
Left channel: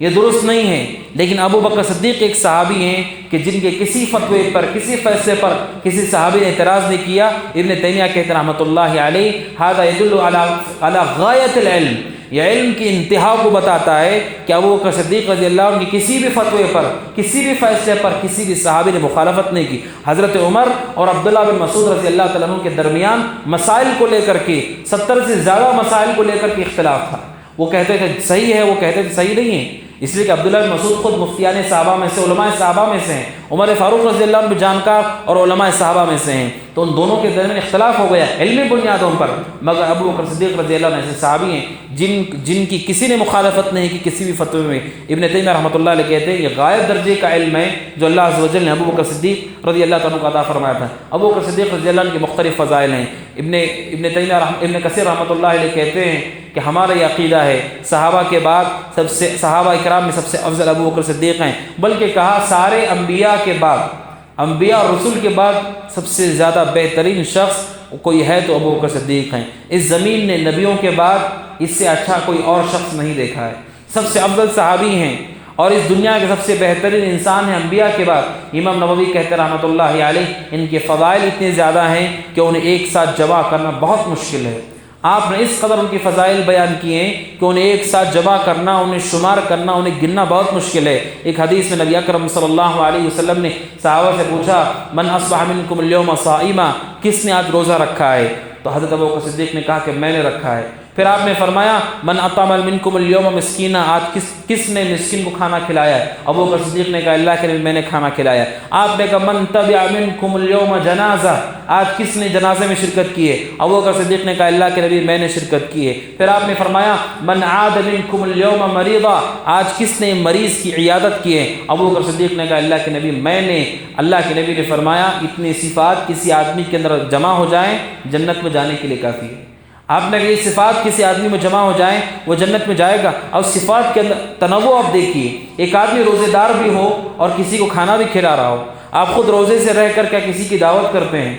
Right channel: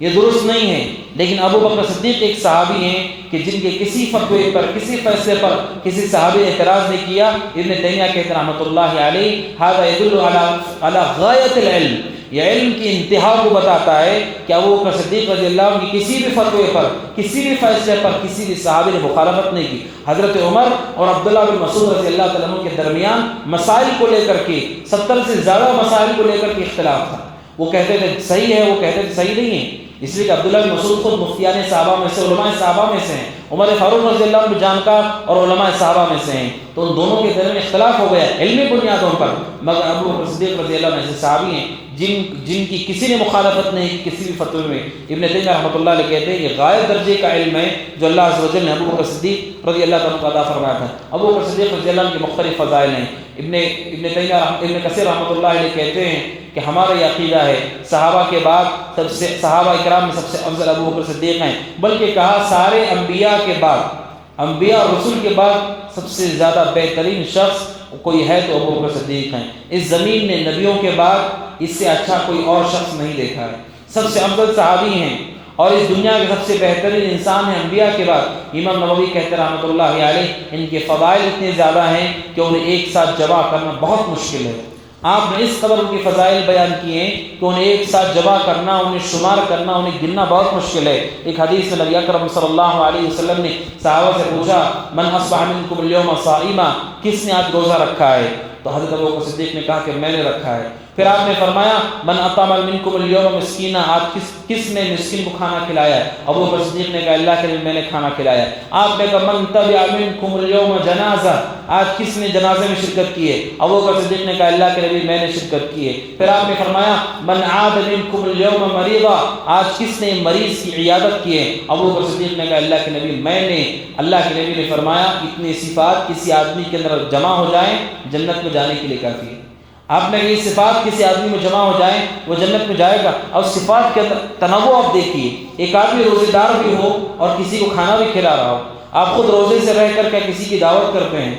یہ درست نہیں ہے، لیکن ابو بکر صدیق ایک صحابی ہیں کہ جن کے کسی فتوے پر، کسی فیصلے پر کسی صحابی نے اعتراض نہیں کیا۔ ابن تیمیہ کہتے ہیں رحمۃ اللہ علیہ ھذا يدل على غایت العلم، یہ علم کی انتہا کو بتاتا ہے کہ ابو بکر صدیق رضی اللہ عنہ کی کسی بھی فتوے پر، کسی بھی فیصلے پر کسی بھی صحابی نے مخالفت نہیں کی۔ حضرت عمر اور عبداللہ بن مسعود رضی اللہ تعالیٰ عنہ کے درمیان مسائل کو لے کر کے 70 سے زیادہ مسائل کو لے کر کے اختلاف تھا۔ وہ کہتے تھے صحیح ہے، وہ کہتے تھے صحیح نہیں ہے، اس لیے کہ عبداللہ بن مسعود خود مفتیان صحابہ میں سے، علماء صحابہ میں سے ہیں، عمر فاروق رضی اللہ عنہ جانکار اور علماء صحابہ میں سے ہیں، تو ان دونوں کے درمیان اختلاف ہو گیا علمی بنیادوں پر۔ مگر ابو بکر صدیق رضی اللہ عنہ ایسے صحابی ہیں جن کی کسی نے مخالفت نہیں کی کسی بھی فتوے میں۔ ابن تیمیہ رحمۃ اللہ علیہ کہتے ہیں یہ غائب درجے کا علم ہے جو اللہ عز و جل نے ابو بکر صدیق رضی اللہ عنہ کو عطا فرمایا تھا۔ ابو بکر صدیق رضی اللہ عنہ کے مختلف فضائل ہیں۔ ابن کثیر رحمۃ اللہ علیہ کہتے ہیں کہ ہمارا یہ عقیدہ ہے صحابہ کے بعد صحابہ کرام میں سب سے افضل ابو بکر صدیق ہیں، بلکہ کہا سارے انبیاء کے بعد، انبیاء اور رسول کے بعد سب سے زیادہ بہترین شخص کوئی ہے تو ابو بکر صدیق ہیں۔ اس زمین نے نبیوں کے بعد اس سے اچھا کوئی اور شخص نہیں دیکھا ہے، سب سے افضل صحابی ہیں اور اس دنیا کے سب سے بہترین انسان ہیں انبیاء کے بعد۔ امام نووی کہتے ہیں رحمۃ اللہ علیہ ان کے فضائل اتنے زیادہ ہیں کہ انہیں ایک ساتھ جمع کرنا بہت مشکل ہے۔ آپ نے اس قدر ان کے فضائل بیان کیے ہیں کہ انہیں ایک ساتھ جمع کرنا، انہیں شمار کرنا، انہیں گننا بہت مشکل ہے۔ ایک حدیث میں نبی اکرم صلی اللہ علیہ وسلم نے صحابہ سے پوچھا من اصبح منکم اليوم صائما، کس نے آج روزہ رکھا ہے؟ تو حضرت ابو بکر صدیق نے کہا کہ میں نے رکھا ہے۔ پھر آپ نے فرمایا من اطعم منکم اليوم مسکینا، آج کس نے مسکین کو کھانا کھلایا ہے؟ ابو بکر صدیق نے کہا اللہ کے نبی میں نے کھانا کھلایا۔ آپ نے کہا من تبع منکم اليوم جنازہ، آج کس نے جنازے میں شرکت کی ہے؟ ابو بکر صدیق نے کہا اللہ کے نبی میں نے شرکت کی ہے۔ پھر آپ نے فرمایا من عاد منکم اليوم مریضا، آج کس نے مریض کی عیادت کی ہے؟ ابو بکر صدیق نے کہا اللہ کے نبی میں نے۔ اللہ کے نبی نے فرمایا اتنی صفات کسی آدمی کے اندر جمع ہو جائیں جنت میں جانے کے لیے کافی ہے۔ آپ نے کہی صفات کسی آدمی میں جمع ہو جائیں وہ جنت میں جائے گا۔ اور صفات کے اندر تنوع آپ دیکھیے، ایک آدمی روزے دار بھی ہو اور کسی کو کھانا بھی کھلا رہا ہو، آپ خود روزے سے رہ کر کے کسی کی دعوت کرتے ہیں۔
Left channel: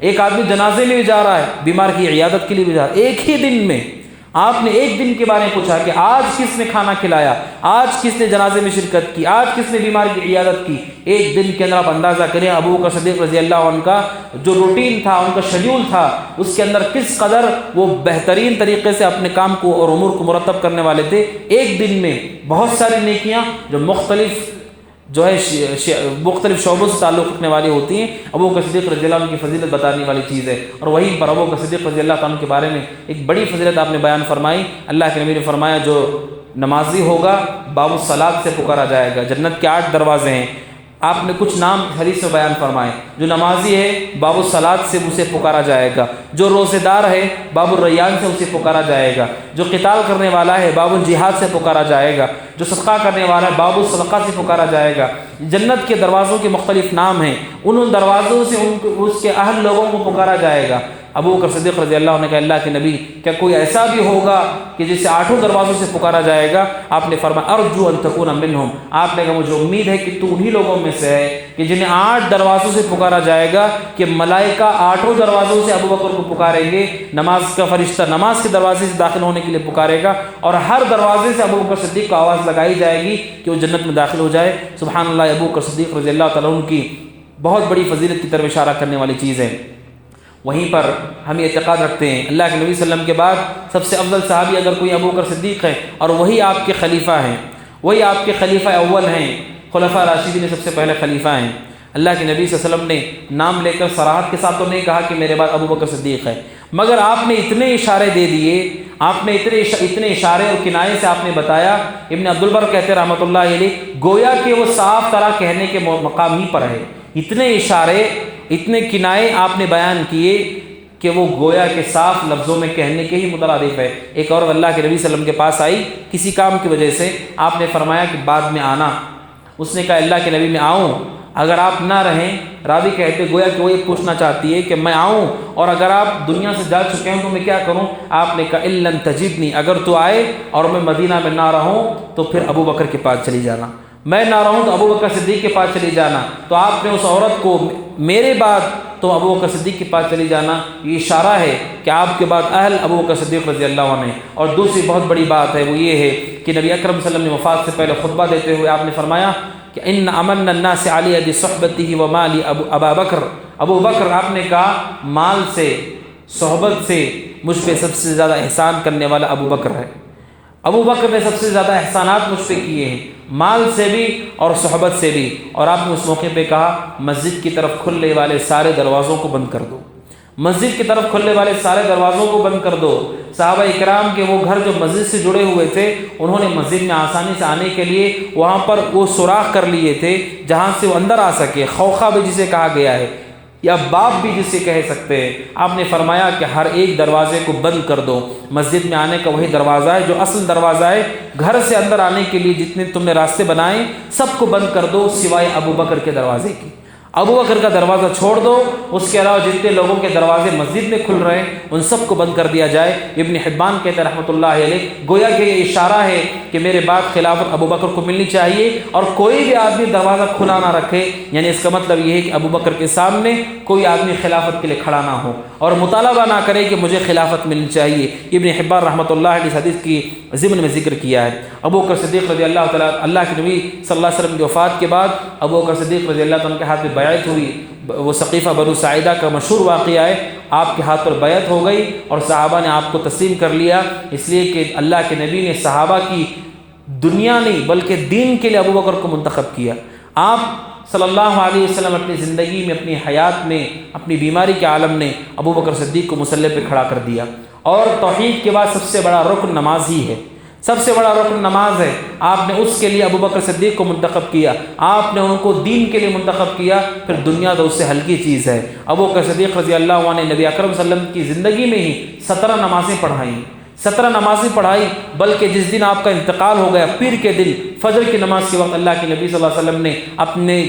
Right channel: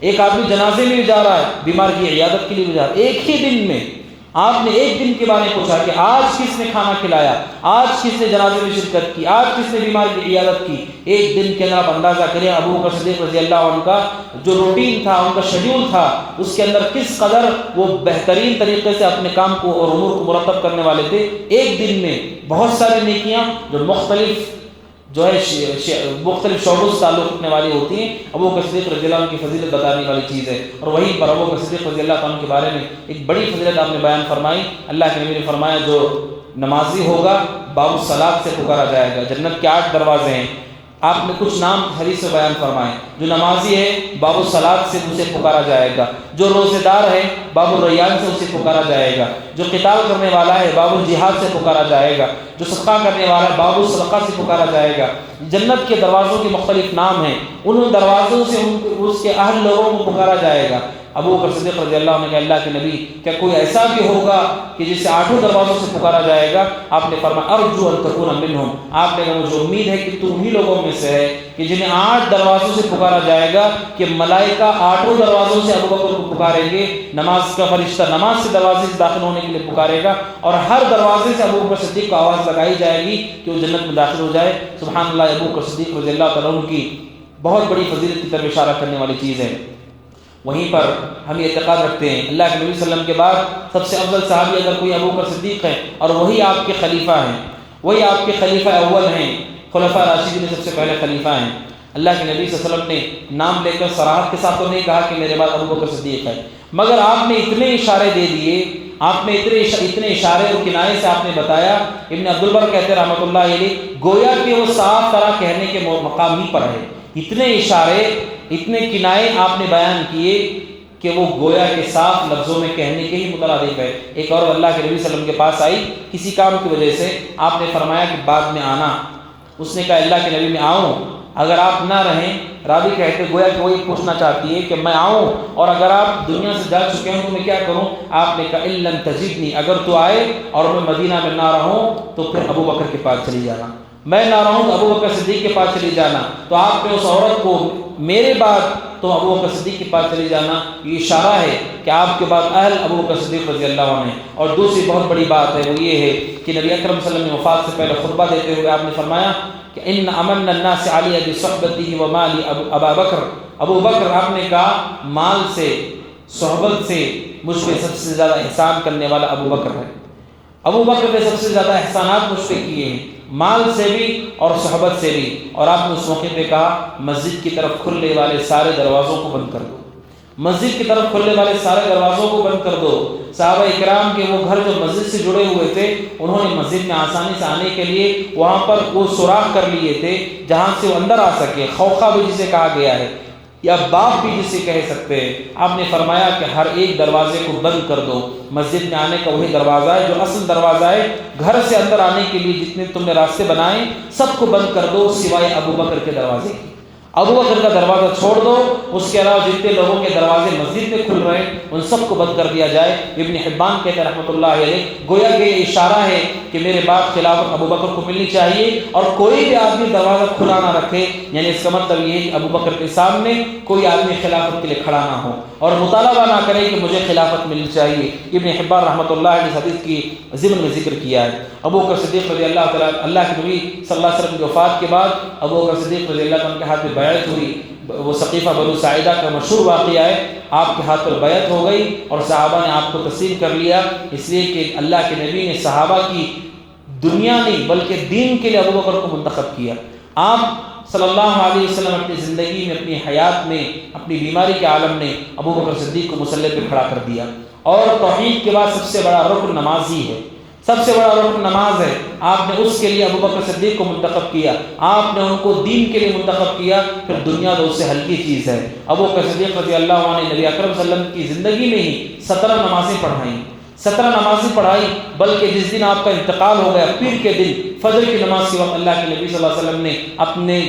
ایک آدمی جنازے میں بھی جا رہا ہے، بیمار کی عیادت کے لیے بھی جا رہا ہے، ایک ہی دن میں آپ نے ایک دن کے بارے میں پوچھا کہ آج کس نے کھانا کھلایا، آج کس نے جنازے میں شرکت کی، آج کس نے بیمار کی عیادت کی۔ ایک دن کے اندر آپ اندازہ کریں ابو بکر صدیق رضی اللہ عنہ کا جو روٹین تھا، ان کا شیڈول تھا، اس کے اندر کس قدر وہ بہترین طریقے سے اپنے کام کو اور امور کو مرتب کرنے والے تھے۔ ایک دن میں بہت ساری نیکیاں جو مختلف شعبوں سے تعلق رکھنے والی ہوتی ہیں، ابو بکر صدیق رضی اللہ عنہ کی فضیلت بتانے والی چیز ہے۔ اور وہیں پر ابو بکر صدیق رضی اللہ عنہ کے بارے میں ایک بڑی فضیلت آپ نے بیان فرمائی۔ اللہ کے نبی نے فرمایا جو نمازی ہوگا باب الصلاۃ سے پکارا جائے گا۔ جنت کے 8 دروازے ہیں، آپ نے کچھ نام حدیث سے بیان فرمائے۔ جو نمازی ہے باب الصلاۃ سے اسے پکارا جائے گا، جو روزے دار ہے باب الریان سے اسے پکارا جائے گا، جو قتال کرنے والا ہے باب الجہاد سے پکارا جائے گا، جو صدقہ کرنے والا ہے باب الصدقہ سے پکارا جائے گا۔ جنت کے دروازوں کے مختلف نام ہیں، ان دروازوں سے اس کے اہل لوگوں کو پکارا جائے گا۔ ابو بکر صدیق رضی اللہ عنہ نے کہا اللہ کے نبی کیا کوئی ایسا بھی ہوگا کہ جسے 8 دروازوں سے پکارا جائے گا؟ آپ نے فرمایا ارجو ان تکون منہم، آپ نے کہا مجھے امید ہے کہ تو انہی لوگوں میں سے ہے کہ جنہیں 8 دروازوں سے پکارا جائے گا، کہ ملائکہ 8 دروازوں سے ابو بکر کو پکاریں گے۔ نماز کا فرشتہ نماز کے دروازے سے داخل ہونے کے لیے پکارے گا، اور ہر دروازے سے ابو بکر صدیق کو آواز لگائی جائے گی کہ وہ جنت میں داخل ہو جائے۔ سبحان اللہ، ابو بکر صدیق رضی اللہ تعالیٰ عنہ کی بہت بڑی فضیلت کی طرف اشارہ کرنے والی چیز ہے۔ وہیں پر ہم یہ اعتقاد رکھتے ہیں اللہ کے نبی صلی اللہ علیہ وسلم کے بعد سب سے افضل صحابی اگر کوئی ابو بکر صدیق ہے اور وہی آپ کے خلیفہ ہیں، وہی آپ کے خلیفہ اول ہیں، خلفاء راشدین میں سب سے پہلے خلیفہ ہیں۔ اللہ کے نبی صلی اللہ علیہ وسلم نے نام لے کر صراحت کے ساتھ تو نہیں کہا کہ میرے بعد ابو بکر صدیق ہے، مگر آپ نے اتنے اشارے دے دیے، آپ نے اتنے اشارے اور کنائے سے آپ نے بتایا۔ ابن عبد البر کہتے ہیں رحمۃ اللہ علیہ، گویا کہ وہ صاف طرح کہنے کے مقام ہی پر ہے، اتنے اشارے اتنے کنائے آپ نے بیان کیے کہ وہ گویا کے صاف لفظوں میں کہنے کے ہی مترادف ہے۔ ایک اور اللہ کے نبی صلی اللہ علیہ وسلم کے پاس آئی کسی کام کی وجہ سے، آپ نے فرمایا کہ بعد میں آنا، اس نے کہا اللہ کے نبی میں آؤں، اگر آپ نہ رہیں، راوی کہتے گویا کہ وہ یہ پوچھنا چاہتی ہے کہ میں آؤں اور اگر آپ دنیا سے جا چکے ہوں تو میں کیا کروں؟ آپ نے کہا ان لم تجدنی، اگر تو آئے اور میں مدینہ میں نہ رہوں تو پھر ابو بکر کے پاس چلی جانا، میں نہ رہوں تو ابو بکر صدیق کے پاس چلی جانا۔ تو آپ نے اس عورت کو میرے بعد تو ابو بکر صدیق کے پاس چلی جانا، یہ اشارہ ہے کہ آپ کے بعد اہل ابو بکر صدیق رضی اللہ عنہ۔ اور دوسری بہت بڑی بات ہے وہ یہ ہے کہ نبی اکرم صلی اللہ علیہ وسلم نے وفات سے پہلے خطبہ دیتے ہوئے آپ نے فرمایا کہ ان امن الناس علی بصحبته ومال ابا بکر، ابو بکر آپ نے کہا مال سے صحبت سے مجھ پہ سب سے زیادہ احسان کرنے والا ابو بکر ہے۔ ابو بکر نے سب سے زیادہ احسانات مجھ پہ کیے ہیں، مال سے بھی اور صحبت سے بھی۔ اور آپ نے اس موقع پہ کہا مسجد کی طرف کھلنے والے سارے دروازوں کو بند کر دو، مسجد کی طرف کھلنے والے سارے دروازوں کو بند کر دو۔ صحابہ اکرام کے وہ گھر جو مسجد سے جڑے ہوئے تھے، انہوں نے مسجد میں آسانی سے آنے کے لیے وہاں پر وہ سوراخ کر لیے تھے جہاں سے وہ اندر آ سکے، خوخہ بھی جسے کہا گیا ہے یا باب بھی جسے کہہ سکتے ہیں۔ آپ نے فرمایا کہ ہر ایک دروازے کو بند کر دو، مسجد میں آنے کا وہی دروازہ ہے جو اصل دروازہ ہے، گھر سے اندر آنے کے لیے جتنے تم نے راستے بنائے سب کو بند کر دو سوائے ابو بکر کے دروازے کی۔ ابو بکر کا دروازہ چھوڑ دو، اس کے علاوہ جتنے لوگوں کے دروازے مسجد میں کھل رہے ہیں ان سب کو بند کر دیا جائے۔ ابن حبان کہتے ہیں رحمۃ اللہ علیہ، گویا کہ یہ اشارہ ہے کہ میرے بعد خلافت ابو بکر کو ملنی چاہیے اور کوئی بھی آدمی دروازہ کھلا نہ رکھے، یعنی اس کا مطلب یہ ہے کہ ابو بکر کے سامنے کوئی آدمی خلافت کے لیے کھڑا نہ ہو اور مطالبہ نہ کرے کہ مجھے خلافت ملنی چاہیے۔ ابن حبان رحمۃ اللہ علیہ حدیث کی ضمن میں ذکر کیا ہے۔ ابو بکر صدیق رضی اللہ تعالیٰ، اللہ کے نبی صلی اللہ علیہ وسلم کی وفات کے بعد ابو بکر صدیق رضی اللہ عنہ کے ہاتھ میں بیعت ہوئی، وہ ثقیفہ بنو ساعدہ کا مشہور واقعہ ہے، آپ کے ہاتھ پر بیعت ہو گئی اور صحابہ نے آپ کو تسلیم کر لیا، اس لیے کہ اللہ کے نبی نے صحابہ کی دنیا نہیں بلکہ دین کے لیے ابو بکر کو منتخب کیا۔ آپ صلی اللہ علیہ وسلم اپنی زندگی میں، اپنی حیات میں، اپنی بیماری کے عالم نے ابو بکر صدیق کو مصلی پہ کھڑا کر دیا۔ اور توحید کے بعد سب سے بڑا رکن نماز ہی ہے، سب سے بڑا رکن نماز ہے، آپ نے اس کے لیے ابو بکر صدیق کو منتخب کیا، آپ نے ان کو دین کے لیے منتخب کیا، پھر دنیا تو اس سے ہلکی چیز ہے۔ ابو بکر صدیق رضی اللہ عنہ نے نبی اکرم صلی اللہ علیہ وسلم کی زندگی میں ہی 17 نمازیں پڑھائیں، 17 نمازیں پڑھائی، بلکہ جس دن آپ کا انتقال ہو گیا پیر کے دن فجر کی نماز کے وقت اللہ کے نبی صلی اللہ علیہ وسلم نے اپنے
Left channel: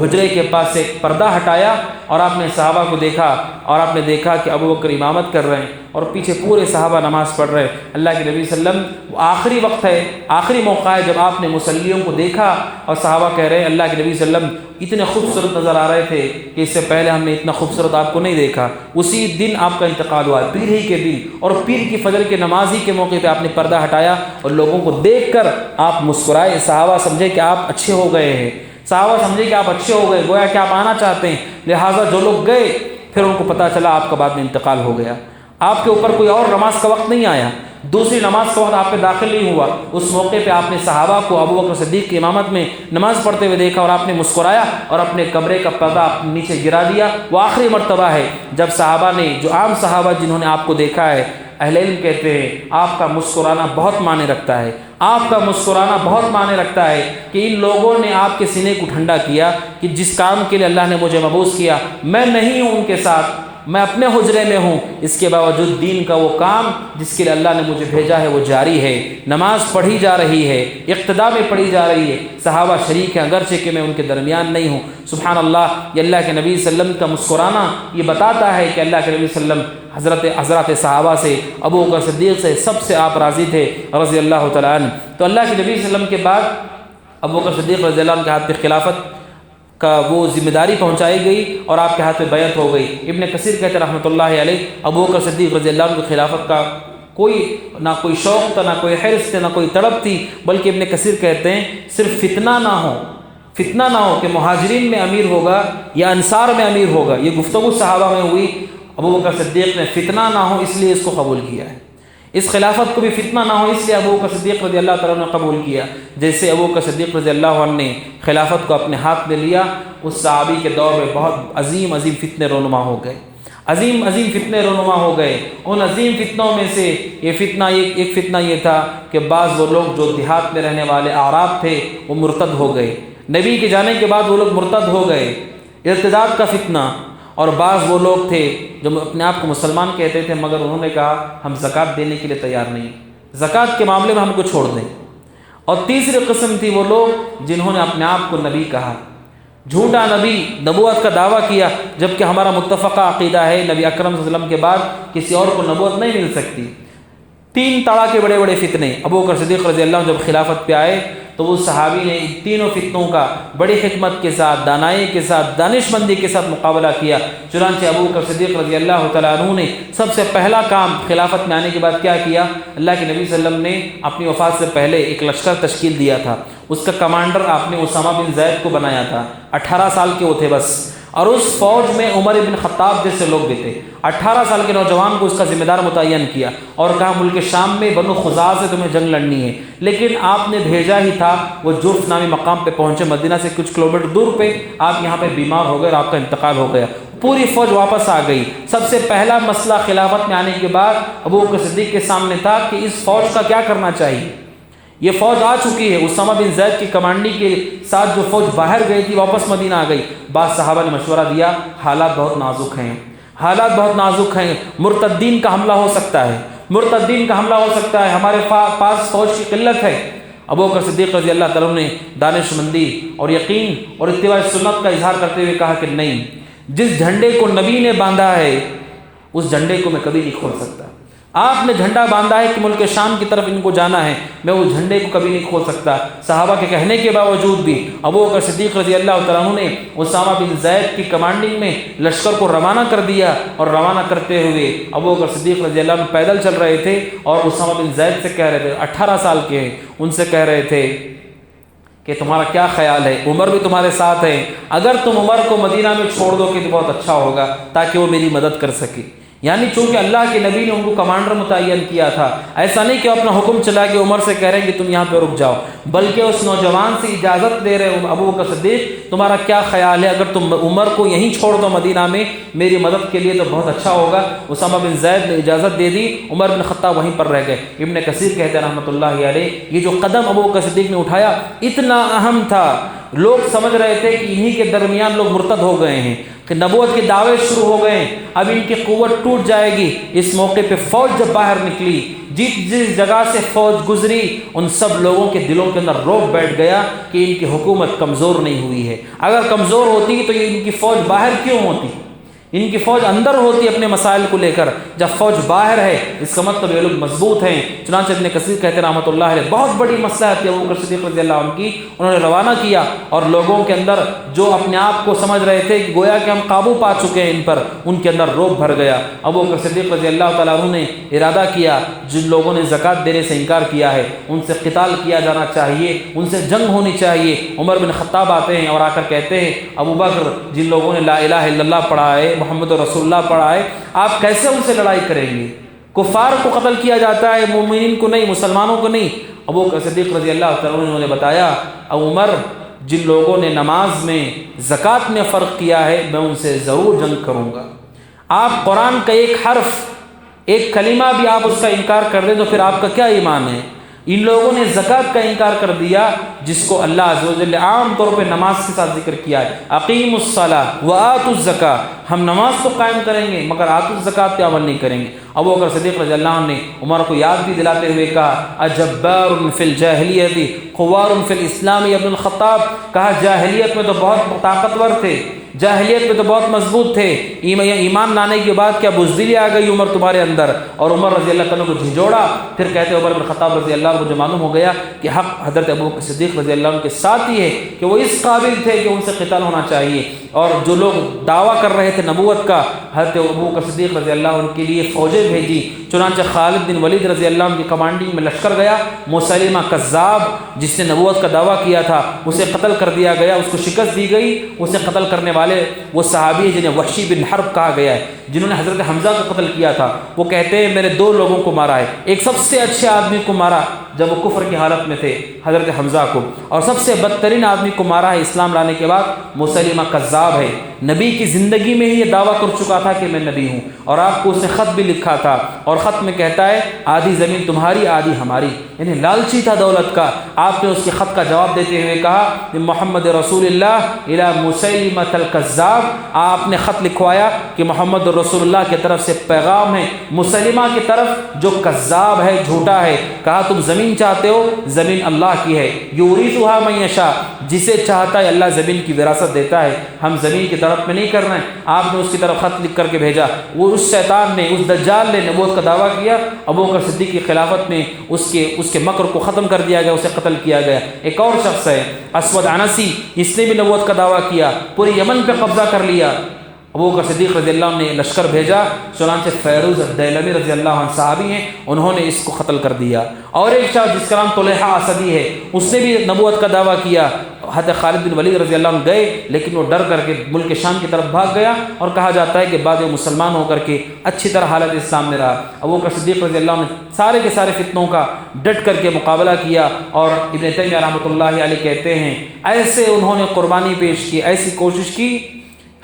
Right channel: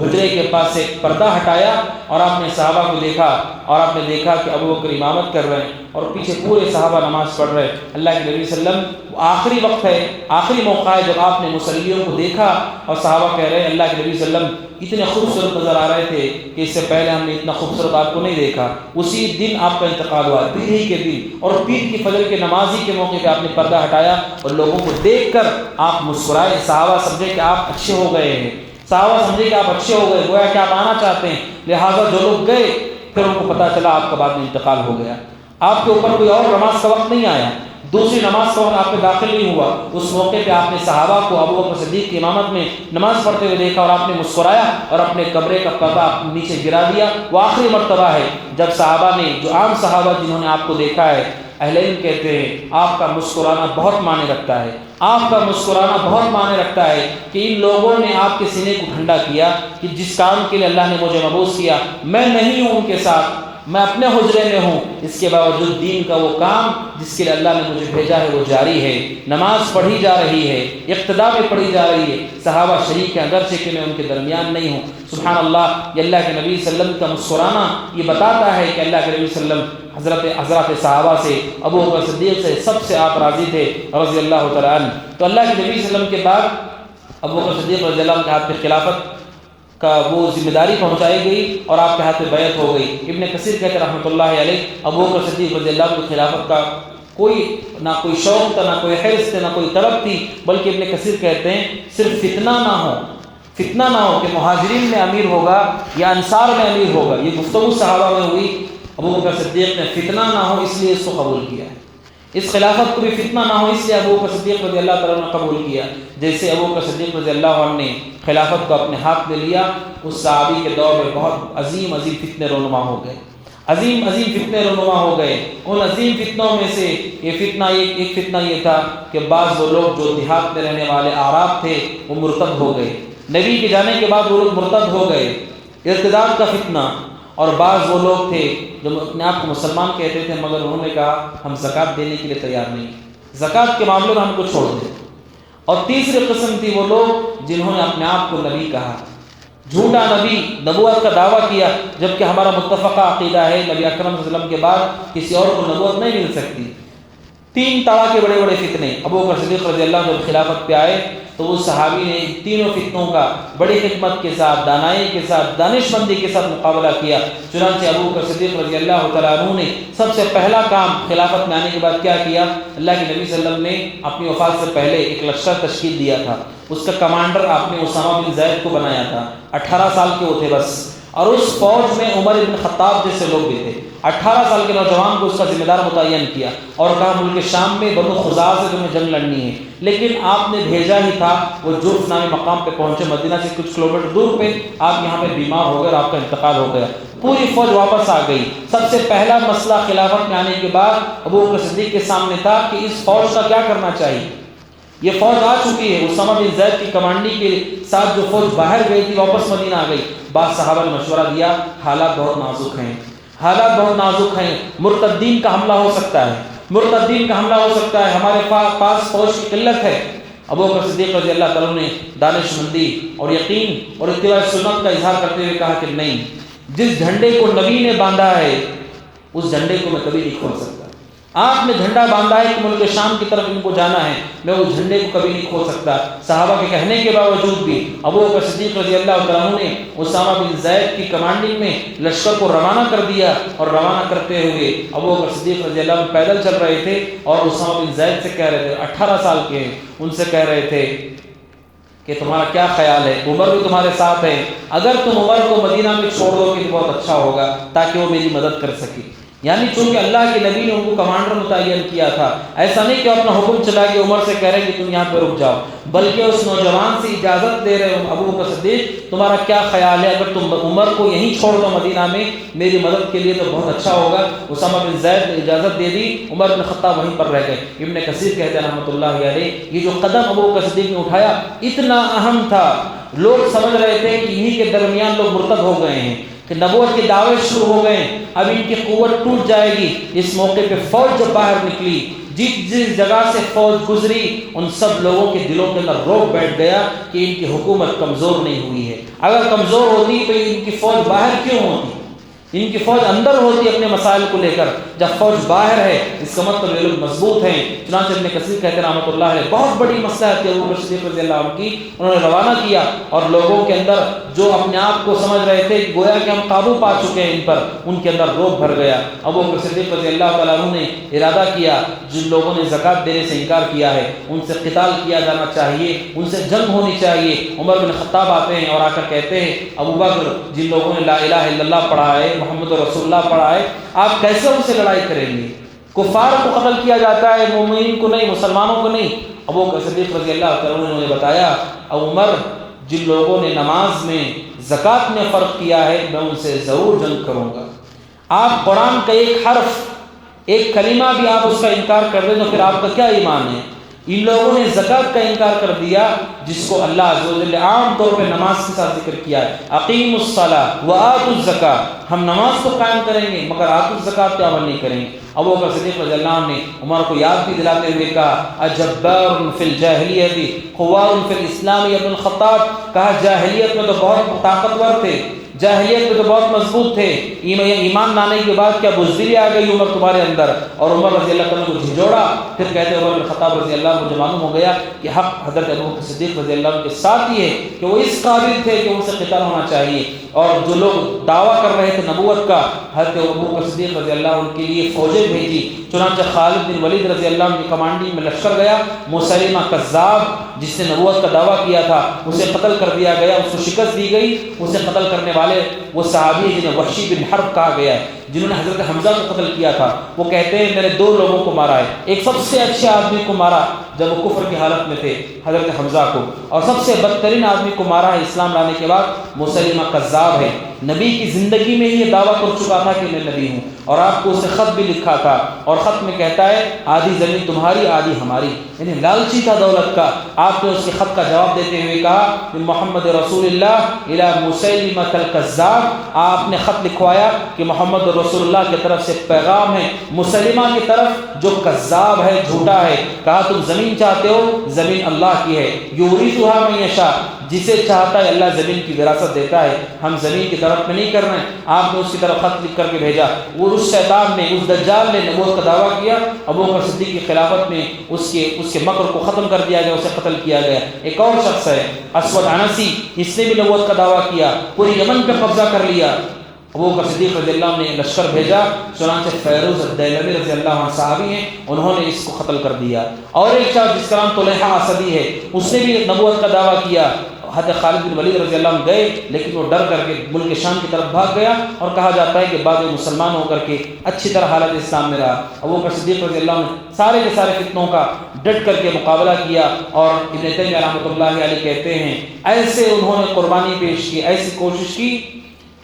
حجرے کے پاس سے پردہ ہٹایا اور آپ نے صحابہ کو دیکھا اور آپ نے دیکھا کہ ابو بکر امامت کر رہے ہیں اور پیچھے پورے صحابہ نماز پڑھ رہے ہیں۔ اللہ کے نبی صلی اللہ علیہ وسلم آخری وقت ہے، آخری موقع ہے جب آپ نے مصلیوں کو دیکھا اور صحابہ کہہ رہے ہیں اللہ کے نبی صلی اللہ علیہ وسلم اتنے خوبصورت نظر آ رہے تھے کہ اس سے پہلے ہم نے اتنا خوبصورت آپ کو نہیں دیکھا۔ اسی دن آپ کا انتقال ہوا، پیر ہی کے دن، اور پیر کی فجر کے نمازی کے موقع پہ آپ نے پردہ ہٹایا اور لوگوں کو دیکھ کر آپ مسکرائے۔ صحابہ سمجھے کہ آپ اچھے ہو گئے ہیں، صحابہ سمجھے کہ آپ اچھے ہو گئے، گویا کہ آپ آنا چاہتے ہیں، لہٰذا جو لوگ گئے پھر ان کو پتہ چلا آپ کا بعد میں انتقال ہو گیا، آپ کے اوپر کوئی اور نماز کا وقت نہیں آیا، دوسری نماز کا وقت آپ پہ داخل نہیں ہوا۔ اس موقع پہ آپ نے صحابہ کو ابو بکر صدیق کی امامت میں نماز پڑھتے ہوئے دیکھا اور آپ نے مسکرایا اور اپنے کمرے کا پردہ نیچے گرا دیا۔ وہ آخری مرتبہ ہے جب صحابہ نے، جو عام صحابہ جنہوں نے آپ کو دیکھا ہے، اہل علم کہتے ہیں آپ کا مسکرانا بہت معنی رکھتا ہے، آپ کا مسکرانا بہت معنی رکھتا ہے کہ ان لوگوں نے آپ کے سینے کو ٹھنڈا کیا کہ جس کام کے لیے اللہ نے مجھے مبعوث کیا میں نہیں ہوں ان کے ساتھ، میں اپنے حجرے میں ہوں، اس کے باوجود دین کا وہ کام جس کے لیے اللہ نے مجھے بھیجا ہے وہ جاری ہے، نماز پڑھی جا رہی ہے، اقتداء میں پڑھی جا رہی ہے، صحابہ شریک ہیں اگرچہ کہ میں ان کے درمیان نہیں ہوں۔ سبحان اللہ، یہ اللہ کے نبی صلی اللہ علیہ وسلم کا مسکرانا یہ بتاتا ہے کہ اللہ کے نبی صلی اللہ علیہ وسلم حضرات صحابہ سے، ابو بکر صدیق سے، سب سے آپ راضی تھے رضی اللہ تعالیٰ عنہ۔ تو اللہ کے نبی صلی اللہ علیہ وسلم کے بعد ابو بکر صدیق رضی اللہ عنہ کے ہاتھ پہ خلافت کا وہ ذمہ داری پہنچائی گئی اور آپ کے ہاتھ میں بیعت ہو گئی۔ ابن کثیر کہتے ہیں رحمۃ اللہ علیہ، ابو بکر صدیق رضی اللہ عنہ کی خلافت کا کوئی نہ کوئی شوق تھا، نہ کوئی حرص تھا، نہ کوئی تڑپ تھی، بلکہ ابن کثیر کہتے ہیں صرف فتنہ نہ ہو، فتنہ نہ ہو کہ مہاجرین میں امیر ہوگا یا انصار میں امیر ہوگا. یہ گفتگو صحابہ میں ہوئی. ابو بکر صدیق نے فتنہ نہ ہو اس لیے اس کو قبول کیا ہے. اس خلافت کو بھی فتنہ نہ ہو اس لیے ابو بکر صدیق رضی اللہ تعالیٰ نے قبول کیا. جیسے ابو بکر صدیق رضی اللہ عنہ نے خلافت کو اپنے ہاتھ میں لیا، اس صحابی کے دور میں بہت عظیم عظیم فتنے رونما ہو گئے، عظیم عظیم فتنے رونما ہو گئے. ان عظیم فتنوں میں سے یہ فتنہ ایک فتنہ یہ تھا کہ بعض وہ لوگ جو دیہات میں رہنے والے اعراب تھے وہ مرتد ہو گئے. نبی کے جانے کے بعد وہ لوگ مرتد ہو گئے، ارتداد کا فتنہ. اور بعض وہ لوگ تھے جو اپنے آپ کو مسلمان کہتے تھے مگر انہوں نے کہا ہم زکوٰۃ دینے کے لیے تیار نہیں، زکوٰۃ کے معاملے میں ہم کو چھوڑ دیں. اور تیسری قسم تھی وہ لوگ جنہوں نے اپنے آپ کو نبی کہا، جھوٹا نبی، نبوت کا دعویٰ کیا، جبکہ ہمارا متفقہ عقیدہ ہے نبی اکرم صلی اللہ علیہ وسلم کے بعد کسی اور کو نبوت نہیں مل سکتی. 3 طرح کے بڑے بڑے فتنے. ابو بکر صدیق رضی اللہ عنہ جب خلافت پہ آئے تو اس صحابی نے تینوں فتنوں کا بڑی حکمت کے ساتھ، دانائی کے ساتھ، دانش مندی کے ساتھ مقابلہ کیا. چنانچہ ابو بکر صدیق رضی اللہ تعالیٰ عنہ نے سب سے پہلا کام خلافت میں آنے کے بعد کیا کیا؟ اللہ کے نبی صلی اللہ علیہ وسلم نے اپنی وفات سے پہلے ایک لشکر تشکیل دیا تھا. اس کا کمانڈر آپ نے اسامہ بن زید کو بنایا تھا. 18 سال کے وہ تھے بس. اور اس فوج میں عمر بن خطاب جیسے لوگ بھی تھے. 18 سال کے نوجوان کو اس کا ذمہ دار متعین کیا اور کہا ملک شام میں بنو خزاعہ سے تمہیں جنگ لڑنی ہے. لیکن آپ نے بھیجا ہی تھا، وہ جوف نامی مقام پہ پہنچے، مدینہ سے کچھ کلومیٹر دور پہ آپ یہاں پہ بیمار ہو گئے اور آپ کا انتقال ہو گیا. پوری فوج واپس آ گئی. سب سے پہلا مسئلہ خلافت میں آنے کے بعد ابو بکر صدیق کے سامنے تھا کہ اس فوج کا کیا کرنا چاہیے. یہ فوج آ چکی ہے، اسامہ بن زید کی کمانڈی کے ساتھ جو فوج باہر گئی تھی واپس مدینہ آ گئی. بعض صحابہ نے مشورہ دیا حالات بہت نازک ہیں، حالات بہت نازک ہیں، مرتدین کا حملہ ہو سکتا ہے، مرتدین کا حملہ ہو سکتا ہے، ہمارے پاس فوج کی قلت ہے. ابو بکر صدیق رضی اللہ تعالیٰ نے دانش مندی اور یقین اور اتباع سنت کا اظہار کرتے ہوئے کہا کہ نہیں، جس جھنڈے کو نبی نے باندھا ہے اس جھنڈے کو میں کبھی نہیں کھول سکتا. آپ نے جھنڈا باندھا ہے کہ ملک شام کی طرف ان کو جانا ہے، میں وہ جھنڈے کو کبھی نہیں کھول سکتا. صحابہ کے کہنے کے باوجود بھی ابو بکر صدیق رضی اللہ تعالیٰ عنہ نے اسامہ بن زید کی کمانڈنگ میں لشکر کو روانہ کر دیا. اور روانہ کرتے ہوئے ابو بکر صدیق رضی اللہ عنہ پیدل چل رہے تھے اور اسامہ بن زید سے کہہ رہے تھے، 18 سال کے ہیں، ان سے کہہ رہے تھے کہ تمہارا کیا خیال ہے، عمر بھی تمہارے ساتھ ہے، اگر تم عمر کو مدینہ میں چھوڑ دو کہ بہت اچھا ہوگا تاکہ وہ میری مدد کر سکے. یعنی چونکہ اللہ کے نبی نے ان کو کمانڈر متعین کیا تھا، ایسا نہیں کہ اپنا حکم چلا کے عمر سے کہہ رہے ہیں کہ تم یہاں پہ رک جاؤ، بلکہ اس نوجوان سے اجازت دے رہے ہیں، ابو بکر صدیق تمہارا کیا خیال ہے، اگر تم عمر کو یہیں چھوڑ دو مدینہ میں میری مدد کے لیے تو بہت اچھا ہوگا. اسامہ بن زید نے اجازت دے دی، عمر بن خطاب وہیں پر رہ گئے. ابن کثیر کہتے ہیں رحمۃ اللہ علیہ، یہ جو قدم ابو بکر صدیق نے اٹھایا اتنا اہم تھا. لوگ سمجھ رہے تھے کہ انہی کے درمیان لوگ مرتد ہو گئے ہیں، کہ نبوت کے دعوے شروع ہو گئے، اب ان کی قوت ٹوٹ جائے گی. اس موقع پہ فوج جب باہر نکلی، جس جگہ سے فوج گزری ان سب لوگوں کے دلوں کے اندر روب بیٹھ گیا کہ ان کی حکومت کمزور نہیں ہوئی ہے. اگر کمزور ہوتی تو ان کی فوج باہر کیوں ہوتی، ان کی فوج اندر ہوتی اپنے مسائل کو لے کر. جب فوج باہر ہے اس کا مطلب یہ لوگ مضبوط ہیں. چنانچہ ابن کثیر کہتے ہیں رحمۃ اللہ علیہ، بہت بڑی مصلحت ابو بکر صدیق رضی اللہ عنہ کی انہوں نے روانہ کیا اور لوگوں کے اندر جو اپنے آپ کو سمجھ رہے تھے کہ گویا کہ ہم قابو پا چکے ہیں ان پر، ان کے اندر روب بھر گیا. ابو بکر صدیق رضی اللہ تعالیٰ عنہ نے ارادہ کیا جن لوگوں نے زکوٰۃ دینے سے انکار کیا ہے ان سے قتال کیا جانا چاہیے، ان سے جنگ ہونی چاہیے. عمر بن خطاب آتے ہیں اور آ کر کہتے ہیں ابو بکر جن لوگوں نے لا الہ الا اللہ پڑھا ہے، محمد رسول اللہ پڑھا ہے، آپ کیسے ان سے لڑائی کریں گے؟ کفار کو قتل کیا جاتا ہے، مومنین کو نہیں، مسلمانوں کو نہیں. ابو بکر صدیق رضی اللہ تعالیٰ عنہ نے بتایا ابو عمر جن لوگوں نے نماز میں زکوٰۃ میں فرق کیا ہے میں ان سے ضرور جنگ کروں گا. آپ قرآن کا ایک حرف ایک کلمہ بھی آپ اس کا انکار کر دیں تو پھر آپ کا کیا ایمان ہے؟ ان لوگوں نے زکوٰۃ کا انکار کر دیا جس کو اللہ عز و جل عام طور پہ نماز کے ساتھ ذکر کیا ہے، اقیموا الصلاۃ وآتوا الزکاۃ، ہم نماز کو قائم کریں گے مگر آتوا الزکاۃ پہ عمل نہیں کریں گے. ابو بکر صدیق رضی اللہ عنہ نے عمر کو یاد بھی دلاتے ہوئے کہا اجبار فی الجاہلیت خوار فی الاسلام ابن الخطاب، کہا جاہلیت میں تو بہت طاقتور تھے جاہلیت میں تو بہت مضبوط تھے، ایمان لانے کے بعد کیا بزدلی آ گئی عمر تمہارے اندر، اور عمر رضی اللہ عنہ کو جھنجھوڑا۔ پھر کہتے عمر بن خطاب رضی اللہ عنہ کو معلوم ہو گیا کہ حق حضرت ابوبکر صدیق رضی اللہ عنہ کے ساتھ ہی ہے کہ وہ اس قابل تھے کہ ان سے قتال ہونا چاہیے، اور جو لوگ دعویٰ کر رہے تھے نبوت کا، حضرت ابوبکر صدیق رضی اللہ عنہ کے لیے فوجیں بھیجی۔ چنانچہ خالد بن ولید رضی اللہ عنہ کی کمانڈنگ میں لشکر گیا، مسیلمہ کذاب جس نے نبوت کا دعویٰ کیا تھا اسے قتل کر دیا گیا، اس کو شکست دی گئی۔ اسے قتل کرنے والے وہ صحابی جنہیں وحشی بن حرب کہا گیا ہے، جنہوں نے حضرت حمزہ کو قتل کیا تھا، وہ کہتے ہیں میں نے 2 لوگوں کو مارا ہے، ایک سب سے اچھے آدمی کو مارا جب وہ کفر کی حالت میں تھے حضرت حمزہ کو، اور سب سے بدترین آدمی کو مارا ہے اسلام لانے کے بعد مسیلمہ کذاب ہے۔ نبی کی زندگی میں ہی یہ دعویٰ کر چکا تھا کہ میں نبی ہوں، اور آپ کو اسے خط بھی لکھا تھا، اور خط میں کہتا ہے آدھی زمین تمہاری آدھی ہماری، یعنی لالچی تھا دولت کا۔ آپ نے اس کے خط کا جواب دیتے ہوئے کہا محمد رسول اللہ الی مسیلمہ الکذاب، آپ نے خط لکھوایا کہ محمد رسول اللہ کی طرف سے پیغام ہے مسیلمہ کی طرف جو کذاب ہے، جھوٹا ہے۔ کہا تم زمین چاہتے ہو، زمین اللہ کی ہے، یورثھا من یشاء، جسے چاہتا ہے اللہ زمین کی وراثت دیتا ہے، ہم زمین کی طرف میں نہیں کر رہے ہیں۔ آپ نے اس کی طرف خط لکھ کر کے بھیجا، وہ اس شیطان نے، اس دجال نے نبوت کا دعویٰ کیا، ابوبکر صدیق کی خلافت میں اس کے مکر کو ختم کر دیا گیا، اسے قتل کیا گیا۔ ایک اور شخص ہے اسود عنسی، اس نے بھی نبوت کا دعویٰ کیا، پوری یمن پہ قبضہ کر لیا۔ ابوبکر صدیق رضی اللہ عنہ نے لشکر بھیجا، چنانچہ فیروز الدیلمی رضی اللہ عنہ صحابی ہیں، انہوں نے اس کو قتل کر دیا۔ اور ایک شخص جس کا نام طلحہ اسدی ہے، اس نے بھی نبوت کا دعویٰ کیا۔ حضرت خالد بن ولید رضی اللہ عنہ گئے، لیکن وہ ڈر کر کے ملک شام کی طرف بھاگ گیا، اور کہا جاتا ہے کہ بعد میں مسلمان ہو کر کے اچھی طرح حالت اسلام میں رہا۔ ابوبکر صدیق رضی اللہ عنہ نے سارے کے سارے فتنوں کا ڈٹ کر کے مقابلہ کیا، اور ابن تیمیہ رحمۃ اللہ علیہ کہتے ہیں ایسے انہوں نے قربانی پیش کی، ایسی کوشش کی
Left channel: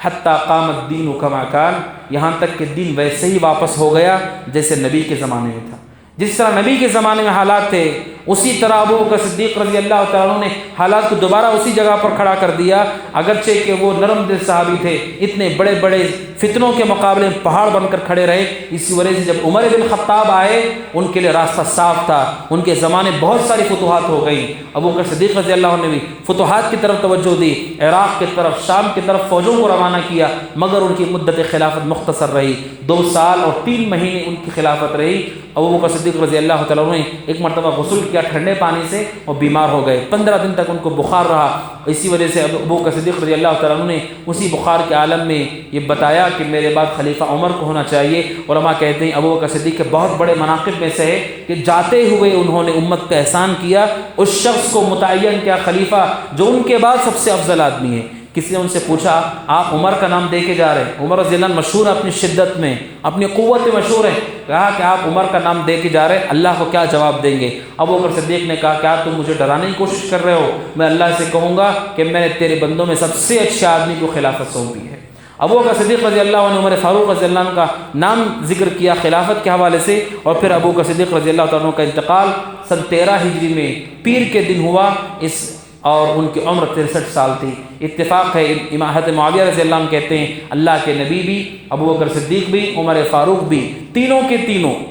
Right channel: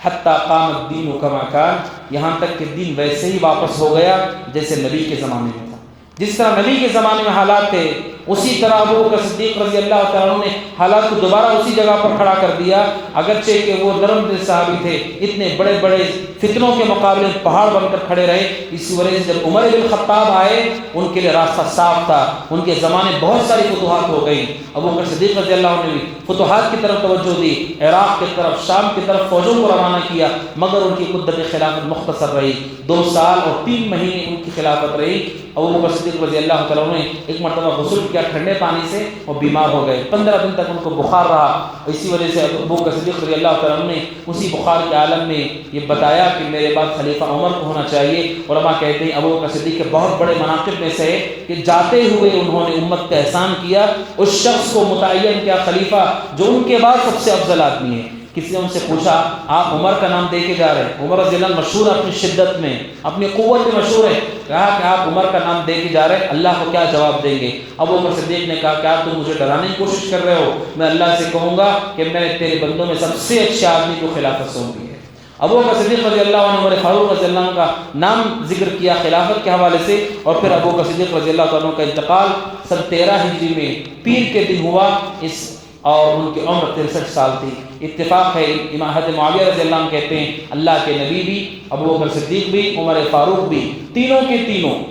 حتی قام الدین کما کان، یہاں تک کہ دین ویسے ہی واپس ہو گیا جیسے نبی کے زمانے میں تھا۔ جس طرح نبی کے زمانے میں حالات تھے، اسی طرح ابوبکر صدیق رضی اللہ تعالیٰ عنہ نے حالات کو دوبارہ اسی جگہ پر کھڑا کر دیا، اگرچہ کہ وہ نرم دل صحابی تھے، اتنے بڑے بڑے فتنوں کے مقابلے میں پہاڑ بن کر کھڑے رہے۔ اسی وجہ سے جب عمر بن خطاب آئے، ان کے لیے راستہ صاف تھا، ان کے زمانے بہت ساری فتوحات ہو گئی۔ ابوبکر صدیق رضی اللہ عنہ نے بھی فتوحات کی طرف توجہ دی، عراق کی طرف، شام کی طرف فوجوں کو روانہ کیا، مگر ان کی مدت خلافت مختصر رہی، 2 سال اور 3 مہینے ان کی خلافت رہی۔ ابوبکر صدیق رضی اللہ تعالیٰ عنہ نے ایک مرتبہ غسل کیا ٹھنڈے پانی سے، وہ بیمار ہو گئے، 15 دن تک ان کو بخار رہا۔ اسی وجہ سے ابوبکر صدیق رضی اللہ تعالیٰ عنہ نے اسی بخار کے عالم میں یہ بتایا کہ میرے بعد خلیفہ عمر کو ہونا چاہیے۔ علماء کہتے ہیں ابوبکر صدیق کے بہت بڑے مناقب میں سے ہے کہ جاتے ہوئے انہوں نے امت پہ احسان کیا، اس شخص کو متعین کیا خلیفہ جو ان کے بعد سب سے افضل آدمی ہے۔ کسی نے ان سے پوچھا آپ عمر کا نام دے کے جا رہے ہیں، عمر رضی اللہ عنہ مشہور ہے اپنی شدت میں، اپنی قوت میں مشہور ہے، کہا کہ آپ عمر کا نام دے کے جا رہے ہیں، اللہ کو کیا جواب دیں گے؟ ابوبکر صدیق نے کہا کہ آپ تم مجھے ڈرانے کی کوشش کر رہے ہو، میں اللہ سے کہوں گا کہ میں تیرے بندوں میں سب سے اچھے آدمی کو خلافت سونپی ہے۔ ابوبکر صدیق رضی اللہ عنہ، عمر فاروق رضی اللہ عنہ کا نام ذکر کیا خلافت کے حوالے سے، اور پھر ابوبکر صدیق رضی اللہ عنہ کا انتقال سن 13 ہجری میں پیر کے دن ہوا، اور ان کی عمر 63 سال تھی۔ اتفاق ہے، امام حضرت معاویہ رضی اللہ عنہ کہتے ہیں اللہ کے نبی بھی، ابوبکر صدیق بھی، عمر فاروق بھی، تینوں کے تینوں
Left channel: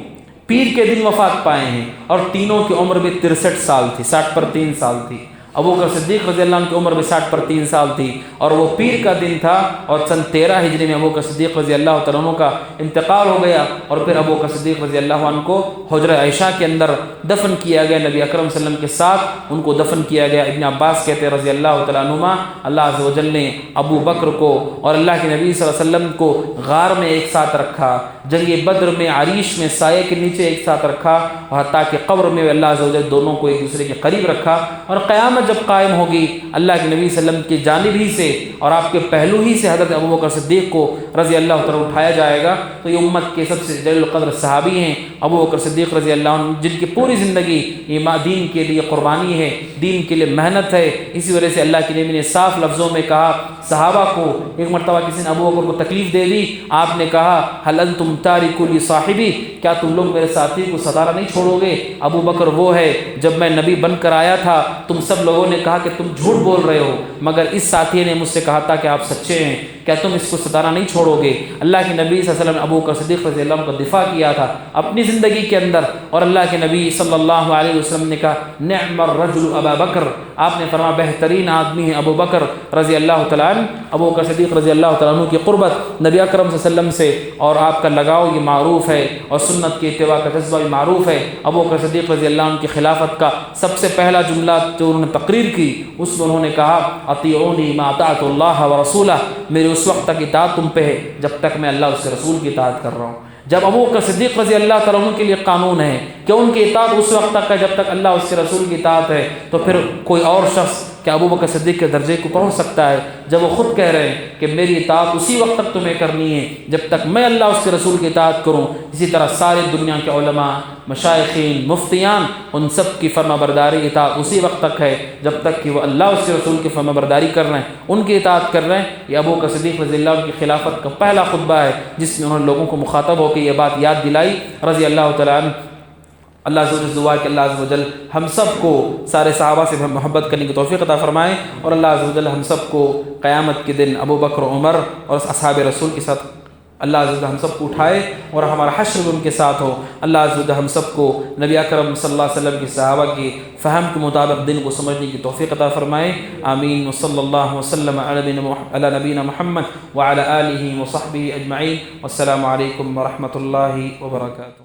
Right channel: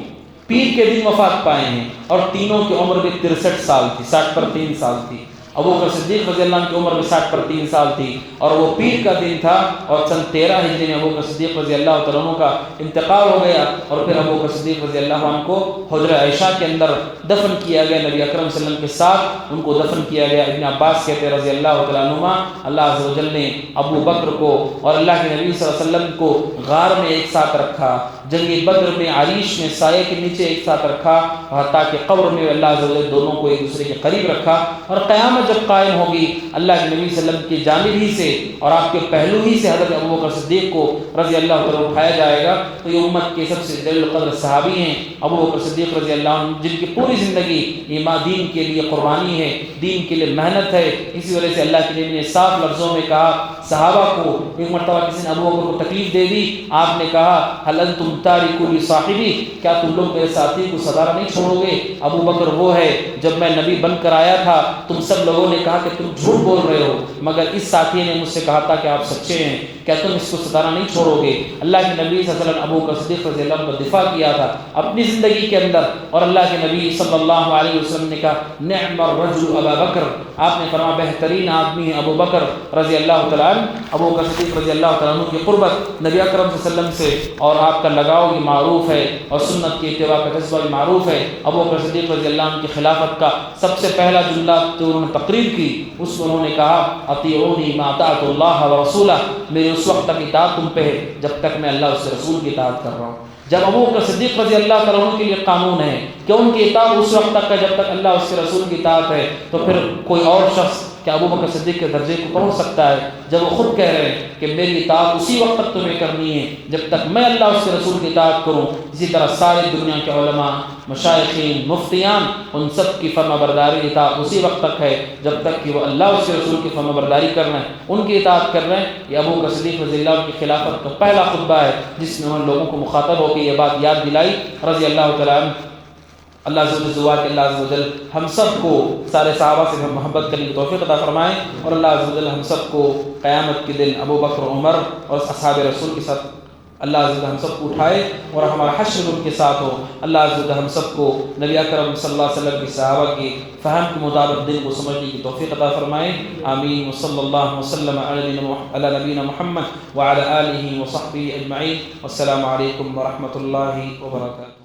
پیر کے دن وفات پائے ہیں، اور تینوں کی عمر بھی 63 سال تھی، 60 پر 3 سال تھی۔ ابوبکر صدیق رضی اللہ عنہ کی عمر میں 60 پر 3 سال تھی، اور وہ پیر کا دن تھا، اور سن 13 ہجری میں ابوبکر صدیق رضی اللہ تعالیٰ عنہ کا انتقال ہو گیا، اور پھر ابوبکر صدیق رضی اللہ عنہ کو حجرہ عائشہ کے اندر دفن کیا گیا، نبی اکرم صلی اللہ علیہ وسلم کے ساتھ ان کو دفن کیا گیا۔ ابن عباس کہتے ہیں رضی اللہ تعالیٰ عنہما، اللہ عز و جل نے ابو بکر کو اور اللہ کے نبی صلی اللہ علیہ وسلم کو غار میں ایک ساتھ رکھا، جنگ بدر میں عریش میں سائے کے نیچے ایک ساتھ رکھا، حتیٰ کہ قبر میں اللہ عز و جل دونوں کو ایک دوسرے کے قریب رکھا، اور قیامت جب قائم ہوگی اللہ کے نبی صلی اللہ علیہ وسلم کی جانب ہی سے اور آپ کے پہلو ہی سے حضرت ابوبکر صدیق کو رضی اللہ عنہ اٹھایا جائے گا، تو یہ امت کے سب سے جلیل القدر صحابی ہیں ابوبکر صدیق رضی اللہ عنہ، جن کی پوری زندگی ایمان دین کے لیے قربانی ہے، دین کے لیے محنت ہے۔ اسی وجہ سے اللہ کے نبی نے صاف لفظوں میں کہا صحابہ کو، ایک مرتبہ کسی نے ابوبکر کو تکلیف دے دی، آپ نے کہا هل انتم تارکو لصاحبی، کیا تم لوگ میرے ساتھی کو صدارہ نہیں چھوڑو گے؟ ابوبکر وہ ہے جب میں نبی بن کر آیا تھا تم سب لوگوں نے کہا کہ تم جھوٹ بول رہے ہو، مگر اس ساتھی نے مجھ سے کہا تھا کہ آپ سچے ہیں، کیا تم اس کو ستارہ نہیں چھوڑو گے؟ اللہ کے نبی صلی اللہ علیہ وسلم ابوبکر صدیق رضی اللہ عنہ کا دفاع کیا تھا اپنی زندگی کے اندر، اور اللہ کے نبی صلی اللہ علیہ وسلم نے کہا نعم الرجل ابا بکر، آپ نے فرمایا بہترین آدمی ہے ابو بکر رضی اللہ تعالیٰ عنہ۔ ابو بکر صدیق رضی اللہ تعالیٰ عنہ کی قربت نبی اکرم صلی اللہ علیہ وسلم سے اور آپ کا لگاؤ یہ معروف ہے، اور سنت کی اتباع کا جذبہ بھی معروف ہے۔ ابو بکر صدیق رضی اللہ عنہ کی خلافت کا سب سے پہلا جملہ جو انہوں نے تقریر کی، اس میں انہوں نے کہا اطیعونی ما اطعت اللہ ورسولہ، میری اس وقت تک اطاعت تم پہ ہے جب تک میں اللہ اس کے رسول کی اطاعت کر رہا ہوں۔ جب ابو بکر صدیق رضی اللہ تعالیٰ عنہ کے لیے قانون ہے کہ ان کی اطاعت اس وقت تک ہے جب تک اللہ اس کے رسول کی اطاعت ہے، تو پھر کوئی اور شخص کہ ابو بکر صدیق کے درجے کو پہنچ سکتا ہے جب وہ خود کہہ رہے ہیں کہ میری اطاعت اسی وقت تک تمہیں کرنی ہے جب تک میں اللہ اس کے رسول کی اطاعت کروں۔ اسی طرح ساری دنیا کے علماء، مشائخین، مفتیان، ان سب کی فرما برداری اطاعت اسی وقت تک ہے جب تک کہ وہ اللہ اس کے رسول کی فرما برداری کر رہے ہیں، ان کی اطاعت کر رہے ہیں۔ یہ ابو بکر صدیق رضی اللہ عنہ کی خلافت کا پہلا خطبہ ہے جس میں انہوں نے لوگوں کو مخاطب ہو کے یہ بات یاد دلائی رضی اللہ تعالیٰ عنہ۔ اللہ عز و جل ہم سب کو سارے صحابہ سے محبت کرنے کی توفیق عطا فرمائے، اور اللہ عز و جل ہم سب کو قیامت کے دن ابو بکر، عمر اور اصحاب رسول کے ساتھ اللہ عز و جل ہم سب کو اٹھائے اور ہمارا حشر ان کے ساتھ ہو۔ اللہ عز و جل ہم سب کو نبی اکرم صلی اللہ علیہ وسلم کی صحابہ کی فہم کے مطابق دین کو سمجھنے کی توفیق عطا فرمائے، آمین۔ وصلی اللہ وسلم علی نبینا محمد وعلی آلہ وصحبہ اجمعین، والسلام علیکم ورحمۃ اللہ وبرکاتہ۔